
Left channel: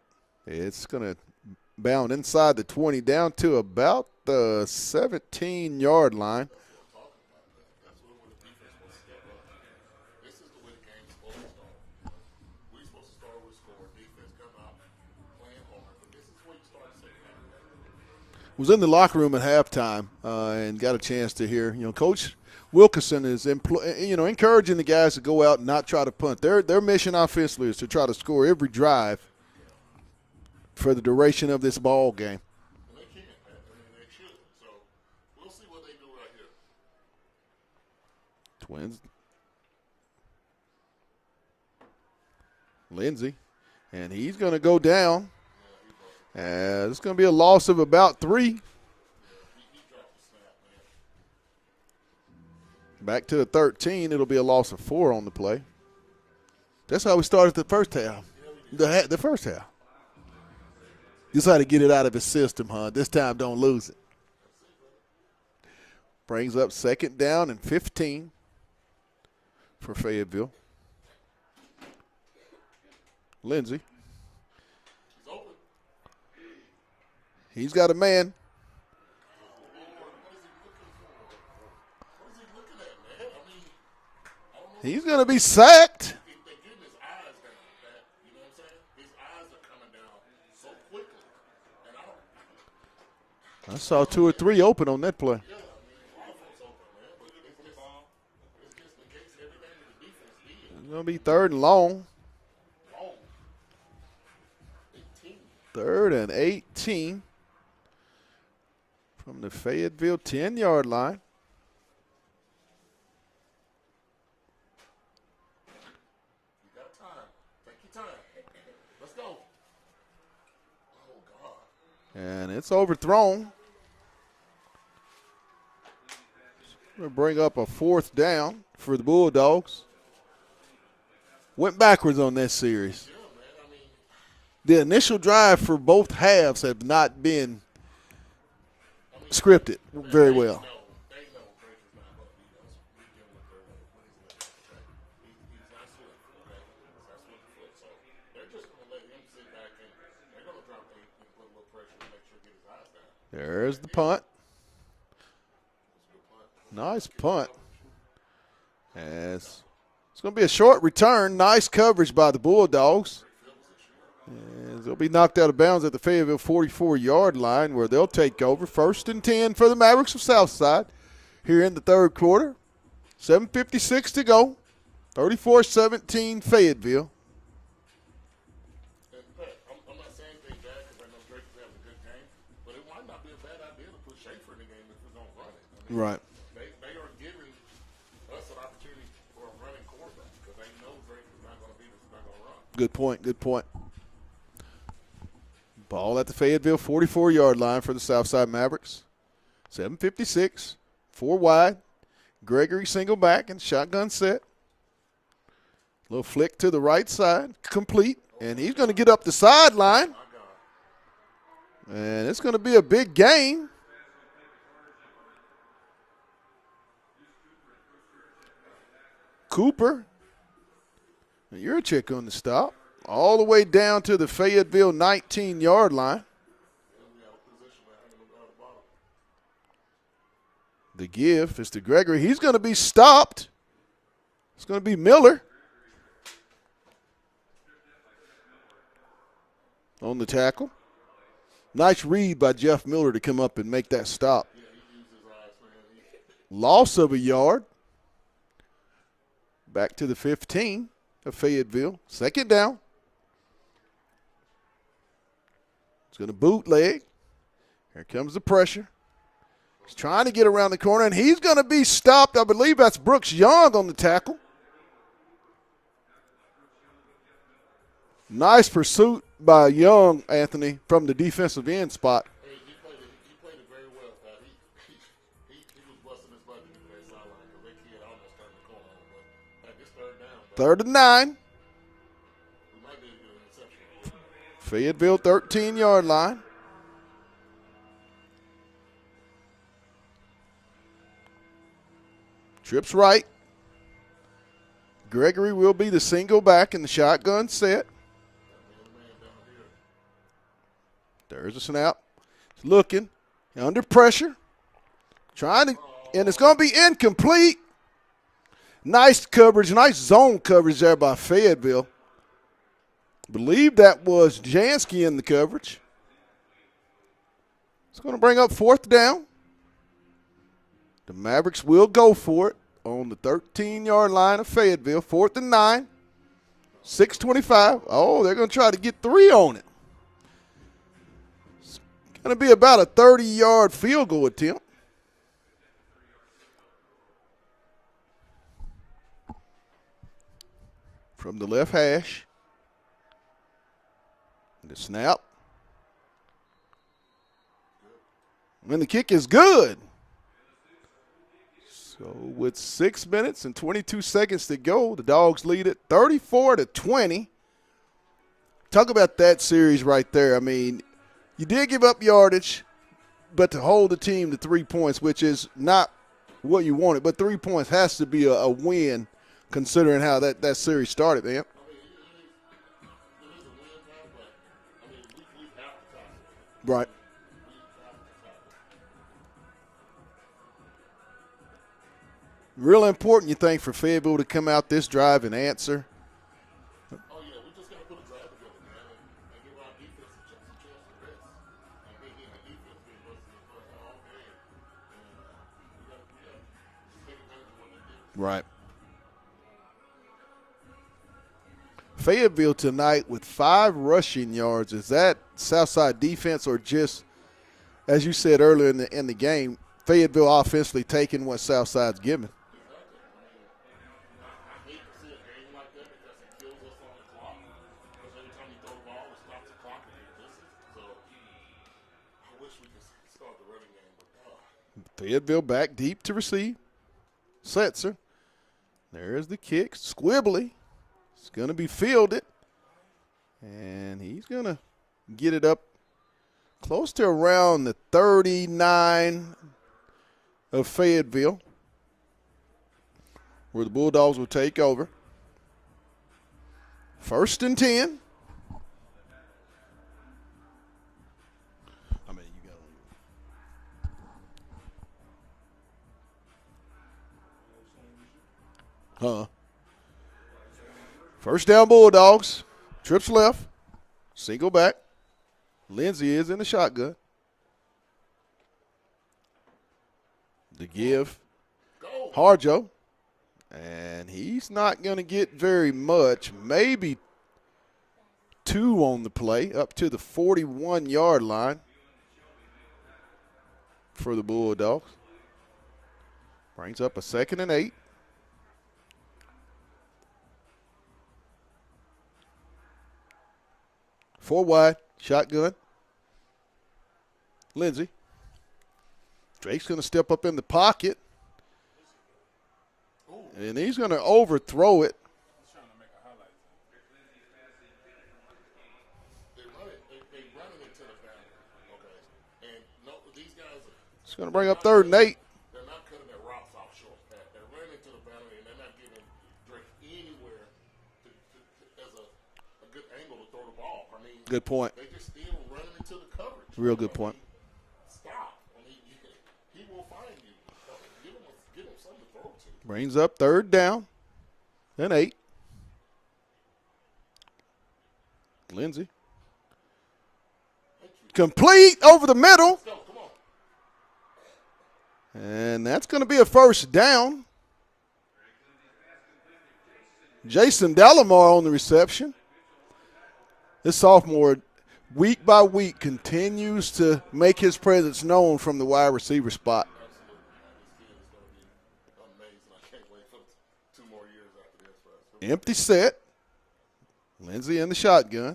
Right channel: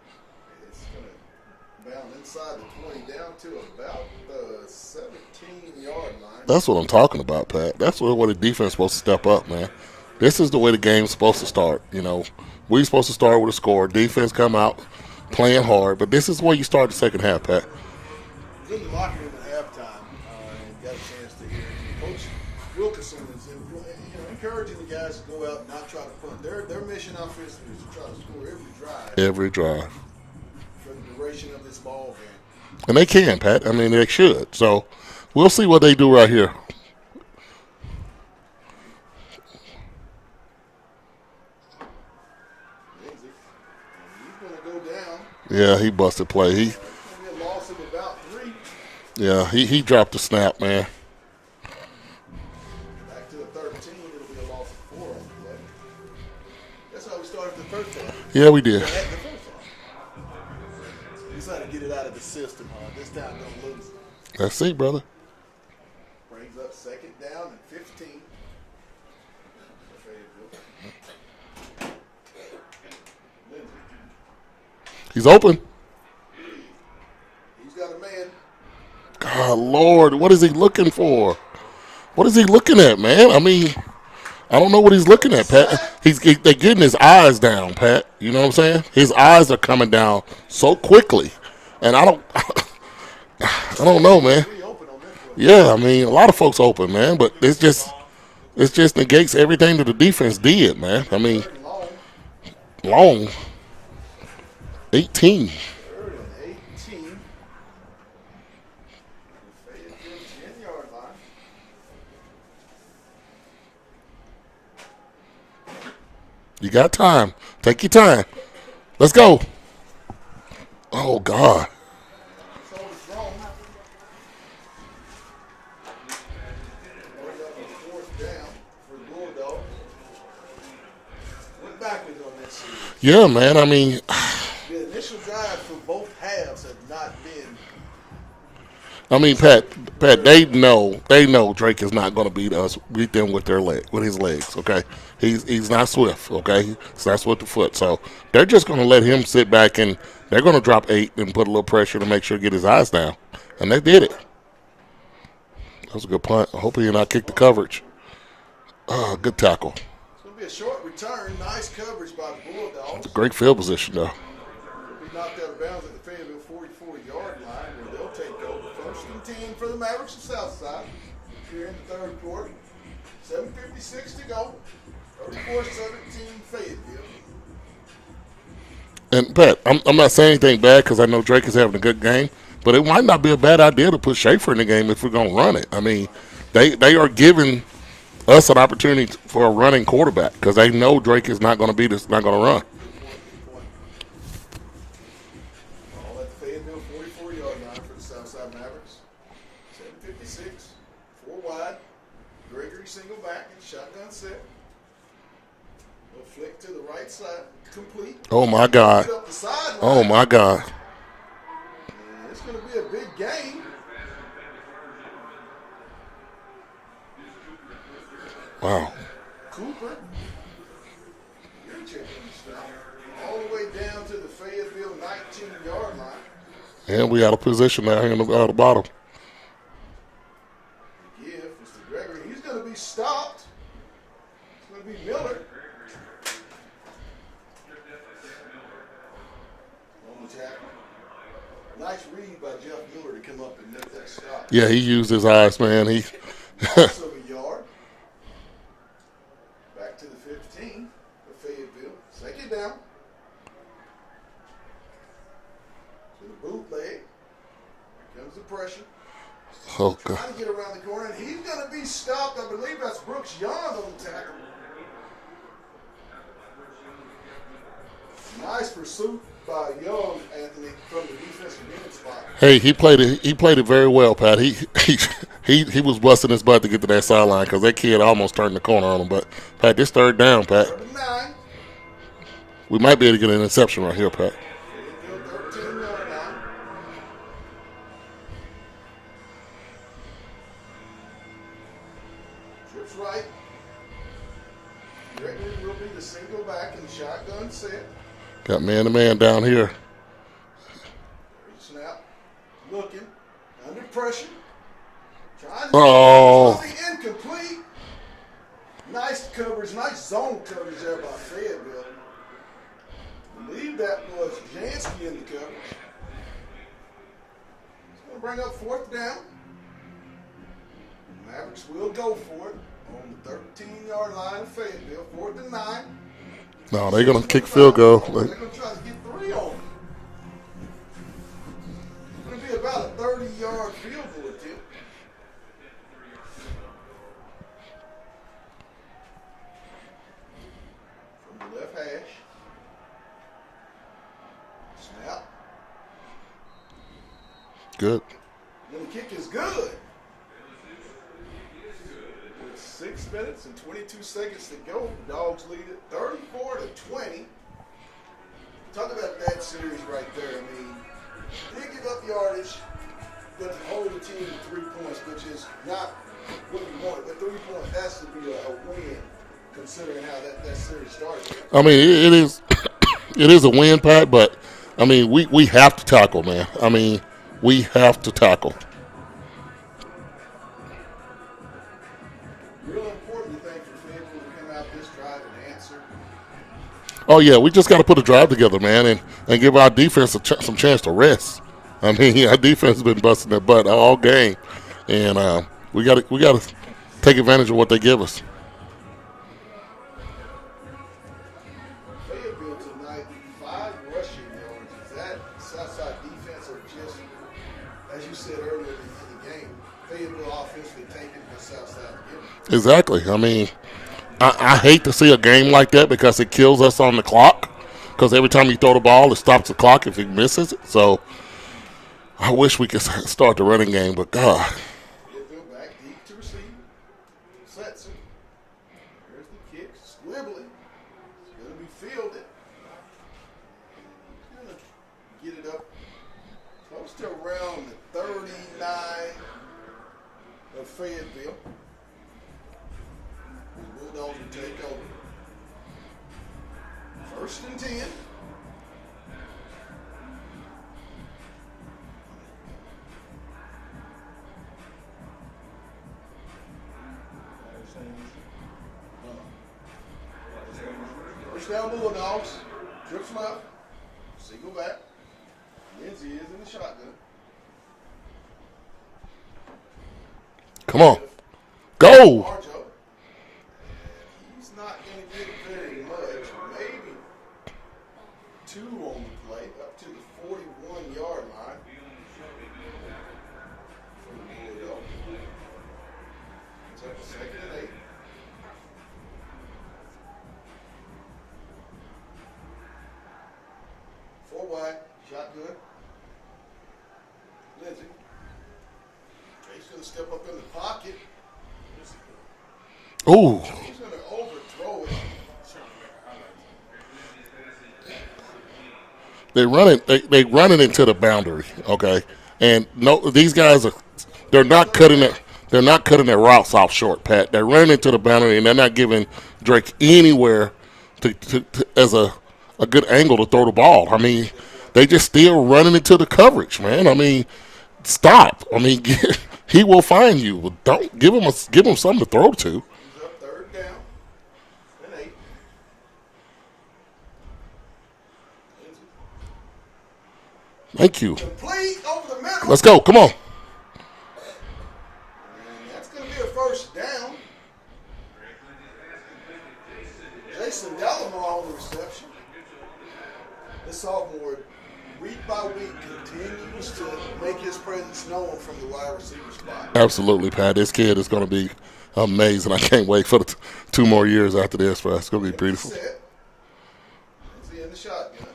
It's going to bound inside the 20 down to about the 17-yard line. That's what I'm talking about, Pat. That's where the defense is supposed to step up, man. This is the way the game's supposed to start. You know, we're supposed to start with a score. Defense come out playing hard. But this is where you start the second half, Pat. Was in the locker room at halftime and got a chance to hear, Coach Wilkerson is encouraging the guys to go out and not try to punt. Their mission offensively is to try to score every drive. Every drive. For the duration of this ball game. And they can, Pat. I mean, they should. So we'll see what they do right here. Lindsey. And he's going to go down. Yeah, he busted play. It's going to be a loss of about 3. Yeah, he dropped the snap, man. Back to the 13. It'll be a loss of 4 on the play. That's how we started the first half. Yeah, we did. The first half. Just how to get it out of his system, huh? This time, don't lose it. Let's see, brother. Brings up 2nd down and 15 for Fayetteville. Lindsey. He's open. He's got a man. God, Lord, what is he looking for? What is he looking at, man? I mean, I don't know what he's looking at, Pat. They're getting his eyes down, Pat. You know what I'm saying? His eyes are coming down so quickly, and I don't know, man. 3 open on that play. Yeah, I mean, a lot of folks open, man, but it just negates everything that the defense did, man. I mean, 3rd and long. 18. 3rd and 18 from the Fayetteville 10-yard line. You got time. Take your time. Let's go. Oh, God. And it's overthrown. Going to bring up a 4th down for the Bulldogs. Went backwards on this series. Yeah, man. I mean, the initial drive for both halves have not been. Pat, they well. know Drake is not going to beat them with his legs. Okay, he's not swift. Okay, he's not swift of foot. So they're just going to let him sit back and they're going to drop 8 and put a little pressure to make sure to get his eyes down. And they did it. That was a good punt. I hope he did not kick the coverage. Oh, good tackle. It's going to be a short return. Nice coverage by the Bulldogs. Great field position, though. They'll be knocked out of bounds at the Fayetteville 44-yard line where they'll take over. 1st and 10 for the Mavericks of Southside here in the 3rd quarter. 7:56 to go. 34-17 Fayetteville. And, Pat, I'm not saying anything bad because I know Drake is having a good game, but it might not be a bad idea to put Schaefer in the game if we're going to run it. I mean, they are giving us an opportunity for a running quarterback because they know Drake is not going to beat us, not going to run. Good point. Ball at the Fayetteville 44-yard line for the Southside Mavericks. 7:56, 4 wide. Gregory single back and shotgun set. Little flick to the right side, complete. Oh, my God. Get up the sideline. Oh, my God. And it's going to be a big game. Wow. Cooper, your check on the stop. All the way down to the Fayetteville 19-yard line. And we out of position now here on the bottom. The give is to Gregory. He's going to be stopped. It's going to be Miller on the tackle. Nice read by Jeff Miller to come up and make that stop. Yeah, he used his eyes, man. Loss of a yard. Back to the 15 of Fayetteville. 2nd down. He's going to bootleg. Here comes the pressure. Okay. Trying to get around the corner, and he's going to be stopped. I believe that's Brooks Young on the tackle. Nice pursuit by Young, Anthony, from the defensive end spot. Hey, he played it very well, Pat. He was busting his butt to get to that sideline because that kid almost turned the corner on him. But, Pat, this 3rd down, Pat. 3rd and 9. We might be able to get an interception right here, Pat. Fayetteville 13-yard line. Trips right. Gregory will be the single back in the shotgun set. Got man-to-man down here. There's a snap. Looking. Under pressure. Trying to. Oh. It's going to be incomplete. Nice coverage. Nice zone coverage there by Fayetteville. Believe that was Jansky in the coverage. It's going to bring up 4th down. The Mavericks will go for it on the 13-yard line of Fayetteville. 4th and 9. No, they're going to kick field goal. Oh, they're going to try to get 3 on it. It's going to be about a 30-yard field goal attempt. From the left hash. The snap. Good. And the kick is good. So with 6 minutes and 22 seconds to go. The Dogs lead it 34-20. Talk about that series right there. I mean, you did give up yardage, but to hold the team to 3 points, which is not what you wanted, but 3 points has to be a win considering how that series started, man. I mean, it is it is a win, Pat, but, I mean, we have to tackle, man. I mean, we have to tackle. Real important, you think, for Fayetteville to come out this drive and answer? Oh, yeah, we just got to put a drive together, man, and give our defense some chance to rest. I mean, our defense has been busting their butt all game, and we got to take advantage of what they give us. Right. Fayetteville tonight with 5 rushing yards. Is that Southside defense or just, as you said earlier in the game, Fayetteville offensively taking what Southside's giving? Exactly. I mean, I hate to see a game like that because it kills us on the clock. Because every time you throw the ball, it stops the clock if he misses it. So I wish we could start the running game, but God. Fayetteville back deep to receive. Setzer. There's the kick. Squibbly. It's going to be fielded. And he's going to get it up close to around the 39 of Fayetteville, where the Bulldogs will take over. 1st and 10. First down, Bulldogs. Trips left. Single back. Lindsey is in the shotgun. Come on. Go. Arjo. And he's not going to get very much. Maybe 2 on the play, up to the 41-yard line for the Bulldogs. Brings up a 2nd and 8. Four wide, shotgun. Lindsey. Drake's going to step up in the pocket. Ooh. And he's going to overthrow it. They run it into the boundary, okay? And no, these guys they're not cutting their routes off short, Pat. They're running into the boundary and they're not giving Drake anywhere to as a good angle to throw the ball. I mean, good point. They just still running into the coverage, man. I mean, stop. I mean, he will find you. Don't give him something to throw to. Brings up 3rd down and 8. Lindsey. Thank you. Complete over the middle. Let's go. Come on. And that's going to be a 1st down. Jason Delamar on the reception. This sophomore, week by week, continues to make his presence known from the wide receiver spot. Absolutely, Pat. This kid is going to be amazing. I can't wait for the 2 more years after this for us. It's going to be Empty beautiful. set. Lindsey in the shotgun.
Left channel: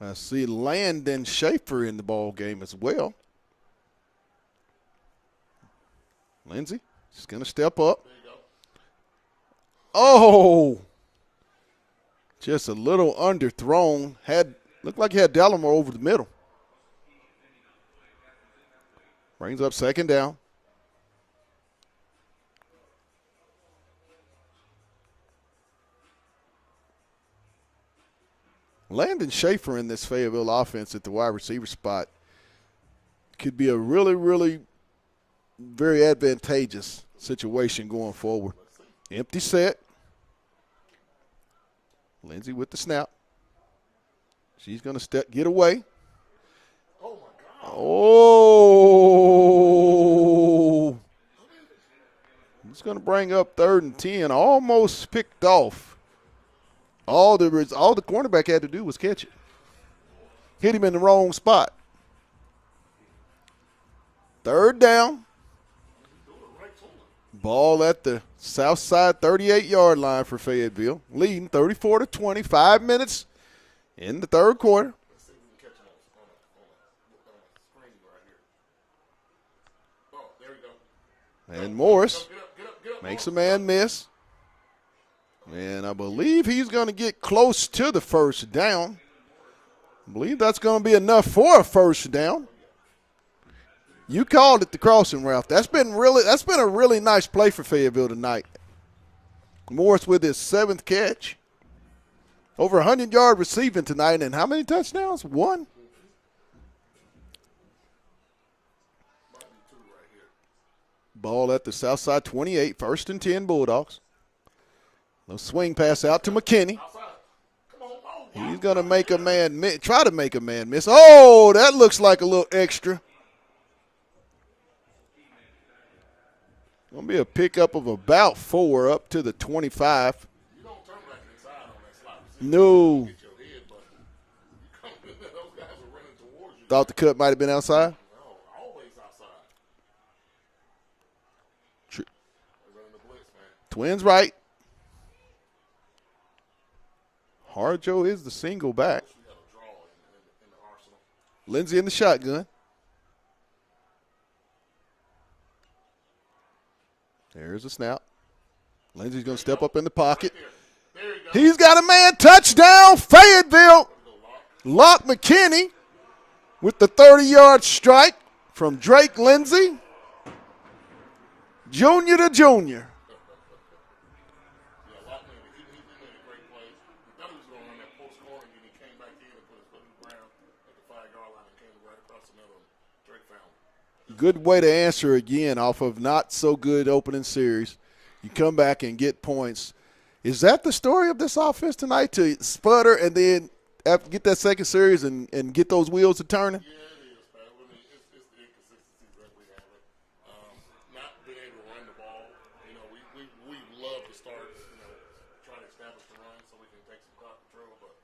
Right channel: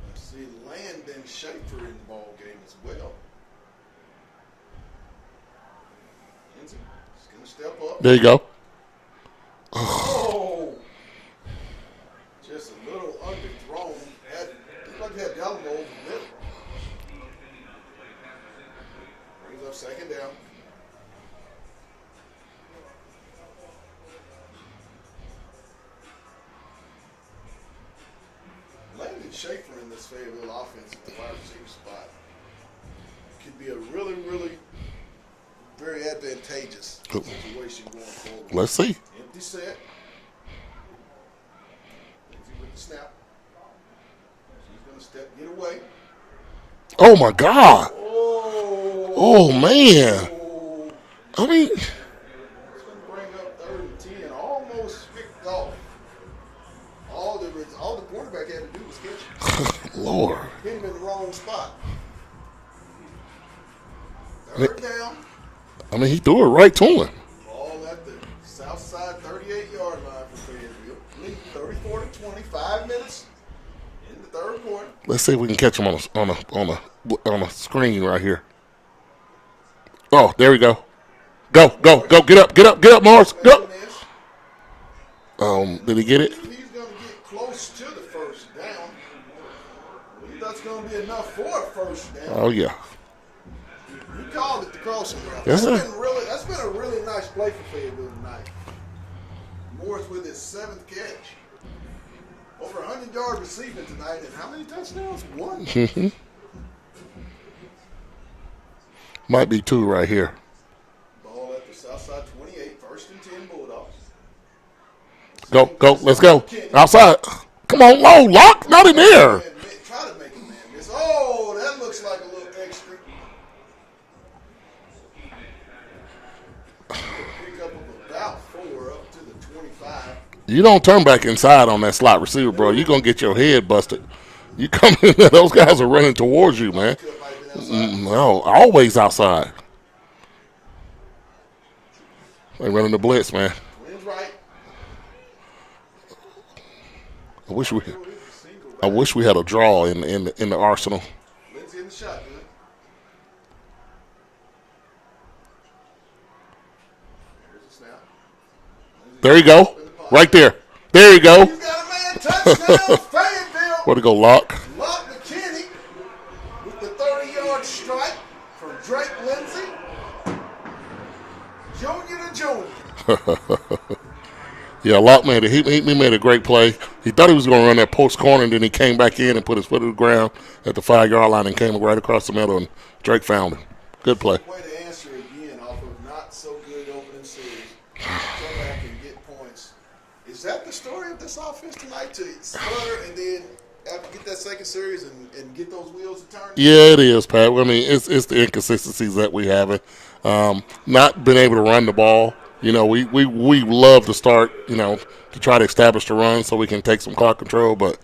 I see Landon Schaefer in the ball game as well. Lindsey is going to step up. There you go. Oh! Just a little underthrown. Looked like he had Delamar over the middle. Brings up 2nd down. Landon Schaefer in this Fayetteville offense at the wide receiver spot could be a really, really very advantageous situation going forward. Let's see. Empty set. Lindsey with the snap. She's going to get away. Oh, my God. Oh, man. I mean. It's going to bring up 3rd and 10. Almost picked off. All the cornerback had to do was catch it. Lord. Hit him in the wrong spot. 3rd down. I mean, he threw it right to him. Ball at the Southside 38-yard line for Fayetteville. Leading 34-20. 5 minutes in the 3rd quarter. Let's see if we can catch him on a screen right here. Oh, there we go. Go, Morris. get up, Morris. Man Go. miss. Did he get I it? believe he's going to get close to the first down. I believe that's going to be enough for a first down. Oh, yeah. You called it the crossing route. Yeah. That's been a really nice play for Fayetteville tonight. Morris with his 7th catch. Over 100-yard receiving tonight, and how many touchdowns? 1. Might be 2 right here. Ball at the Southside 28, 1st and 10 Bulldogs. Let's go. Let's go. McKinney. Outside. Come on, low, lock. Not in there. Try to make a man miss. Oh, that looks like a little extra. Be a pickup of about 4 up to the 25. You don't turn back inside on that slot receiver, bro. You're going to get your head busted. You come in there, those guys are running towards you, man. The cut might have been outside? No, always outside. They running the blitz, man. Twins right. I wish Arjo is the single back. I wish we had a draw in the arsenal. Lindsey in the shotgun. There's a snap. Lindsey's There you go. in the pocket. Right there. There you go. He's got a man. Touchdown, Fayetteville. Where to go, Lock? Lock McKinney with the 30-yard strike from Drake Lindsey. Junior to junior. Yeah, Lock made it. He made a great play. He thought he was going to run that post corner, and then he came back in and put his foot to the ground at the 5-yard line and came right across the middle, and Drake found him. Good play. Good way to answer again off of not so good opening series. You come back and get points. Is that the story of this offense tonight, to sputter and then get that second series and get those wheels to turning? Yeah, it is, Pat. I mean, it's the inconsistencies that we have. Not being able to run the ball. You know, we love to start, you know, to try to establish the run so we can take some clock control. But,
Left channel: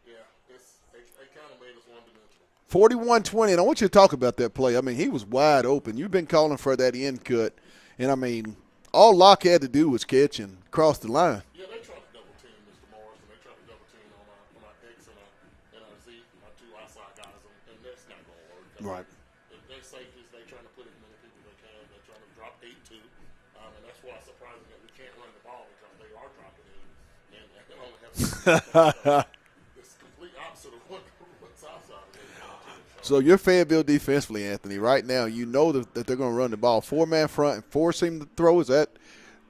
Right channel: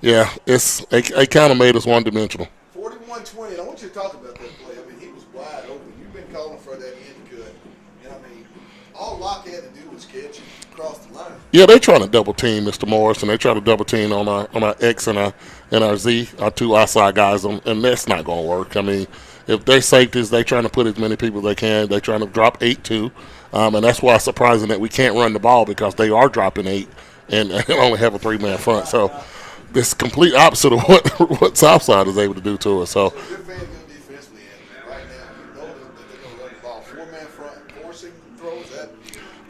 yeah, it kind of made us one-dimensional. 41-20, and I want you to talk about that play. I mean, he was wide open. You've been calling for that end cut. And, I mean, all Locke had to do was catch and cross the line. Yeah, they're trying to double team Mr. Morris, and they try to double team on our X and our Z, our 2 outside guys, and that's not going to work. I mean, if they're safeties, they're trying to put as many people as they can. They're trying to drop 8-2, and that's why it's surprising that we can't run the ball, because they are dropping 8 and only have a 3-man front. So it's complete opposite of what Southside is able to do to us. So your Fayetteville defensively, Anthony, right now, you know that they're going to run the ball. 4-man front and force him to throw. Is that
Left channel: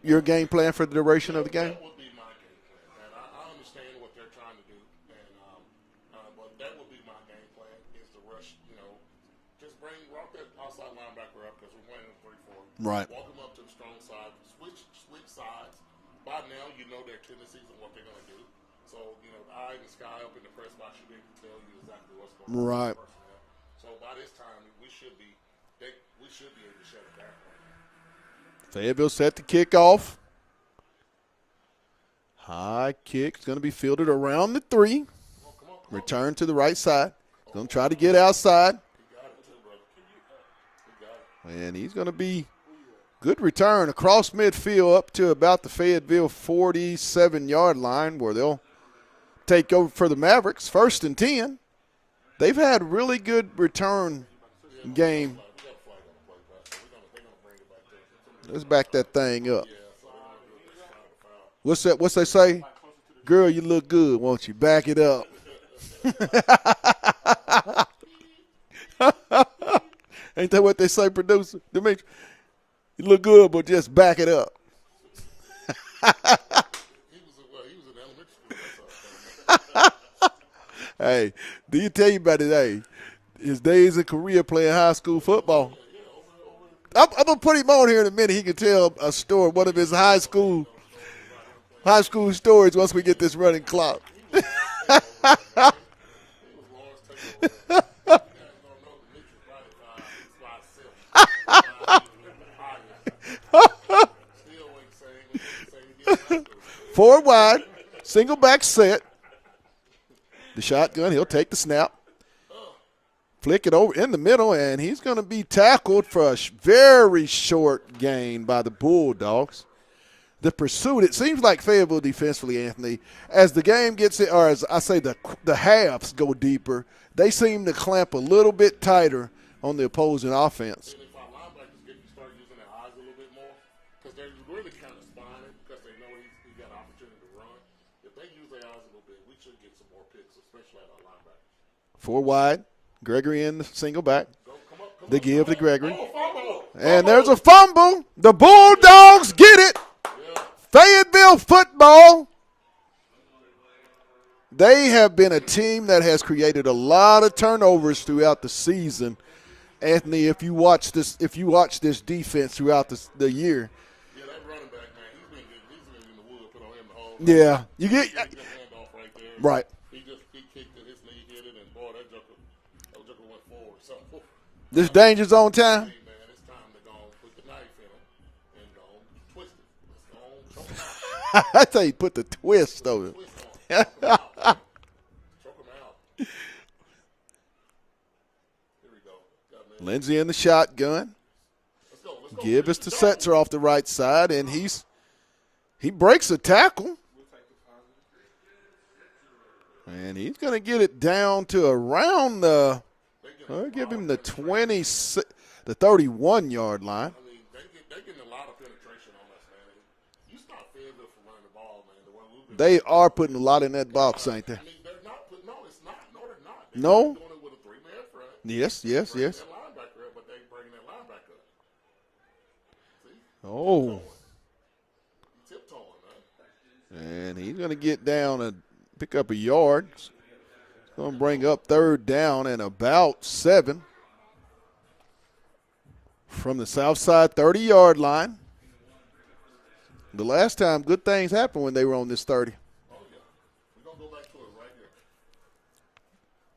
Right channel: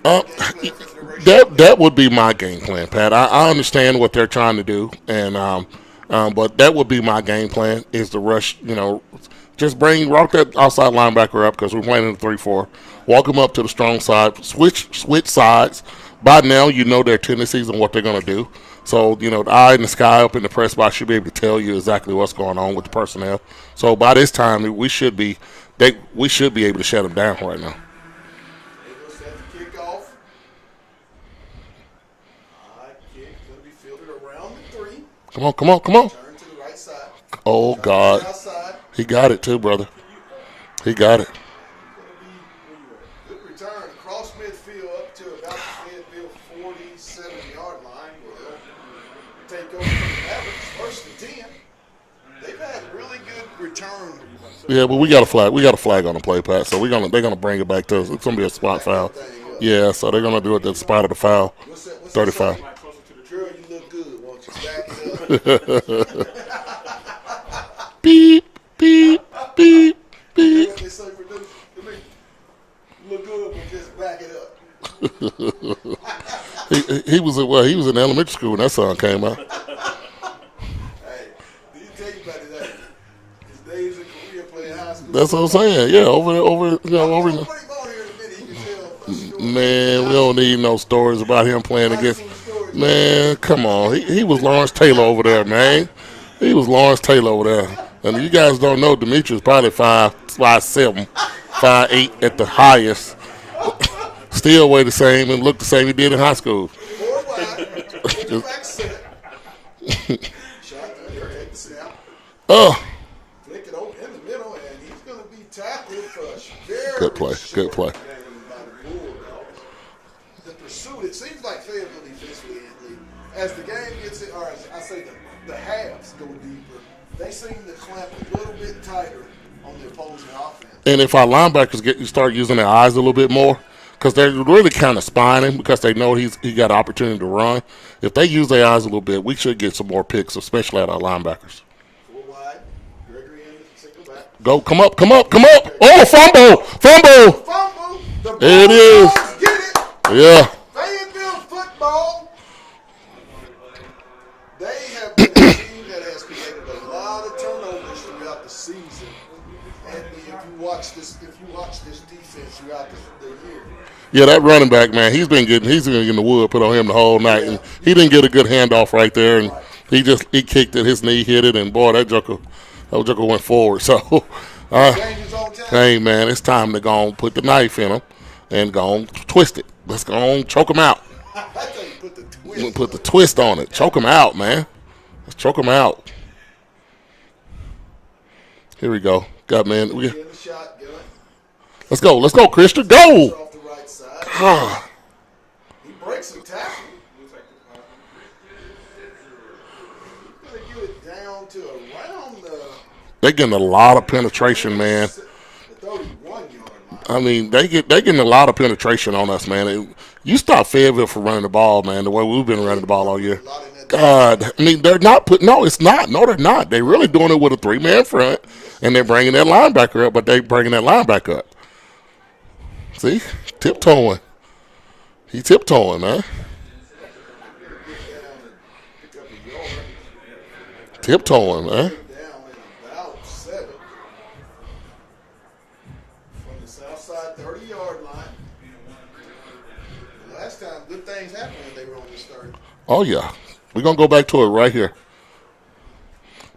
your game plan for the duration? That would be my game plan, Pat. I understand what they're trying to do, and but that would be my game plan, is to rush, you know, just walk that outside linebacker up, because we're playing in the 3-4. Right. Walk them up to the strong side, switch sides. By now, you know their tendencies and what they're going to do. So, you know, the eye in the sky up in the press box should be able to tell you exactly what's going on with the personnel. So by this time, we should be able to shut them down right now. Fayetteville set to kick off. High kick is going to be fielded around the 3. Come on. Turn to the right side. Oh, Try God. to get outside. He got it too, brother. He got it. And he's going to be good return across midfield up to about the Fayetteville 47-yard line, where they'll take over for the Mavericks. 1st and 10. They've had really good return. Yeah, but we got a flag on the play, Pat. So they're gonna bring it back to us. It's gonna be a spot foul. Back that thing up. Yeah, so they're gonna do it at the spot of the foul. What's that say? Girl, you look good, won't you? Back it up. Beep, beep, beep. Ain't that what they say, producer? To me, you look good, but just back it up. he was in elementary school when that song came out. Hey, do you tell you about his days in Korea playing high school That's football? what I'm saying. Yeah, over. I'm going to put him on here in a minute. He can tell a story about his Man, high we don't school. need no stories about him playing High against. school stories. Man, come on. He was Lawrence Taylor over there, man. He was Lawrence Taylor over there. And you guys don't know, Demetrius probably 5'7", 5'8" at the highest. Still weigh the same and look the same he did in high school. Forward wide, single back set. The shotgun, he'll take the snap. Flick it over in the middle, and he's going to be tackled for a very short gain by the Bulldogs. The pursuit, it seems like Fayetteville defensively, Anthony, as the game gets as I say, the halves go deeper, they seem to clamp a little bit tighter on the opposing offense. And if our linebackers start using their eyes a little bit more, because they're really kind of spying him because they know he got an opportunity to run. If they use their eyes a little bit, we should get some more picks, especially at our linebackers. 4 wide. Gregory in the single back. Go, come up. Oh, Gregory. fumble. The fumble. The Bulldogs get it. Yeah. Fayetteville football. They have been a team that has created a lot of turnovers throughout the season. Anthony, if you watch this defense throughout the year. Yeah, that running back, man, he's been getting the wood put on him the whole night. Yeah. He didn't get a good handoff right there, and right. he kicked it, his knee hit it, and boy, that joker went forward. So danger zone time. Hey, man, it's time to go and put the knife in him and go and twist it. Let's go and choke him out. That's how you put the twist. Put the twist on it. Choke him out, man. Let's choke him out. Here we go. Got man. Lindsey in the shotgun. Let's go, Christian. Go. Go. Off the right side. And he breaks a tackle. And he's going to get it down to around the. They're getting a lot of penetration, man. The 31-yard line. I mean, they getting a lot of penetration on us, man. You stop Fayetteville from running the ball, man. The way we've been running the ball all year. A lot in that God, I mean, they're not putting. No, it's not. No, they're not. They're really doing it with a 3-man front. Yes. And they're bringing that linebacker up, but they're bringing that linebacker up. See, tiptoeing. He's tiptoeing, man. And he's going to get down and pick up a yard. Tiptoeing, man. Third down and about 7 from the Southside 30-yard line. The last time, good things happened when they were on this 30. Oh, yeah. We're going to go back to it right here.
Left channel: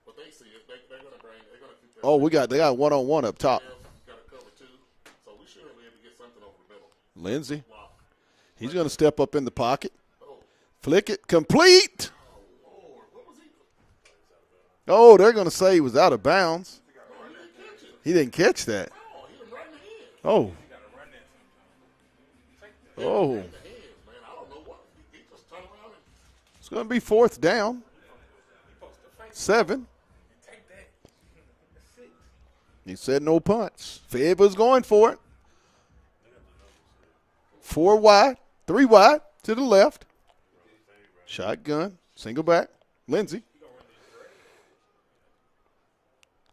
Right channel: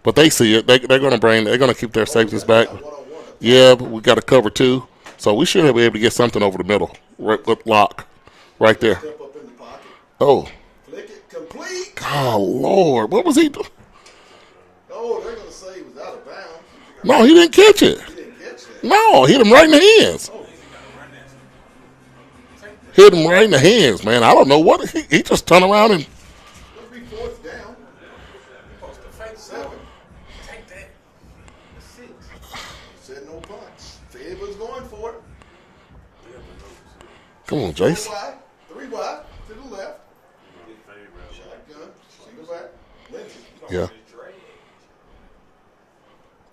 But they see it. They're going to keep their safeties back. We got one-on-one up top. Yeah, but we got to cover 2. So we should be able to get something over the middle. Right, with lock. Right there. Step up in the pocket. Oh. Flick it. Complete. Oh, Lord. What was he doing? Oh, they're going to say he was out of bounds. No, he didn't catch it. He didn't catch that. No, hit him right in the hands. Oh. Hit him right in the hands, man. I don't know what. He just turned around and. It's going to be 4th down. 7. He said no punts. Fayetteville's going for it. Come on, 4 Jason. wide. 3 wide to the left. Shotgun. Single back. Lindsey. Yeah.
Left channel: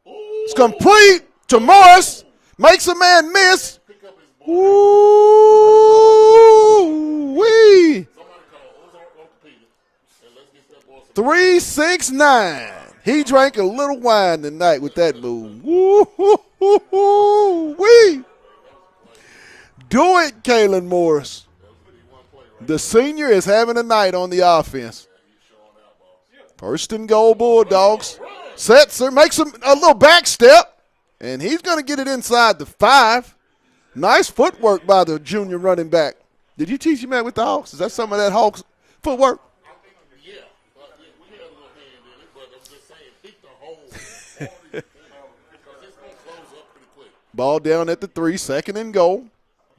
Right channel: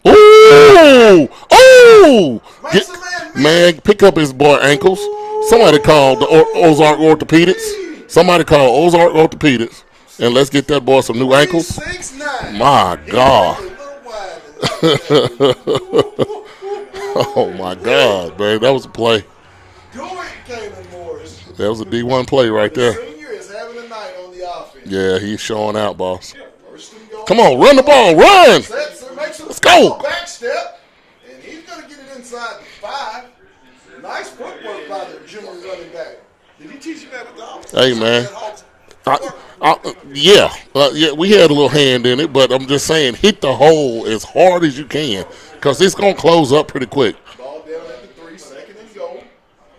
Ooh! Oh! Makes a man miss. Man, pick up his boy ankles. Somebody called the Ozark Orthopedics. Somebody called Ozark Orthopedics. And let's get that boy some new ankles. 369. My God. He drank a little wine tonight with that dude. Oh, my God, man. That was a play. Do it, Kalen Morris. That was a D1 play right there. The senior is having a night on the offense. Yeah, he's showing out, boss. 1st and goal. Come on, run the ball, run. Setzer makes him go. Back step, and he's going to get it inside the 5. Nice footwork by the junior running back. Did you teach him that with the Hawks? Hey, some man. of that Hawks footwork? Yeah, we had a little hand in it, but I'm just saying, hit the hole as hard as you can because it's going to close up pretty quick. Ball down at the 3, 2nd and goal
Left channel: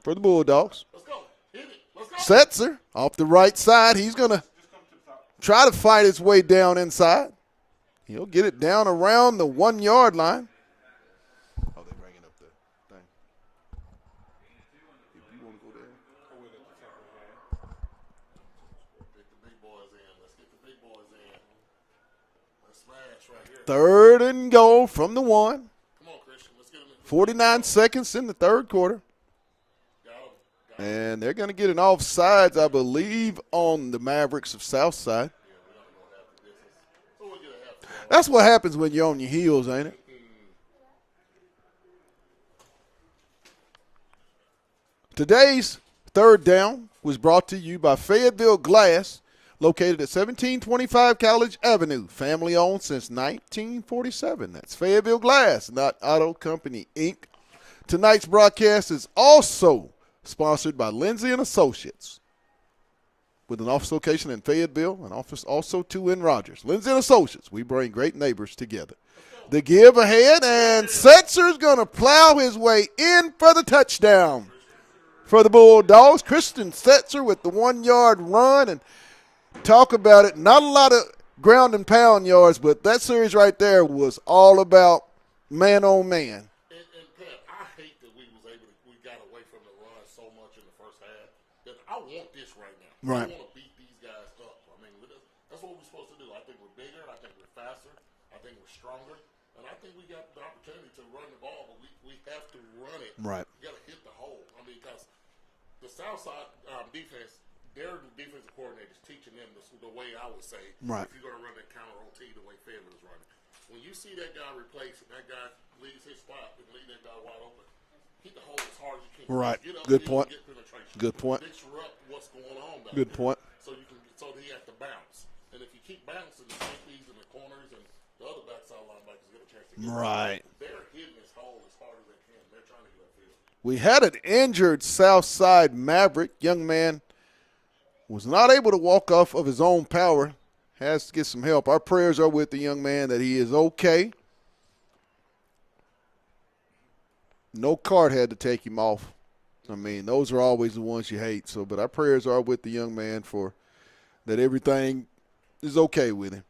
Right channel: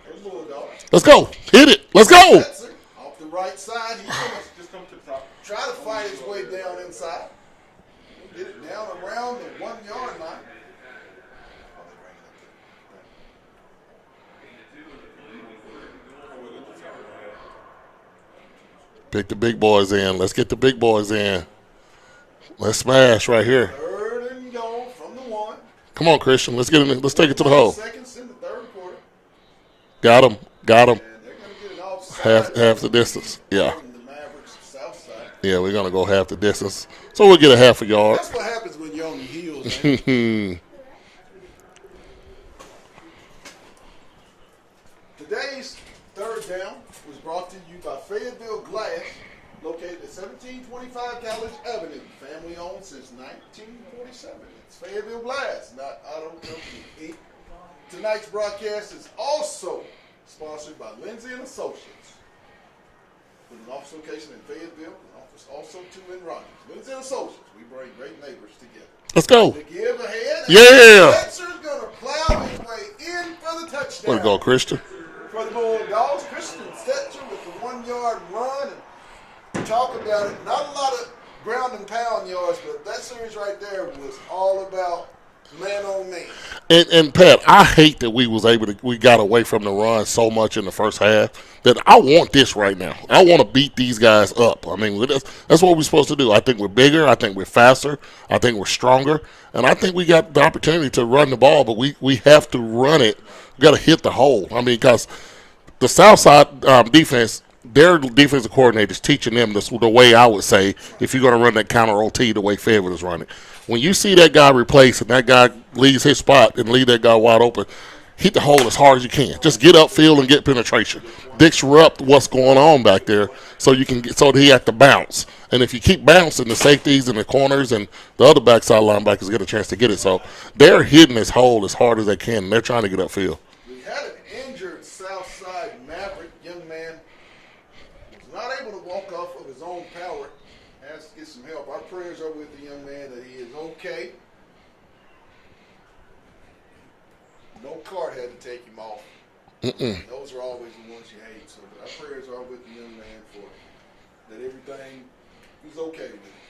for the Bulldogs. Let's go. Hit it. Let's go. Setzer off the right side. He's going to try to fight his way down inside. He'll get it down around the 1-yard line. Pick the big boys in. Let's get the big boys in. Let's smash right here. 3rd and goal from the 1. Come on, Christian. Let's get it. Let's take it to the hole. 49 seconds in the 3rd quarter. Got him. And they're going to get an offside, half I the distance. believe, on the Mavericks of Southside. Yeah, we're going to go half the distance. So we'll get a half a yard. That's what happens when you're on your heels, man. Today's 3rd down was brought to you by Fayetteville Glass, located at 1725 College Avenue. Family owned since 1947. That's Fayetteville Glass, not Auto Company, Inc. Tonight's broadcast is also sponsored by Lindsey & Associates, with an office location in Fayetteville, an office also too in Rogers. Lindsey & Associates, we bring great neighbors together. Let's go. The give ahead, and Setzer's going to plow his way in for the touchdown. Let's go, Christian. For the Bulldogs, Christian Setzer with the 1-yard run, and talk about it. Not a lot of ground and pound yards, but that series right there was all about man on man. And Pat, I hate that we got away from the run so much in the first half that I want this right now. I want to beat these guys up. I mean, that's what we're supposed to do. I think we're bigger. I think we're faster. I think we're stronger. And I think we got the opportunity to run the ball, but we have to run it. Right. We got to hit the hole. I mean, because the Southside defense, their defensive coordinator is teaching them the way I would say if you're going to run that counter OT the way Fayetteville is running. When you see that guy replaced and that guy leaves his spot and leave that guy wide open, hit the hole as hard as you can. Right. Just get upfield and get penetration. Disrupt what's going on back there so you can get so that he has to bounce. And if you keep bouncing, the safeties and the corners and the other backside linebackers get a chance to get it. So they're hitting this hole as hard as they can, and they're trying to get upfield. We had an injured Southside Maverick. Young man was not able to walk off of his own power. Has to get some help. Our prayers are with the young man that he is okay. No card had to take him off. I mean, those are always the ones you hate. So, but our prayers are with the young man for that everything is okay with him.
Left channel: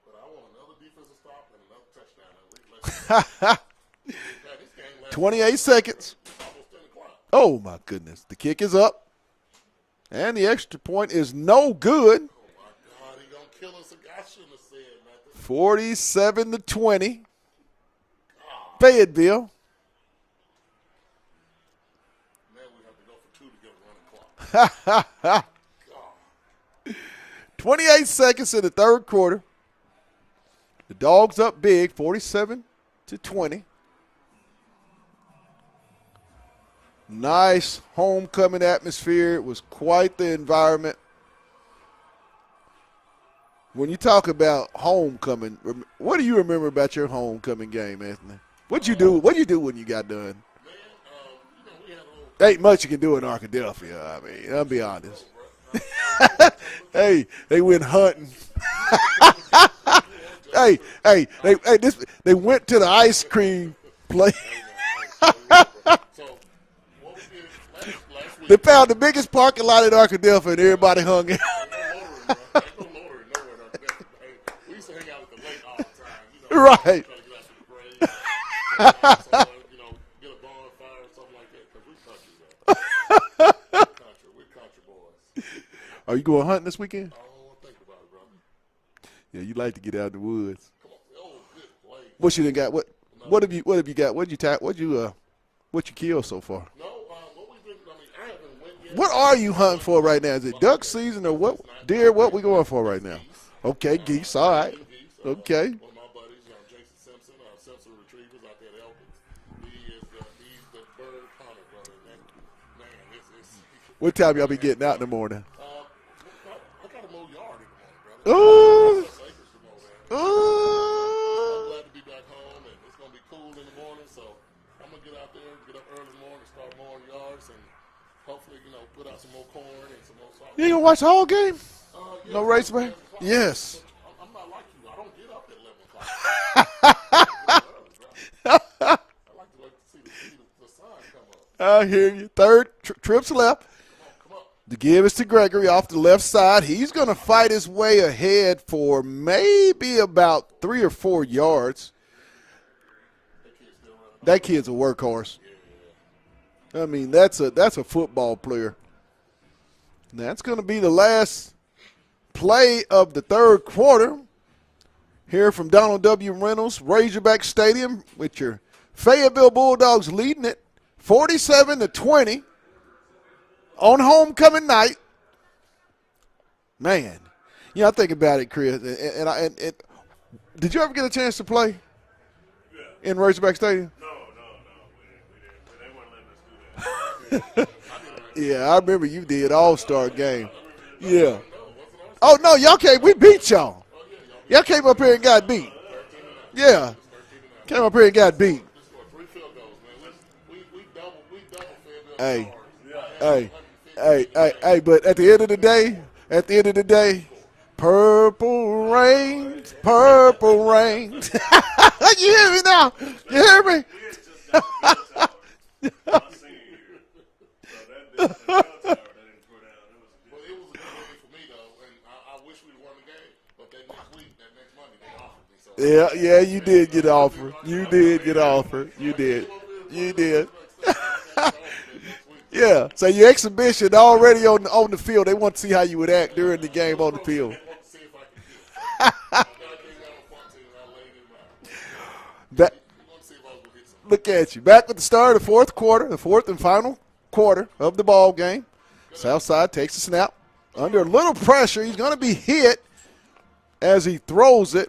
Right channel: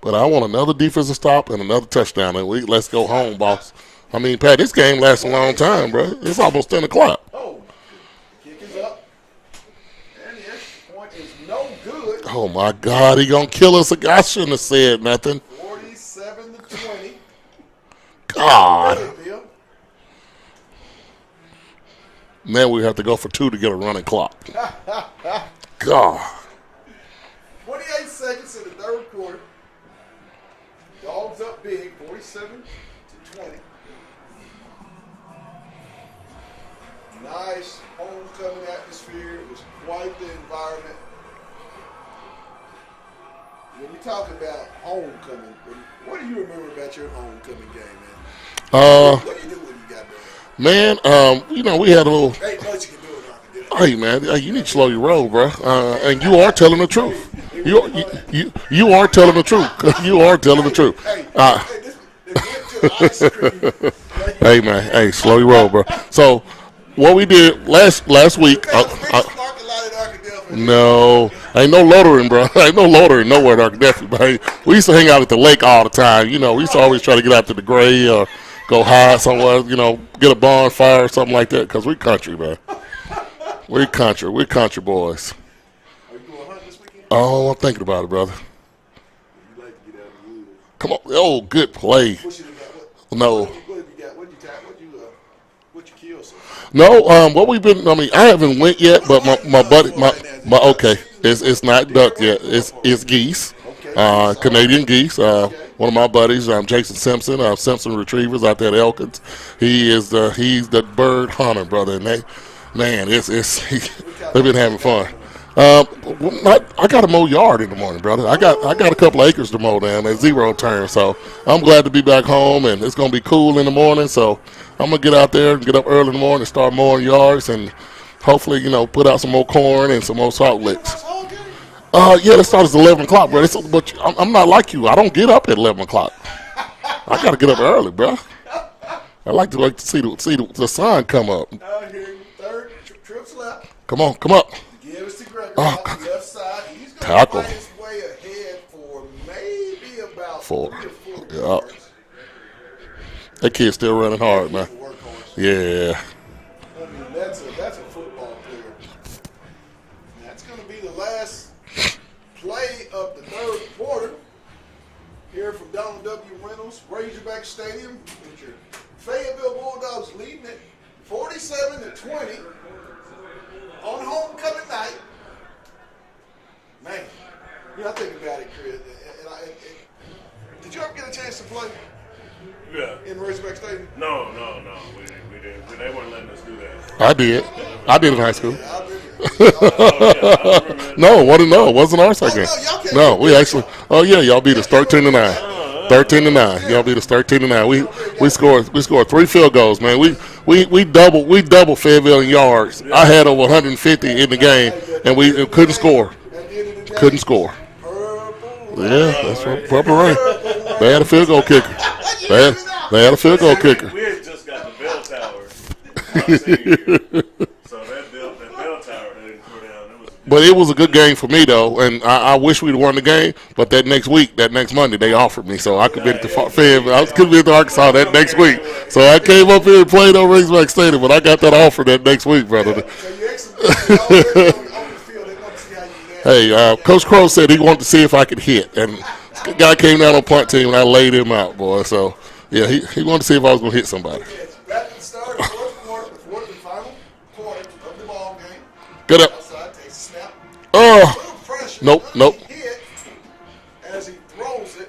But I want another defensive stop and another touchdown, and let's go home, boss. I mean, Pat, this game lasts a long time, bro. It's almost 10 o'clock. Oh, my goodness. The kick is up. And the extra point is no good. Oh, my God. He going to kill us. I shouldn't have said nothing. 47-20. God. Fayetteville. Now we have to go for 2 to get a running clock. God. 28 seconds in the third quarter. The Dogs up big, 47-20. Nice homecoming atmosphere. It was quite the environment. When you talk about homecoming, what do you remember about your homecoming game, man? What do you do when you got done? Man, we had a little. There ain't much you can do in Arkansas. Hey, man, you need to slow your roll, bro. And you are telling the truth. Hey, they went hunting. You are telling the truth. You are telling the truth. They went to the ice cream place. Hey, man, slow your roll, bro. So, what we did last week. We found the biggest parking lot in Arkadelphia. No, ain't no loitering, bro. Ain't no loitering nowhere in Arkadelphia. But we used to hang out at the lake all the time. We used to always try to get out to the Gray or go hide somewhere, get a bonfire or something like that, because we country, man. We're country boys. Are you going hunting this weekend? Oh, I'm thinking about it, brother. Yeah, you like to get out in the woods. Come on. Oh, good play. What you done got? What have you got? What you killed so far? No, what we've been. I mean, I haven't went yet, but my buddy, it's not duck yet. It's geese. Okay, Canadian geese. One of my buddies, Jason Simpson, Simpson Retrievers out there at Elkins. He's the bird hunter, brother, and they've been having fun. I got to mow yard in the morning, brother. I got a couple acres to mow down at 0 turn, so I'm glad to be back home, and it's gonna be cool in the morning, so I'm going to get out there and get up early in the morning and start mowing yards and hopefully, put out some more corn and some more salt licks. You gonna watch the whole game? Yeah, it starts at 11 o'clock, yes. But I'm not like you. I don't get up at 11 o'clock. I got to get up early, bro. I like to see the sun come up. I hear you. Third, trips left. Come up. The give is to Gregory off the left side. He's going to fight his way ahead for maybe about 3 or 4 yards. That kid's still running hard, man. That kid's a workhorse. Yeah. I mean, that's a football player. That's going to be the last play of the third quarter. Here from Donald W. Reynolds, Razorback Stadium, with your Fayetteville Bulldogs leading it 47-20 on homecoming night. Man, I think about it, Chris. And did you ever get a chance to play? Yeah. In Razorback Stadium? No. We didn't. They weren't letting us do that. I did in high school. Yeah, I remember you did also. It wasn't our second. Oh, no, y'all can't y'all. Oh, yeah, y'all beat us 13-9. 13-9. Yeah. Y'all beat us 13-9. We scored 3 field goals, man. We doubled Fayetteville in yards. I had over 150 in the game, and we couldn't score. At the end of the day, couldn't score. Purple rain. That's right. Purple rain. They had a field goal kicker. They had a field goal kicker. We had just got the bell tower. So that bell tower they didn't throw down. But it was a good game for me, though, and I wish we'd won the game. But that next week, that next Monday, they offered me, so I could be at the Fayetteville. I could be at the Arkansas that next week. So I came up here and played on Razorback Stadium, but I got that offer that next week, brother. Yeah. So your exhibition already on the field. They want to see how you would act. Hey, Coach Crow said he wanted to see if I could hit, and the guy came down on punt team, and I laid him out, boy. So, yeah, he wanted to see if I was going to hit somebody. Look at you. Back at the start of the fourth quarter, the fourth and final quarter of the ball game. Good up. Southside takes the snap. Oh. A little pressure. He's going to be hit as he throws it.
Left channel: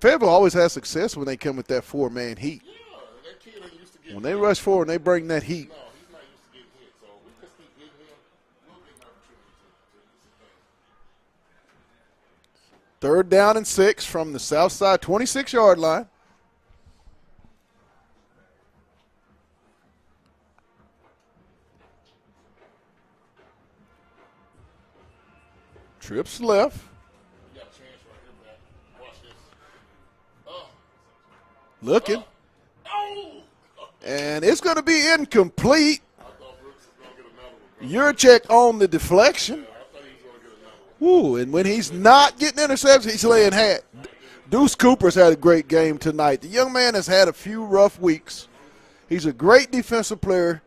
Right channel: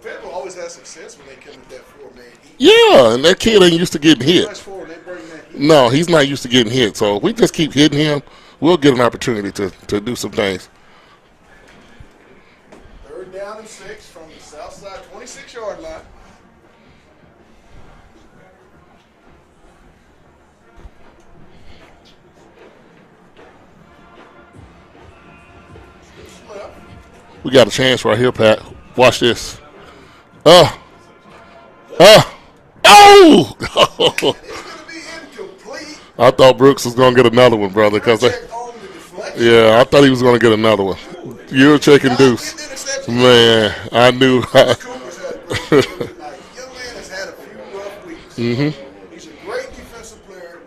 Fayetteville always has success when they come with that four-man heat. Yeah, and that kid ain't used to getting hit. They rush forward and they bring that heat. No, he's not used to getting hit. So if we just keep hitting him, we'll get an opportunity to do some things. 3rd down and 6 from the Southside 26-yard line. Trips left. We got a chance right here, Pat. Watch this. Look. Oh! And it's going to be incomplete. I thought Brooks was going to get another one, brother. Your check on the deflection. Yeah, I thought he was going to get another one. You're checking Deuce. Getting interceptions. Man, I knew. Deuce Cooper's had a great game tonight. The young man has had a few rough weeks. Mm-hmm. He's a great defensive player,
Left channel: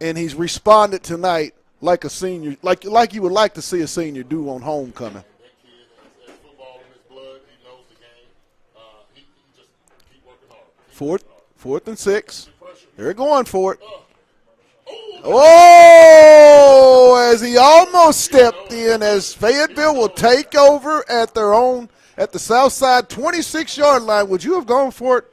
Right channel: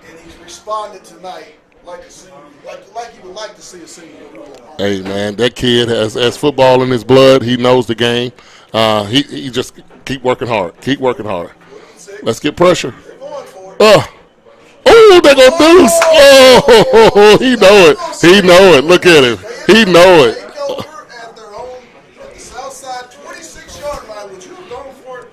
and he's responded tonight like a senior, like you would like to see a senior do on home. Hey, man, that kid has football in his blood. He knows the game. He just keep working hard. Keep working hard. 4th and 6. Let's get pressure. They're going for it. Oh, they got Deuce. Oh, he know it. He know it. Look at him. He know it. Take over at the Southside 26-yard line. Would you have gone for it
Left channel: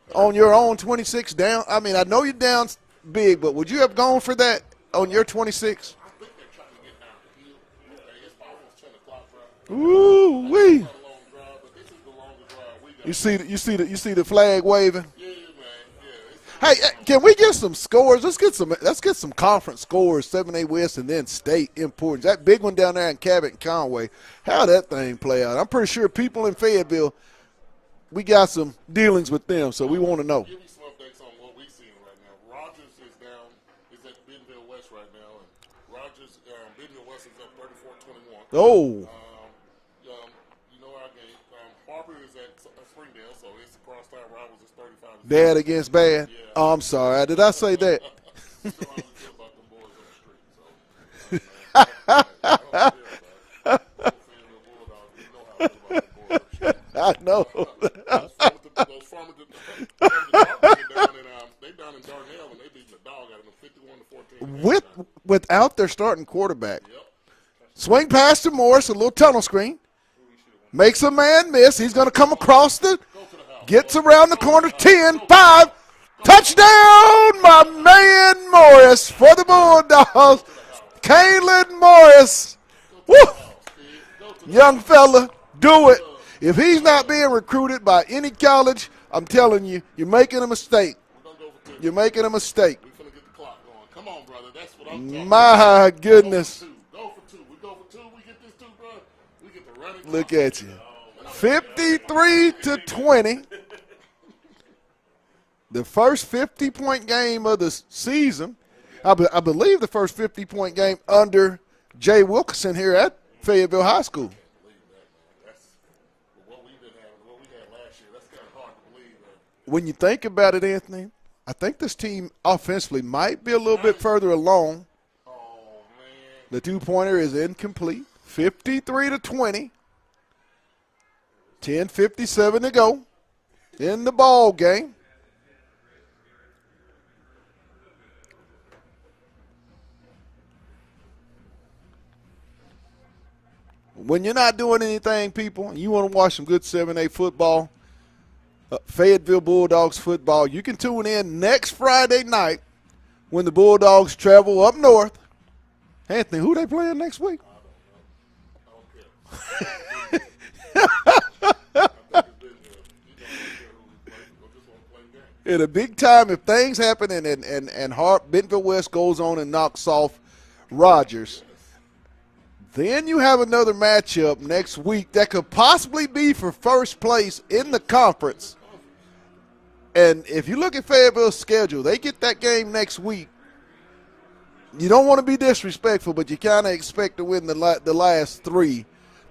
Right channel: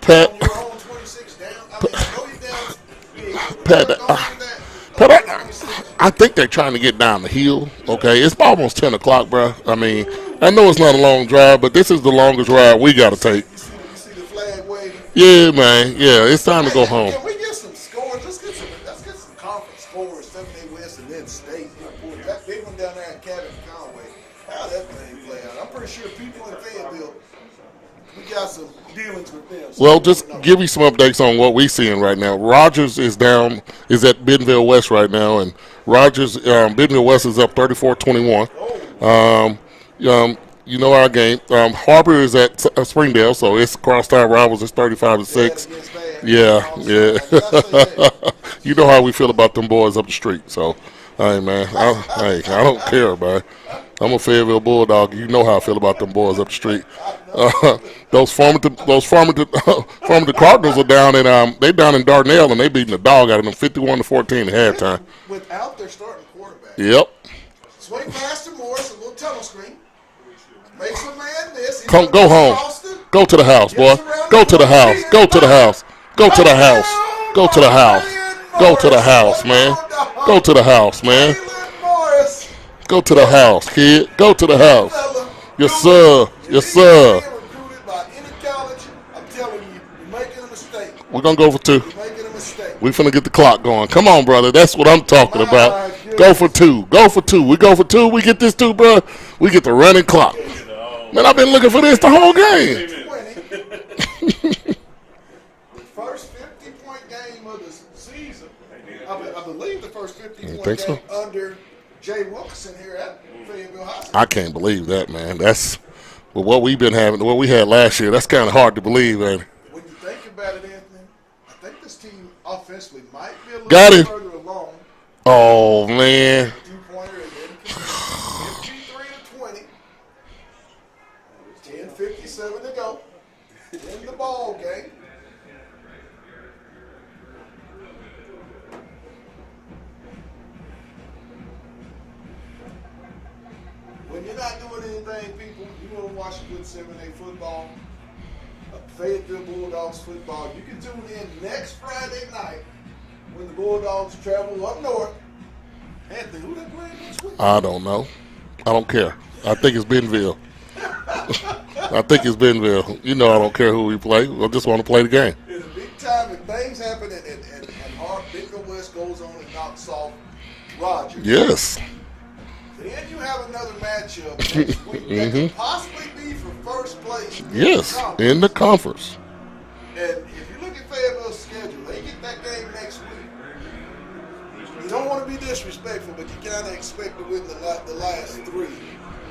Pat, on your own 26 down? I mean, I know you're down big, but would you have gone for that? Over 26. I think they're trying to get down the hill. Okay, it's almost 10 o'clock, bro. I mean, I know it's not a long drive, but this is the longest ride we got to take. You see the flag waving? Yeah, man. Yeah, it's time to go home. Can we get some scores? Let's get some conference scores. 7A West and then state important. That big one down there in Cabot Conway. How that thing play out? I'm pretty sure people in Fayetteville, we got some dealings with them. So well, just give you some updates on what we're seeing right now. Rogers is at Bentonville West right now, and Bentonville West is up 34-21. Oh. You know our game. Harbor is at Springdale, so it's crosstown rivals. It's 35-6. Bad against bad. Yeah. Oh, I'm sorry. Did I say that? You know how we feel about them boys up the street, so. Hey, man, I don't care, man. I'm a Fayetteville Bulldog. You know how I feel about them boys up the street. I know. Those Farmington Cardinals are down in Dardanelle, and they beating the dog out of them 51-14 at halftime. Without their starting quarterback. Yep. Swing pass to Morris, a little tunnel screen. Makes a man miss. He's going to come home. Across the. Go to the house, boy. Go to the house. 10, go 5. To the house. Go to the house. Go to the house. Go to the house, man. Go to the house, man. Kalen Morris. Go to the house, kid. Go to the house. Fella. Yes, sir. If yes, he's sir. not being recruited by any college, I'm telling you, you're making a mistake. We're going to go for 2. You're making a mistake. We're finna get the clock going. Come on, brother. That's what I'm talking about. Goodness. Go for 2. Go for 2. We go for 2. We get this 2, bro. We get the running clock. Man, I've been looking for this the whole game. 20. The first 50-point game of the season. I believe the first 50-point game under Jay Wilkerson here at Fayetteville High School. I can't believe that, man. That's what we've been having, what we had last year. That's kind of hard to believe, man. When you think about it, Anthony, I think this team offensively might be a little bit further along. Oh, man. The two-pointer is incomplete. 53-20. 10:57 to go in the ball game. When you're not doing anything, people, you want to watch some good 7A football, Fayetteville Bulldogs football, you can tune in next Friday night when the Bulldogs travel up north. Anthony, who they playing next week? I don't know. I don't care. I think it's Bentonville. I think it's Bentonville. You know I don't care who we play. I just want to play the game. In a big time, if things happen and Bentonville West goes on and knocks off Rogers. Yes. Then you have another matchup next week that could possibly be for first place in the conference. In the conference. And if you look at Fayetteville's schedule, they get that game next week. You don't want to be disrespectful, but you kind of expect to win the last 3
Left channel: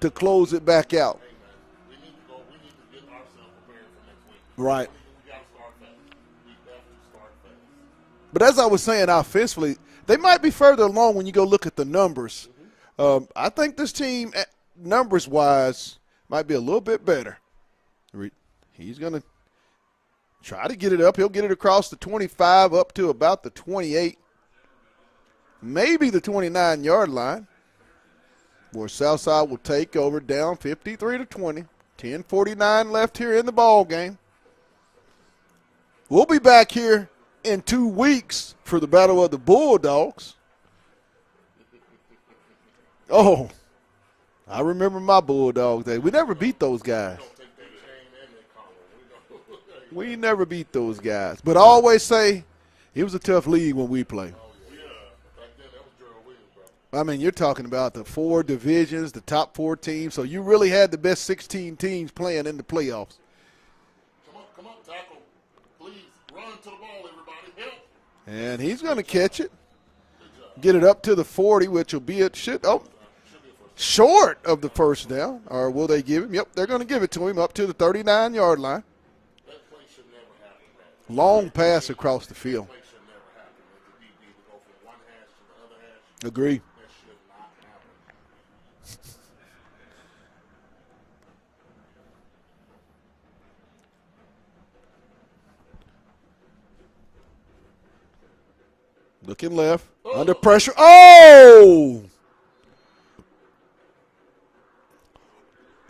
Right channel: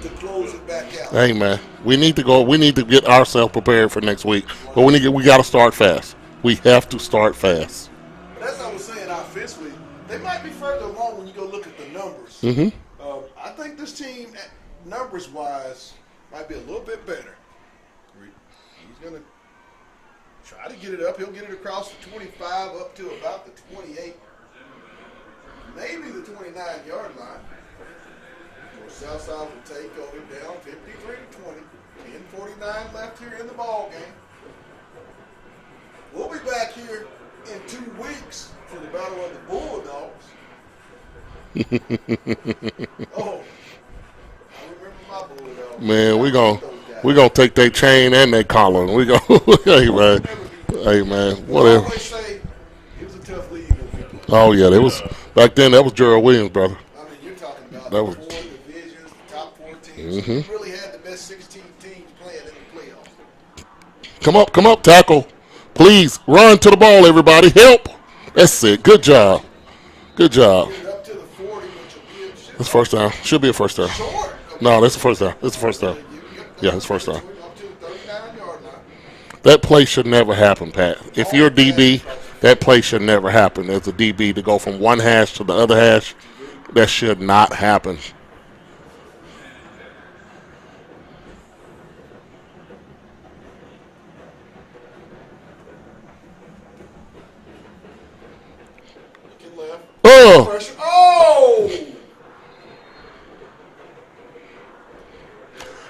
to close it back out. Hey, man, we need to go. We need to get ourselves prepared for next week. Right. But we got to start fast. We have to start fast. But as I was saying, offensively, they might be further along when you go look at the numbers. I think this team, numbers-wise, might be a little bit better. He's going to try to get it up. He'll get it across the 25 up to about the 28, maybe the 29-yard line, where Southside will take over down 53-20. 10:49 left here in the ball game. We'll be back here in 2 weeks for the Battle of the Bulldogs. Oh, I remember my Bulldogs. Man, we beat those guys. We're going to take their chain and their collar. We hey, man. We never beat those hey, guys. Man. But I always say it was a tough league when we played. Oh, yeah. Back then, that was Gerald Williams, brother. I mean, you're talking about the 4 divisions, the top 4 teams. So you really had the best 16 teams playing in the playoffs. Come up, tackle. Please, run to the ball, everybody. Help. That's it. Good job. Good job. Get it up to the 40, which will be first down. Should be a first down. Short of No, that's the first down. It's first down. Will they give him? Yep, they're going to give it to him up to the 39-yard line. That play should never happen, Pat. If you're a DB, that play should never happen. As a DB, to go from one hash to the other hash, Agreed. That should not happen. Looking left. Oh! Pressure. Oh!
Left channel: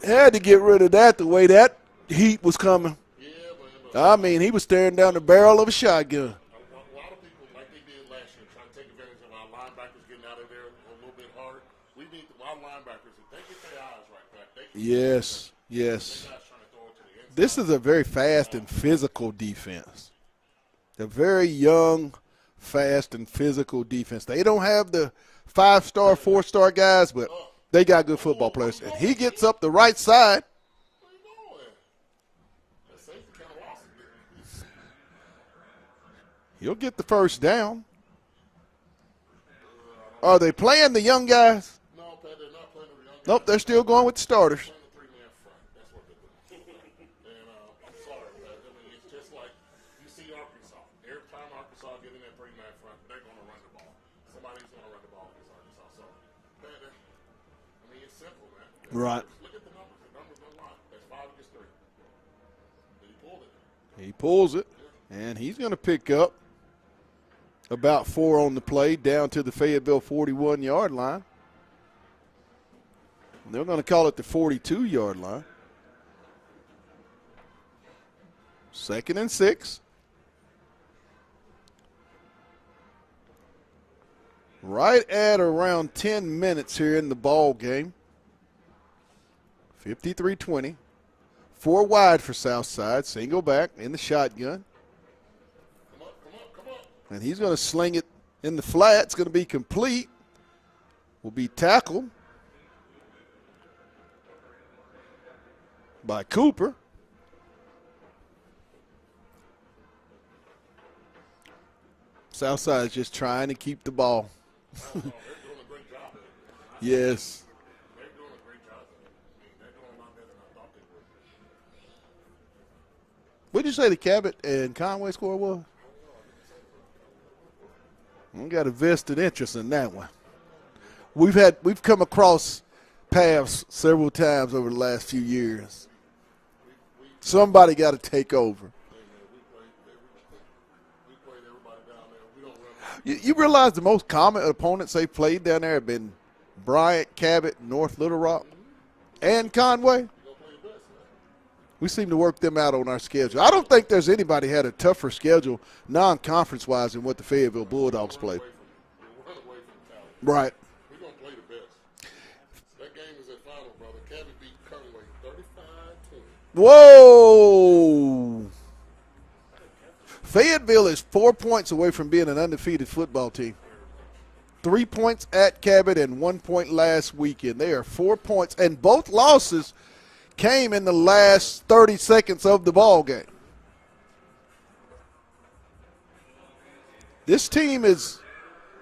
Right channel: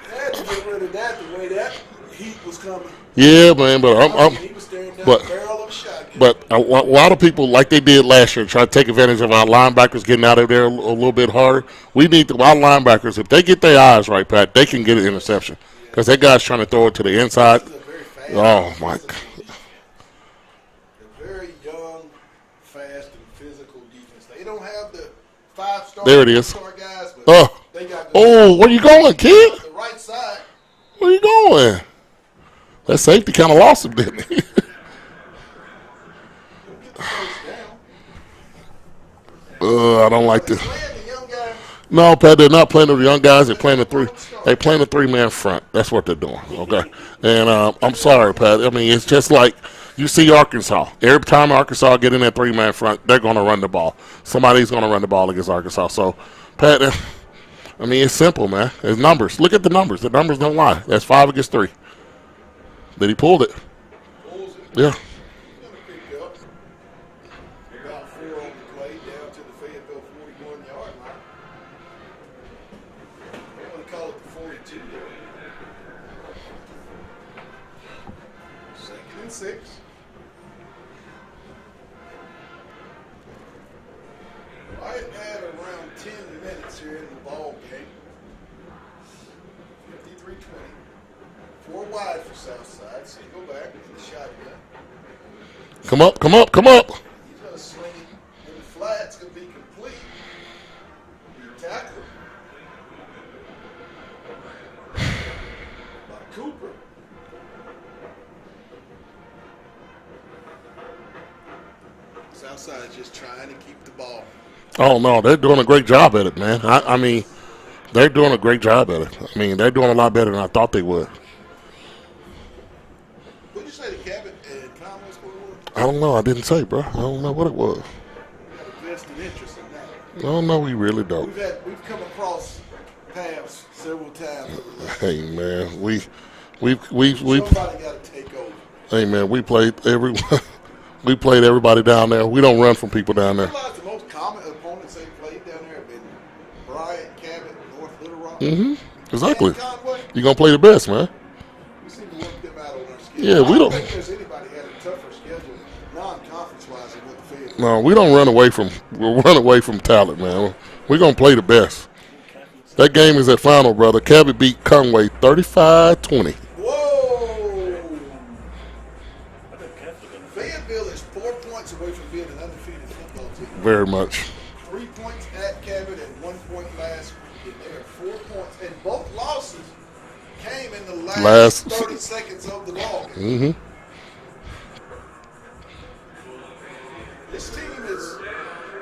Had to get rid of that the way that heat was coming. Yeah, man, but I mean, he was staring down the barrel of a shotgun. But a lot of people, like they did last year, try to take advantage of our linebackers getting out of there a little bit harder. We need our linebackers, if they get their eyes right, Pat, they can get an interception. Because that guy's trying to throw it to the inside. This is a very fast, physical defense. A very young, fast, and physical defense. They don't have the 5-star, 4-star guys, but they got good. Oh, where you going, kid? Up the right side. Where you going? That safety kind of lost him, didn't he? You'll get the first down. I don't like this. Are they playing the young guys? No, Pat, they're not playing the young guys. They're playing They're playing the 3-man front. That's what they're doing, okay? And I'm sorry, Pat. I mean, it's just like you see Arkansas. Every time Arkansas get in that 3-man front, they're going to run the ball. Somebody's going to run the ball against Arkansas. So, Pat, I mean, it's simple, man. It's numbers. Look at the numbers. The numbers don't lie. That's 5 against 3. But he pulled it. He pulls it. Yeah. And he's going to pick up about 4 on the play down to the Fayetteville 41-yard line. They're going to call it the 42-yard line. 2nd and 6. Right at around 10 minutes here in the ball game. 53-20. 4 wide for Southside. Single back in the shotgun. Come up. And he's going to sling it in the flat. It's going to be complete. Will be tackled by Cooper. Southside is just trying to keep the ball. Oh, no, they're doing a great job at it, man. I mean, they're doing a great job at it. I mean, they're doing a lot better than I thought they would. What did you say the Cabot and Conway score was? I don't know. I didn't say, bro. I don't know what it was. We got a vested interest in that one. I don't know. We really don't. We've come across paths several times over the last few years. Man, we somebody got to take over. Hey, man, we played everybody down there. We don't run from people down there. You realize the most common opponents they played down there have been Bryant, Cabot, North Little Rock, exactly. and Conway. You're going to play the best, man. We seem to work them out on our schedule. Yeah, I don't think there's anybody had a tougher schedule non-conference-wise than what the Fayetteville. No, we don't run away from talent, man. Right. We're going to play the best. That game is at final, brother. Cabot beat Conway 35-20. Whoa! Fayetteville is 4 points away from being an undefeated football team. Very much. 3 points at Cabot and 1 point last weekend. They are 4 points, and both losses came in the last 30 seconds of the ball game. This team is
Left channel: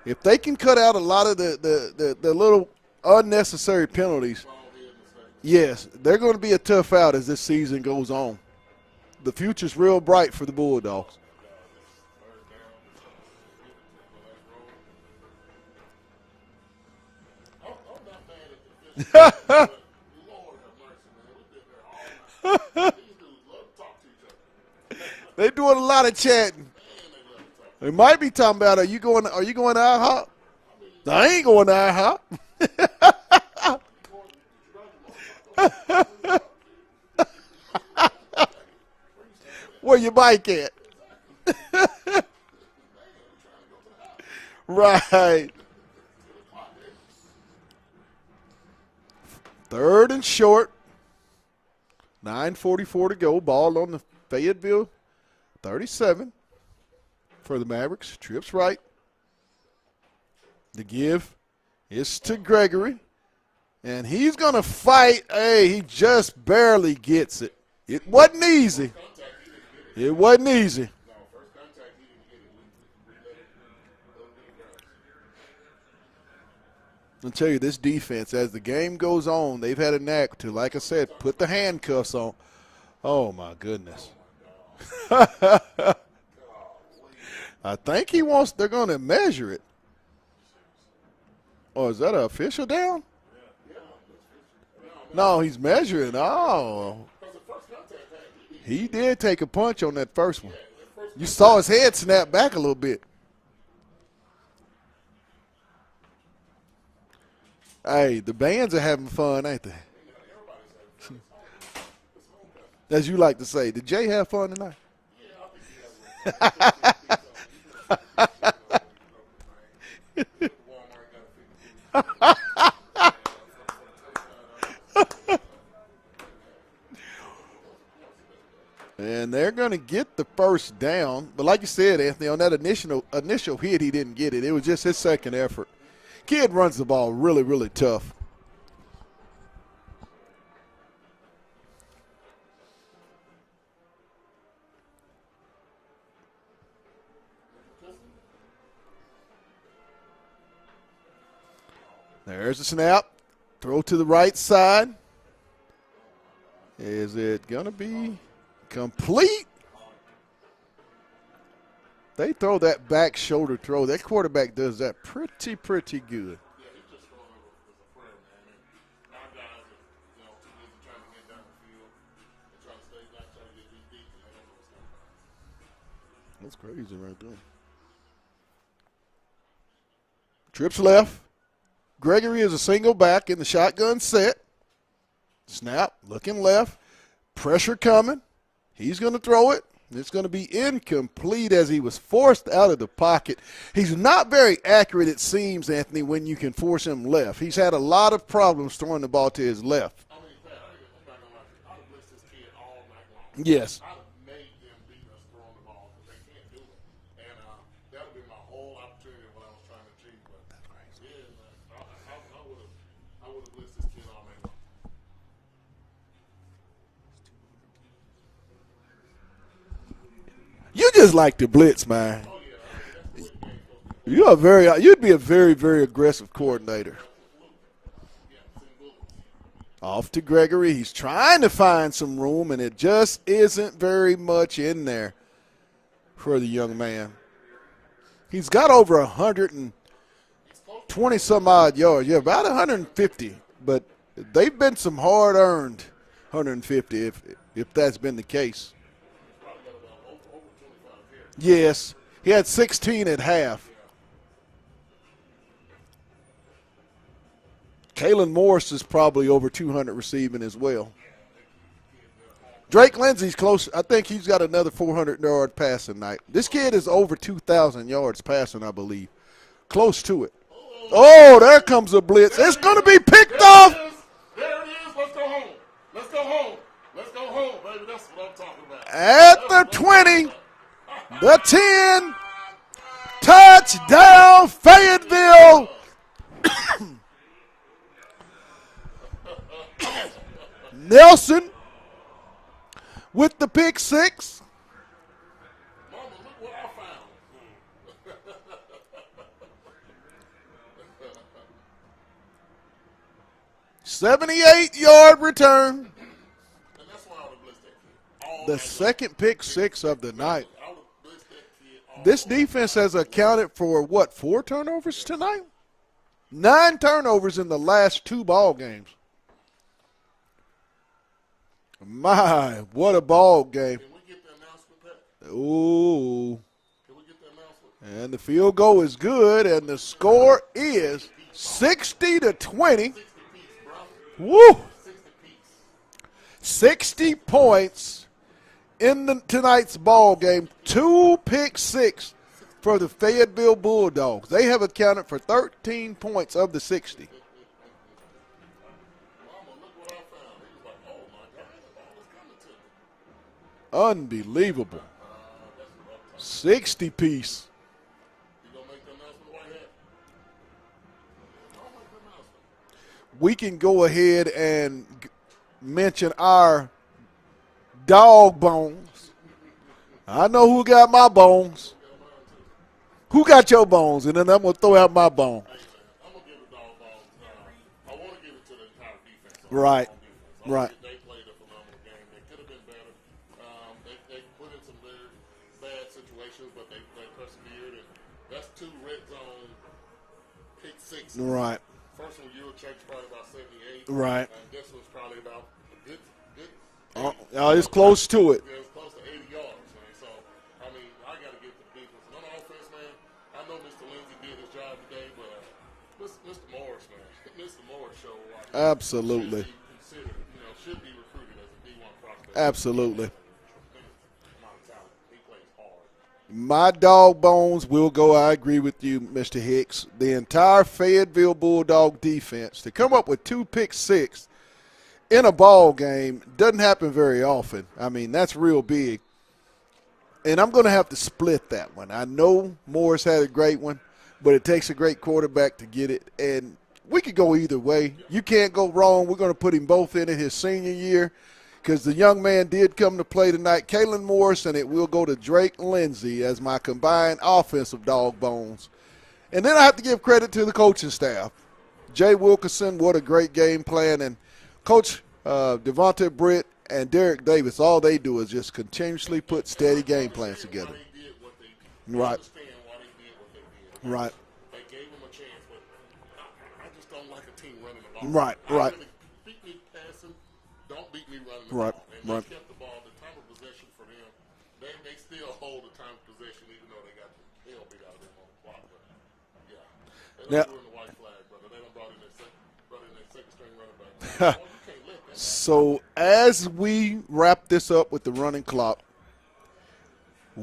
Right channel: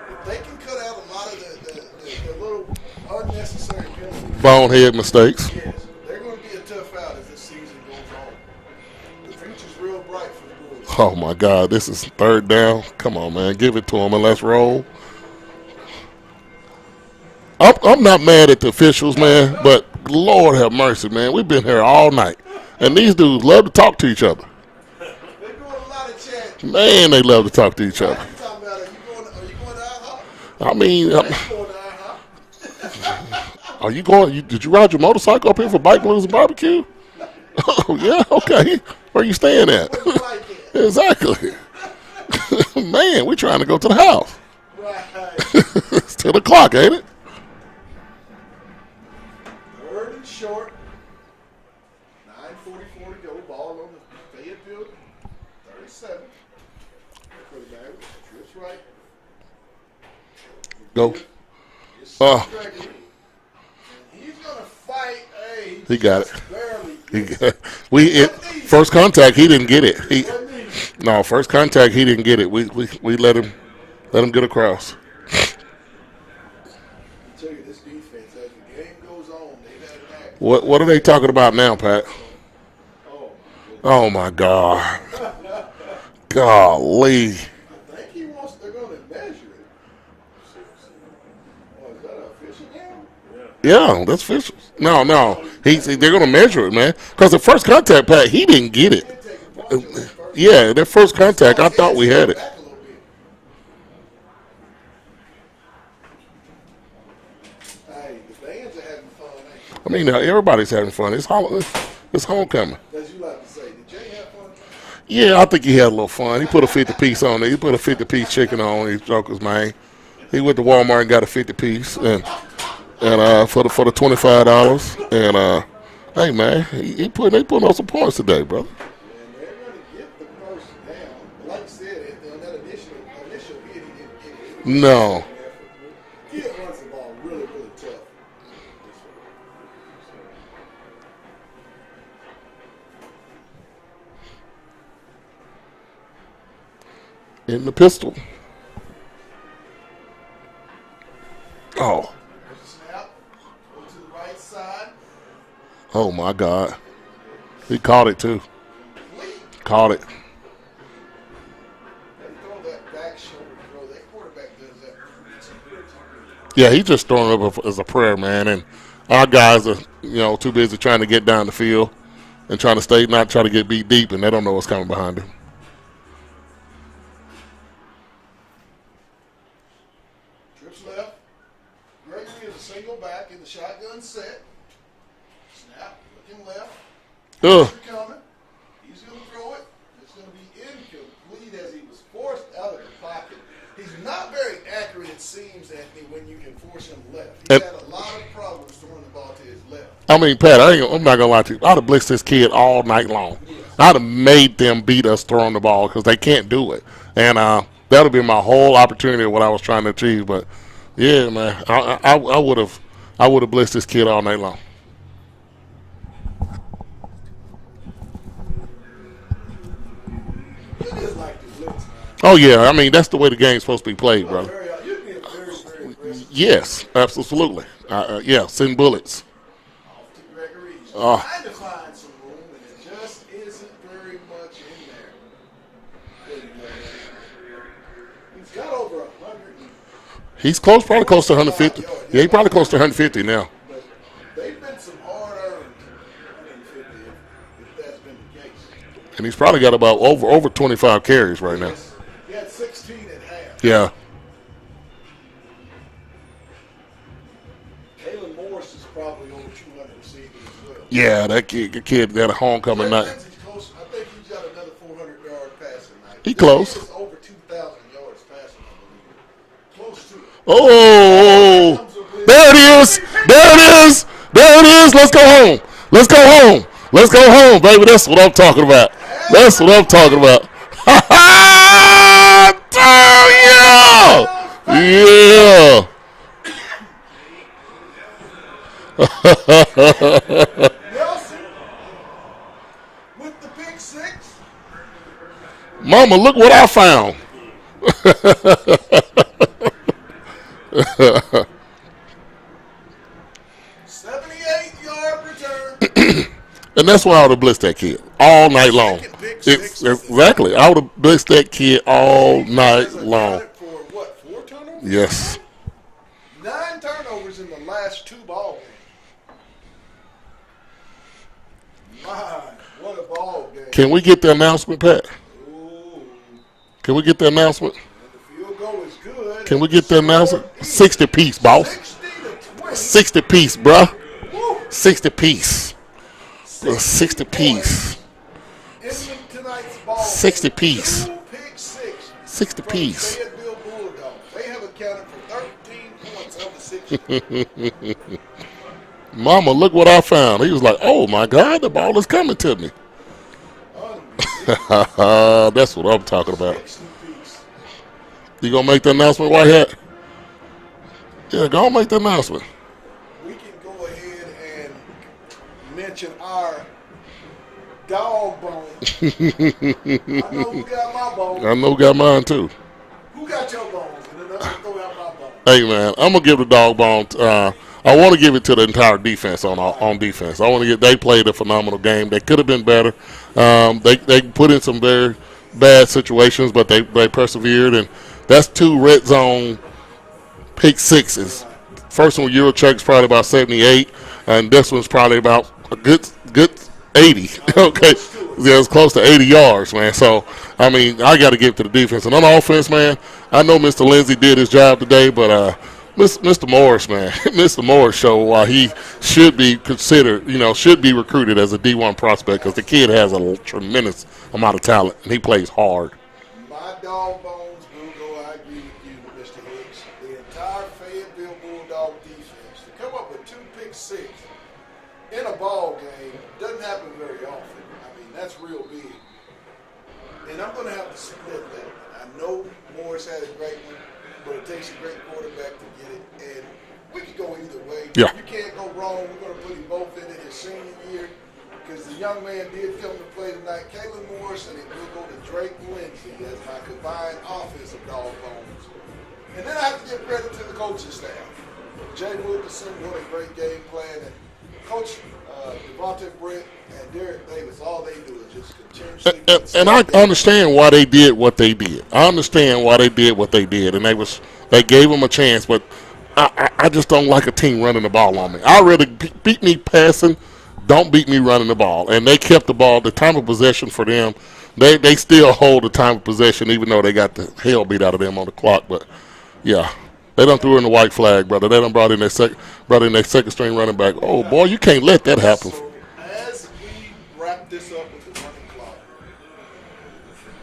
If they can cut out a lot of the little unnecessary penalties, Bonehead mistakes. yes, they're going to be a tough out as this season goes on. The future's real bright for the Bulldogs. Oh, my God. This is third down. Come on, man. Give it to them and let's roll. I'm not mad at the officials, man, but Lord have mercy, man. We've been here all night. And these dudes love to talk to each other. They're doing a lot of chatting. Man, they love to talk to each Might other. be talking about, are you going to IHOP? I mean, I ain't going to IHOP. are you going? Did you ride your motorcycle up here for Bike Blues and Barbecue? Oh, yeah, okay. Where you staying at? Where your bike at? Exactly. Man, we're trying to go to the house. Right. It's 10 o'clock, ain't it? Third and short. 9:44 to go. Ball on the Fayetteville 37 for the Mavericks. Trips right. The give is to Gregory. And he's going to fight. Hey, he just barely gets it. It wasn't easy. First contact, he didn't get it. It wasn't easy. No, first contact, he didn't get it. We let him get across. I'll tell you, this defense, as the game goes on, they've had a knack to, What are they talking about now, Pat? Oh, my goodness. Oh, my God. Golly. I think they're going to measure it. Oh, is that an official down? Yeah, that's official. No. They're going to measure it, man. Because the first contact, Pat, he didn't get it. He did take a punch on that first one. Yeah, that first contact, I thought we had it. Back a little bit. Hey, the bands are having fun, ain't they? I mean, everybody's having fun. It's homecoming. As you like to say. Did Jay have fun tonight? Yeah, I think he had a little fun. He put a 50-piece on it. He put a 50-piece chicken on these jokers, man. He went to Walmart and got a 50-piece and for the $25. And hey, man, they put on some points today, brother. And they're going to get the first down. But like you said, Anthony, on that initial hit, he didn't get it. It was just his second effort. Kid runs the ball really, really tough. In the pistol. Oh. There's the snap. Throw to the right side. Oh, my God. Is it going to be? He caught it, too. Complete. Caught it. They throw that back shoulder throw. That quarterback does that pretty good. Yeah, he's just throwing it up as a prayer, man. And our guys are, too busy trying to get down the field and trying to not try to get beat deep, and they don't know what's coming behind them. That's crazy right there. Trips left. Gregory is a single back in the shotgun set. Snap, looking left. Pressure coming. He's going to throw it. It's going to be incomplete as he was forced out of the pocket. He's not very accurate, it seems, Anthony, when you can force him left. He's had a lot of problems throwing the ball to his left. I mean, Pat, I'm not going to lie to you. I'd have blitzed this kid all night long. Yes. I'd have made them beat us throwing the ball because they can't do it. And that would be my whole opportunity of what I was trying to achieve. But, yeah, man, I would have blitzed this kid all night long. You just like to blitz, man. Oh, yeah. I mean, that's the way the game's supposed to be played. You'd be a very, very aggressive Yes, absolutely. Send bullets. Off to Gregory. He's trying to find some room, and it just isn't very much in there for the young man. He's got over 100 and he's probably close to 150 yards. Yeah, he's probably close to 150 now. But they've been some hard-earned 150 if that's been the case. And he's probably got about over 25 carries right now. Yes. He had 16 at half. Yeah. Kalen Morris is probably over 200 receiving as well. Yeah, that kid got a homecoming Drake night. Lindsey's close. I think he's got another 400-yard passing night. This kid is over 2,000 yards passing, I believe. Close to it. Oh, there comes a blitz. There it is. There it is. Let's go home. Let's go home, baby. That's what I'm talking about. That's what I'm talking about. Yeah. Nelson with the pick six. Mama, look what I found. 78-yard return. And that's why I would have blitzed that kid all night long. Second pick six of the Exactly. night. I would have blitzed that kid all This defense night has long. accounted for, what, 4 turnovers Yes. tonight? 9 turnovers in the last 2 ball games. My, what a ball game. Can we get the announcement, Pat? Ooh. Can we get the announcement? And the field goal is good. Can and we get the score announcement? is 60 piece, boss. 60-20. 60 piece, bruh. Woo. 60 piece. 60 piece. points in tonight's ball 60 game. piece. 2 pick six 60 for the piece. Fayetteville Bulldogs. They have accounted for 13 points of the 60. Mama, look what I found. He was like, oh, my God, the ball is coming to me. Unbelievable. That's what I'm talking about. 60 piece. You going to make the announcement, Whitehead? Yeah, go on make the announcement. We can go ahead and mention our dog bone. I know who got my bones. I know who got mine, too. Who got your bones? And then I'm going to throw out my bone. Hey, man, I'm going to give the dog bone. I want to give it to the entire defense on defense. I want to get. They played a phenomenal game. They could have been better. They put in some very bad situations, but they persevered, and that's 2 red zone pick sixes. Right. First one, Eurocheck's probably about 78, Right. and this one's probably about a good 80. Close to it. Yeah, it's close to 80 yards, man. So, I mean, I got to give it to the defense. And on offense, man, I know Mr. Lindsey did his job today, but Mr. Morris, man, Mr. Morris showed why he Absolutely. should be considered, should be recruited as a D1 prospect because the kid Absolutely. has a tremendous amount of talent, and he plays hard. My dog bones will go. I agree with you, Mr. Hicks. The entire Fayetteville Bulldog defense to come up with 2 pick six in a ball game doesn't happen very often. I mean, that's real big. And I'm going to have to split that one. I know Morris had a great one, but it takes a great quarterback to get it. And we could go either way. Yeah. You can't go wrong. We're going to put him both in his senior year because the young man did come to play tonight, Kalen Morris, and it will go to Drake Lindsey as my combined offensive dog bones. And then I have to give credit to the coaching staff. Jay Wilkerson, what a great game plan. And Coach Devontae Britt and Derek Davis, all they do is just continuously put And I game understand why they did what they did. Right. I understand why they did what they did, and they gave them a chance. But I just don't like a team running the ball on me. I'd rather beat me passing, don't beat me running the ball. And they kept the ball. The time of possession for them, they still hold the time of possession, even though they got the hell beat out of them on the clock. But yeah. They done threw in the white flag, brother. They done brought in their second string running back. Oh, boy, you can't let that happen. So as we wrap this up with the running clock,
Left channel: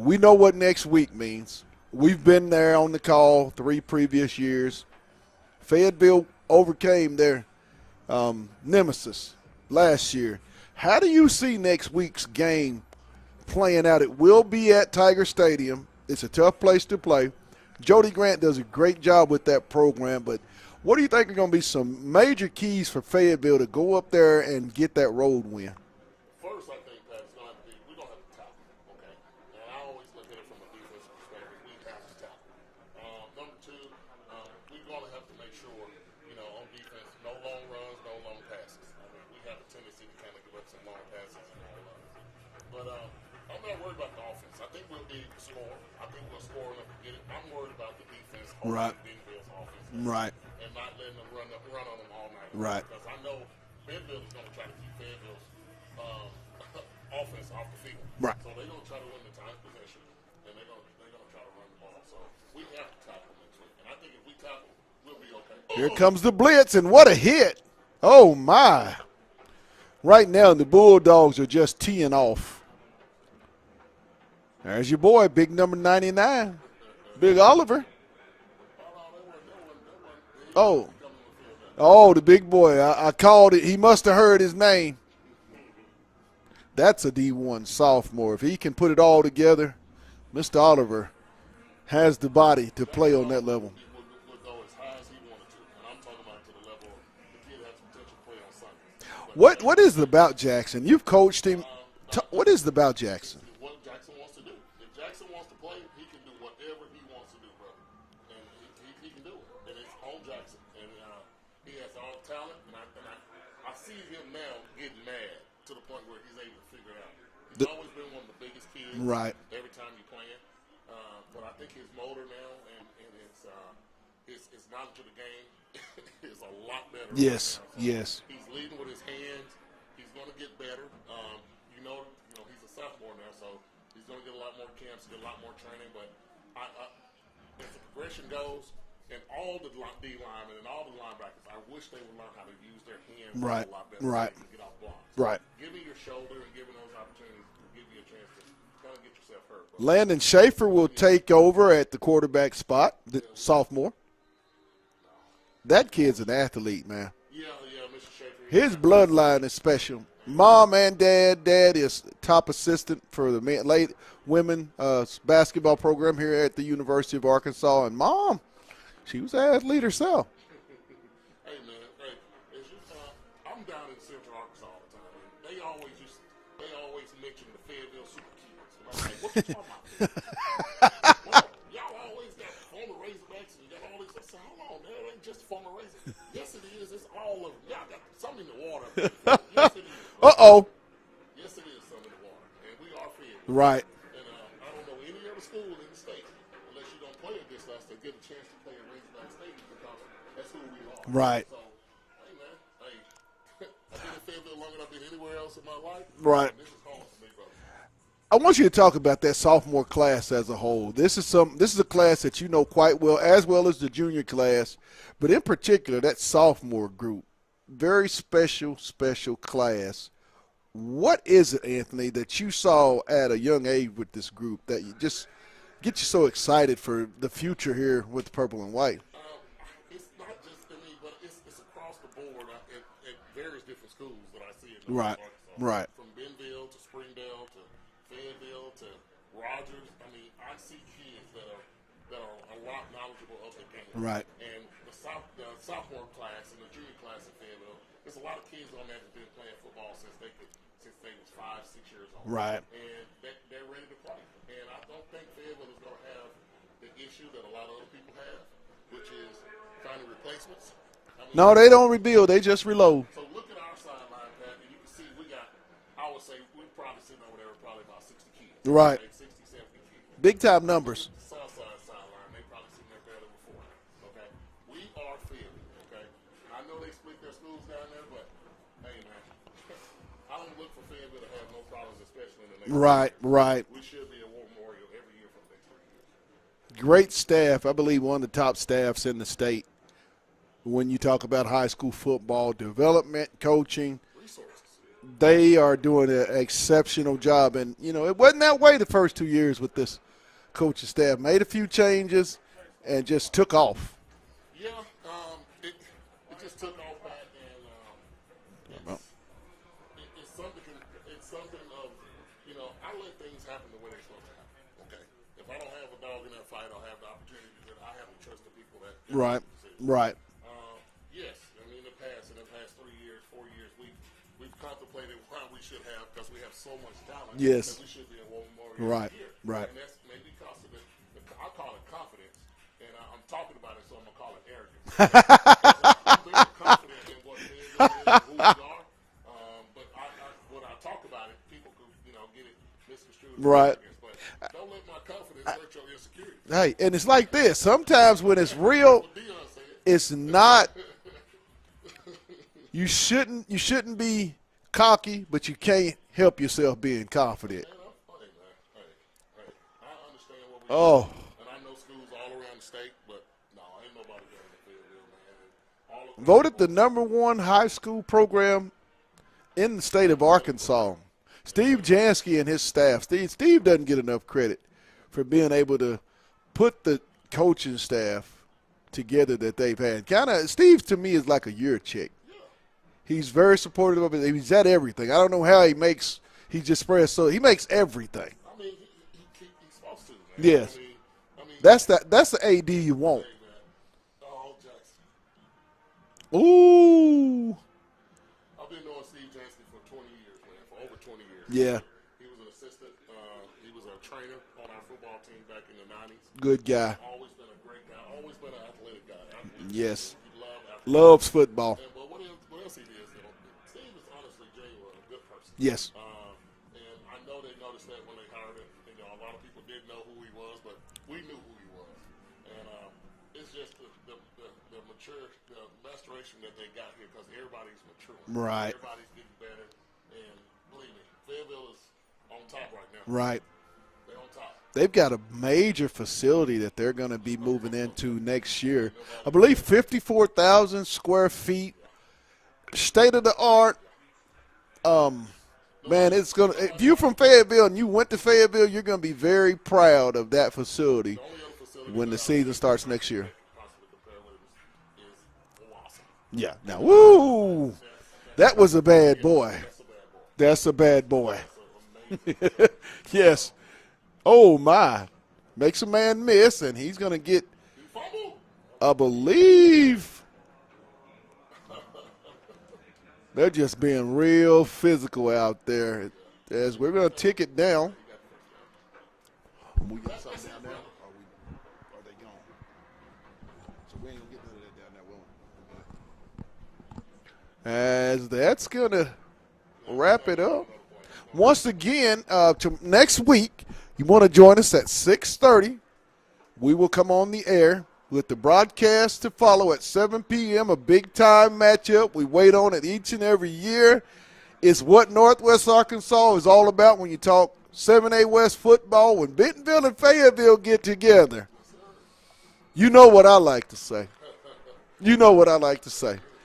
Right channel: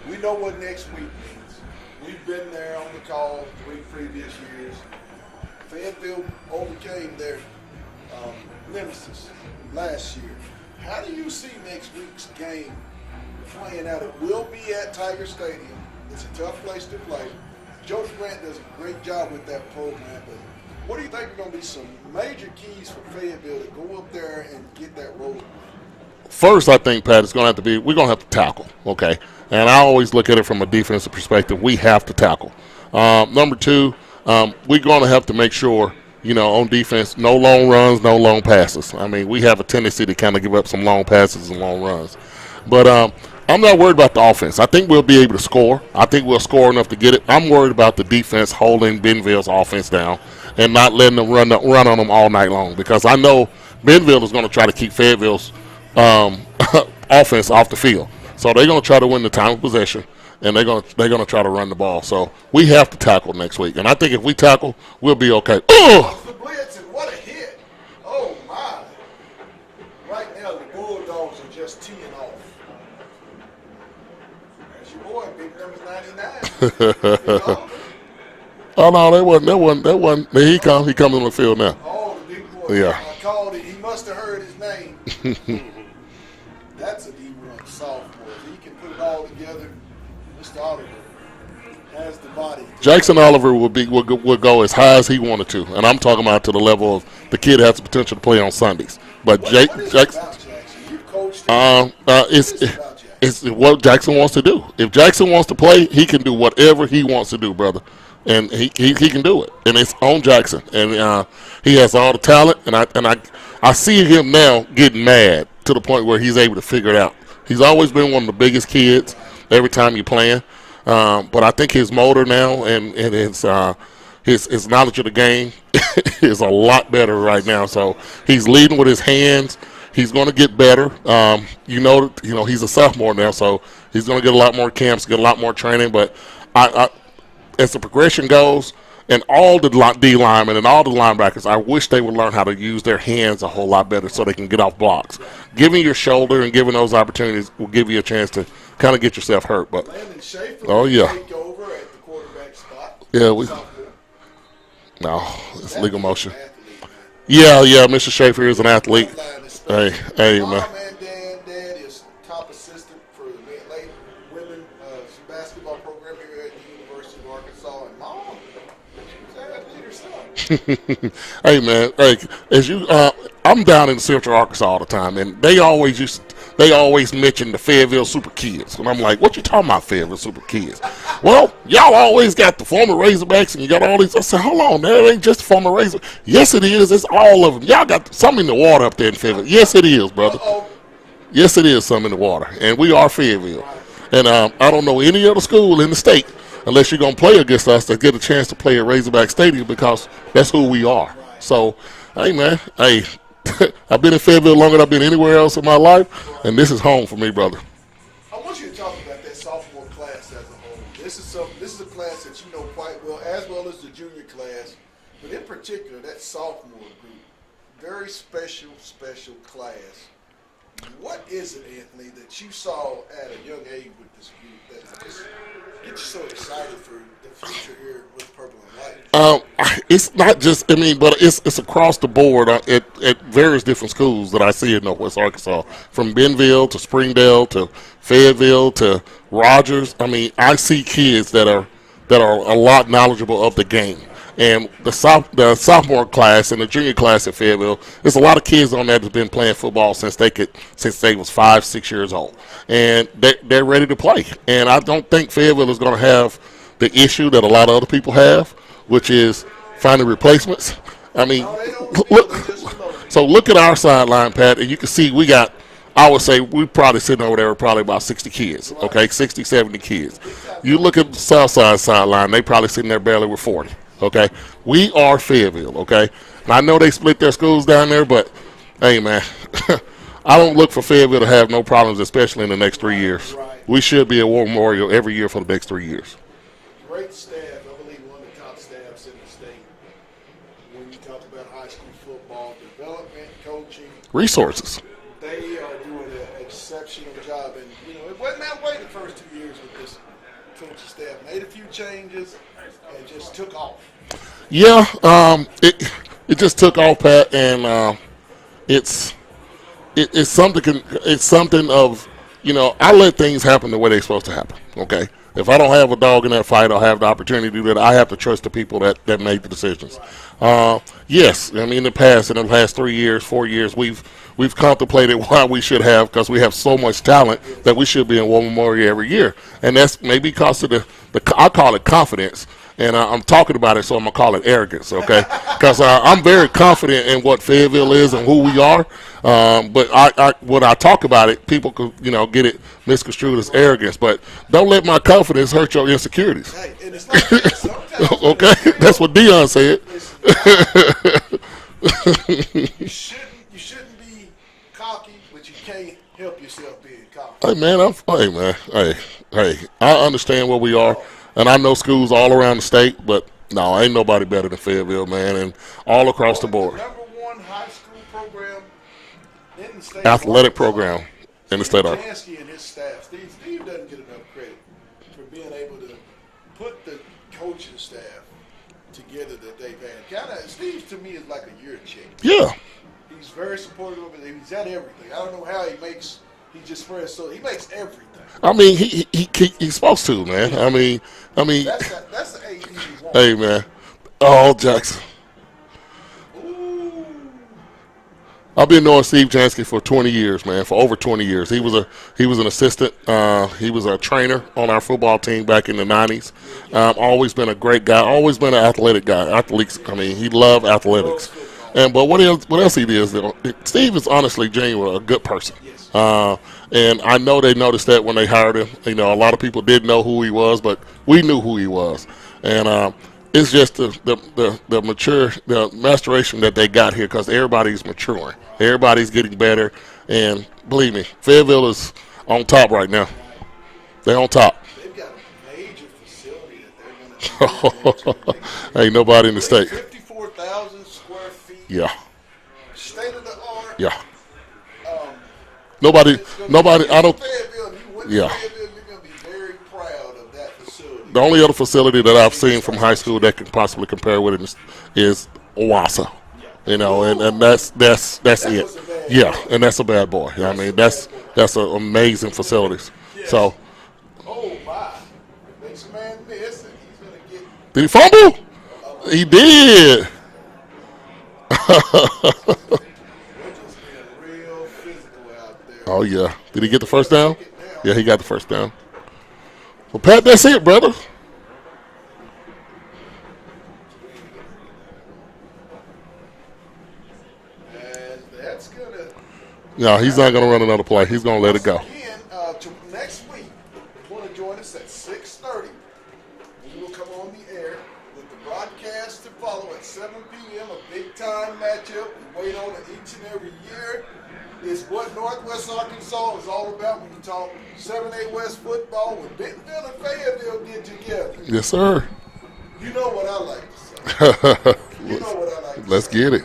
we know what next week means. We've been there on the call 3 previous years. Fayetteville overcame their nemesis last year. How do you see next week's game playing out? It will be at Tiger Stadium. It's a tough place to play. Jody Grant does a great job with that program, but what do you think are going to be some major keys for Fayetteville to go up there and get that road win? First, I think, Pat, it's going to have to be, we're going to have to tackle, okay? And I always look at it from a defensive perspective. We have to tackle. Number 2, we're going to have to make sure, on defense, no long runs, no long passes. I mean, we have a tendency to kind of give up some long passes and long runs. But I'm not worried about the offense. I think we'll be able to score. I think we'll score enough to get it. I'm worried about the defense holding Benville's offense down and not letting them run on them all night long because I know Benville is going to try to keep Fayetteville's offense off the field. So they're going to try to win the time of possession, and they're going to try to run the ball. So we have to tackle next week. And I think if we tackle, we'll be okay. Here comes the blitz, and what a hit. Oh, my. Right now, the Bulldogs are just teeing off. There's your boy, big number 99, Big Oliver. Oh, no, that wasn't. He comes on the field now. Oh, the big boy. Yeah. I called it. He must have heard his name. That's a D1 sophomore. If he can put it all together, Mr. Oliver has the body to Jackson play. Oliver would go as high as he wanted to, and I'm talking about to the level of the kid has the potential to play on Sundays. But What is it about Jackson? You've coached him. What is it about Jackson? It's what Jackson wants to do. If Jackson wants to play, he can do whatever he wants to do, brother. and he can do it. And it's on Jackson, and he has all the talent. And I see him now getting mad to the point where he's able to figure it out. He's always been one of the biggest kids every time you're playing. But I think his motor now and his knowledge of the game is a lot better right now. So he's leading with his hands. He's going to get better. He's a sophomore now, so he's going to get a lot more camps, get a lot more training. But as the progression goes, and all the D linemen and all the linebackers, I wish they would learn how to use their hands a whole lot better so they can get off blocks. Giving your shoulder and giving those opportunities will give you a chance to kind of get yourself hurt. But Landon Schaefer will take over at the quarterback spot. Sophomore. No, it's that legal motion. An athlete, man. Yeah, Mr. Schaefer is an athlete. Bloodline is special. Hey, Mom man. and Dad is top assistant for the late women basketball program here at the University of Arkansas, and Mom, she was an athlete herself. Hey, man, I'm down in Central Arkansas all the time, and they always mention the Fayetteville Super Kids. And I'm like, what you talking about, Fayetteville Super Kids? Well, y'all always got the former Razorbacks, and you got all these. I said, hold on, that ain't just former Razor. Yes, it is. It's all of them. Y'all got some in the water up there in Fayetteville. Yes, it is, brother. Uh-oh. Yes, it is some in the water, and we are Fayetteville. Right. And I don't know any other school in the state, unless you're going to play against us, to get a chance to play at Razorback Stadium, because that's who we are. Right. So, hey, man, I've been in Fayetteville longer than I've been anywhere else in my life, and this is home for me, brother. I want you to talk about that sophomore class as a whole. This is a class that you know quite well as the junior class, but in particular that sophomore group, very special class. What is it, Anthony, that you saw at a young age with this group that you just get you so excited for the future here with purple and white? It's not just, but it's across the board at various different schools that I see in Northwest Arkansas, from Benville to Springdale to Fayetteville to Rogers. I see kids that are a lot knowledgeable of the game. And the sophomore class and the junior class at Fayetteville, there's a lot of kids on there that's been playing football since they was 5-6 years old. And they're ready to play. And I don't think Fayetteville is going to have the issue that a lot of other people have, which is finding replacements. No, they don't rebuild, they just reload. So look at our sideline, Pat, and you can see I would say we probably sitting over there with probably about 60 kids, 60, 70 kids. Big time. You look at the Southside sideline, they probably sitting there barely with 40, okay? We are Fayetteville, okay? And I know they split their schools down there, but, hey, man, I don't look for Fayetteville to have no problems, especially in the next 3 years. We should be a War Memorial every year for the next 3 years. Great staff. I believe one of the top staffs in the state when you talk about high school football development, coaching. Resources. They are doing an exceptional job. And, it wasn't that way the first 2 years with this coaching staff. Made a few changes and just took off. Yeah, it just took off, Pat, and it's something of, I let things happen the way they're supposed to happen, okay? If I don't have a dog in that fight, I'll have the opportunity to do that. I have to trust the people that make the decisions. Yes, in the past, in the last 3 years, 4 years, we've contemplated why we should have, because we have so much talent that we should be in War Memorial every year. And that's maybe because of I call it confidence. And I'm talking about it, so I'm going to call it arrogance, okay? Because I'm very confident in what Fayetteville is and who we are. But when I talk about it, people could, get it misconstrued as arrogance. But don't let my confidence hurt your insecurities. Right, and it's like this. Sometimes when it's real, that's what Dion said. It's not. You shouldn't be cocky, but you can't help yourself being confident. Hey, I understand where we are. And I know schools all around the state, but no, ain't nobody better than Fayetteville, man, and all across the board. The number one high school program in the state athletic of Arkansas. program in the Steve state. Jansky and his staff. Steve doesn't get enough credit for being able to put the coaching staff together that they've had. Steve to me is like a year chick. Yeah, he's very supportive of it. He's at everything. I don't know how he makes. He just spreads so he makes everything. He's supposed to, man. Yeah. That's the AD you want. Hey, man. Oh, Jackson. Ooh. I've been knowing Steve Jansky for 20 years, man, for over 20 years. He was an assistant. He was a trainer on our football team back in the 90s. Good guy. Always been a great guy. Always been an athletic guy. Athletes. Yes. I mean, he loved athletics. Loves football. But what else he is? Steve is honestly, genuinely a good person. Yes. And I know they noticed that when they hired him. You know, a lot of people didn't know who he was, but we knew who he was. And it's just the maturation that they got here because everybody's maturing. Right. Everybody's getting better. And believe me, Fayetteville is on top right now. Right. They're on top. They've got a major facility that they're going to be moving into next year. Ain't nobody in the state. 54,000 square feet. Yeah. State of the art. Yeah. Nobody. Nobody. If I you're from don't. Fayetteville and you went to Yeah. Fayetteville, you're going to be very proud of that facility. The only other facility that I've Season seen from starts high next school year. that can possibly compare with it is Owasso. Yeah. You know, and that's That it. was a bad yeah, boy. and that's a bad boy. That's I mean, a bad boy. That's an amazing facilities. Yes. So, Oh, my. Makes a man miss, and he's going to get did he fumble? a He believe. did. They're just being real physical out there. Oh yeah. Did he get the We're first gonna down? take it down. Yeah, he got the first down. Well, Pat, that's it, brother. As that's going to No, he's not going to run another play. He's going to let it go. Once again, next week, you want to join us at 6:30. We will come on the air with the broadcast to follow at 7 p.m., a big-time matchup. We wait on it each and every year. It's what Northwest Arkansas is all about when you talk 7A West football. When Bentonville and Fayetteville get together, Yes, sir. you know what I like to say. You know what I like to Let's say. get it.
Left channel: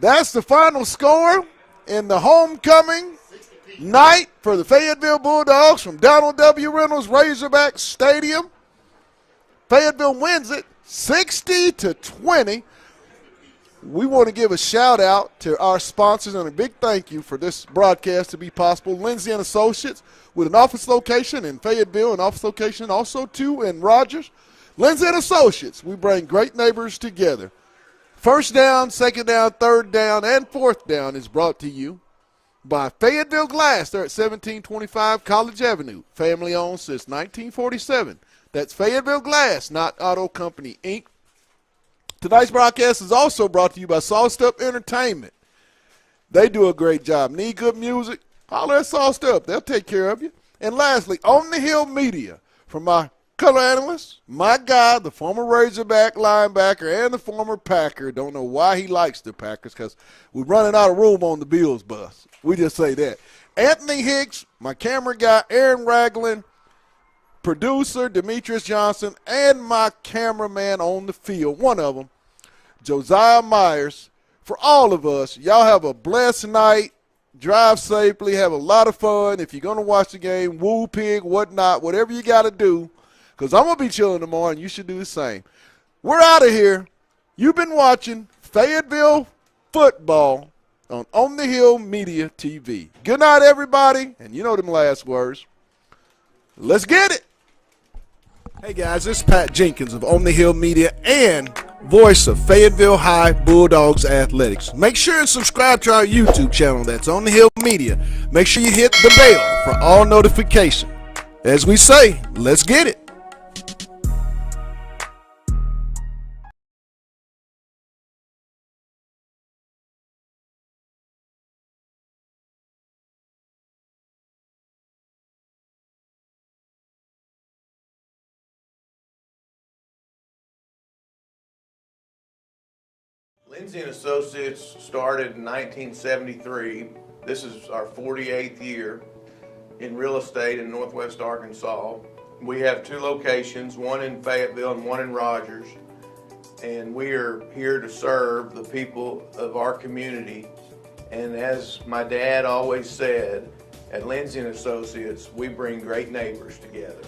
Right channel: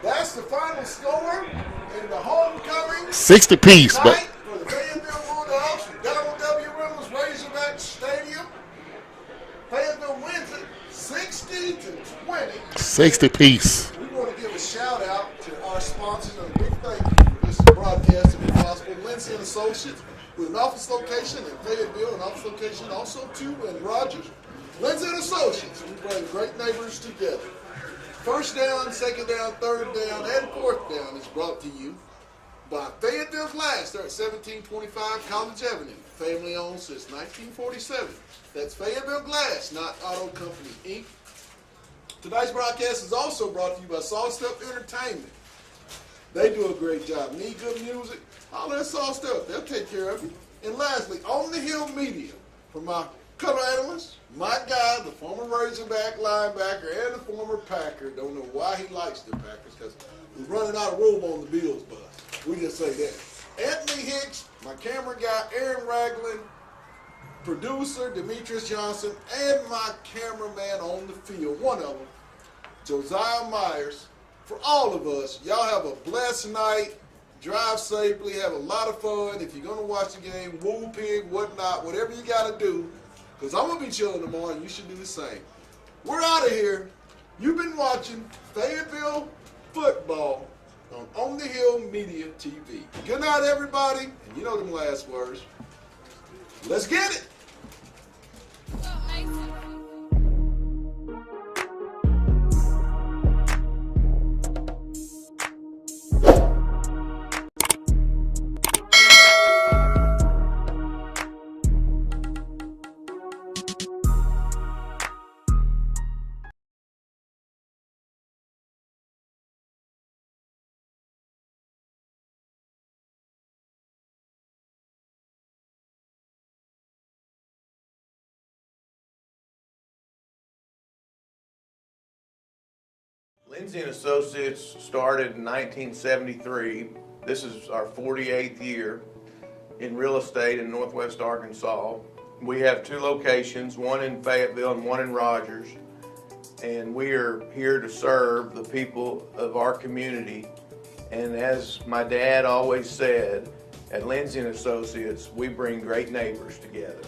That's the final score in the homecoming 60 piece. night for the Fayetteville Bulldogs from Donald W. Reynolds Razorback Stadium. Fayetteville wins it 60-20. 60 piece. We want to give a shout out to our sponsors and a big thank you for this broadcast to be possible. Lindsay and Associates with an office location in Fayetteville, an office location also too in Rogers. Lindsay and Associates, we bring great neighbors together. First down, second down, third down, and fourth down is brought to you by Fayetteville Glass. They're at 1725 College Avenue. Family owned since 1947. That's Fayetteville Glass, not Auto Company, Inc. Tonight's broadcast is also brought to you by Sauced Up Entertainment. They do a great job. Need good music? Holler at Sauced Up. They'll take care of you. And lastly, On the Hill Media, from my color analyst, my guy, the former Razorback linebacker and the former Packer. Don't know why he likes the Packers because we're running out of room on the Bills bus. We just say that. Anthony Hicks, my camera guy, Aaron Ragland, producer Demetrius Johnson, and my cameraman on the field, one of them, Josiah Myers. For all of us, y'all have a blessed night. Drive safely. Have a lot of fun. If you're going to watch the game, woo pig, whatnot, whatever you got to do, because I'm going to be chilling tomorrow, and you should do the same. We're out of here. You've been watching Fayetteville football on the Hill Media TV. Good night, everybody. And you know them last words. Let's get it. Hey, guys, this is Pat Jenkins of On the Hill Media and voice of Fayetteville High Bulldogs Athletics. Make sure and subscribe to our YouTube channel. That's On the Hill Media. Make sure you hit the bell for all notifications. As we say, let's get it. Lindsay and Associates started in 1973. This is our 48th year in real estate in Northwest Arkansas. We have two locations, one in Fayetteville and one in Rogers. And we are here to serve the people of our community. And as my dad always said, at Lindsay and Associates, we bring great neighbors together.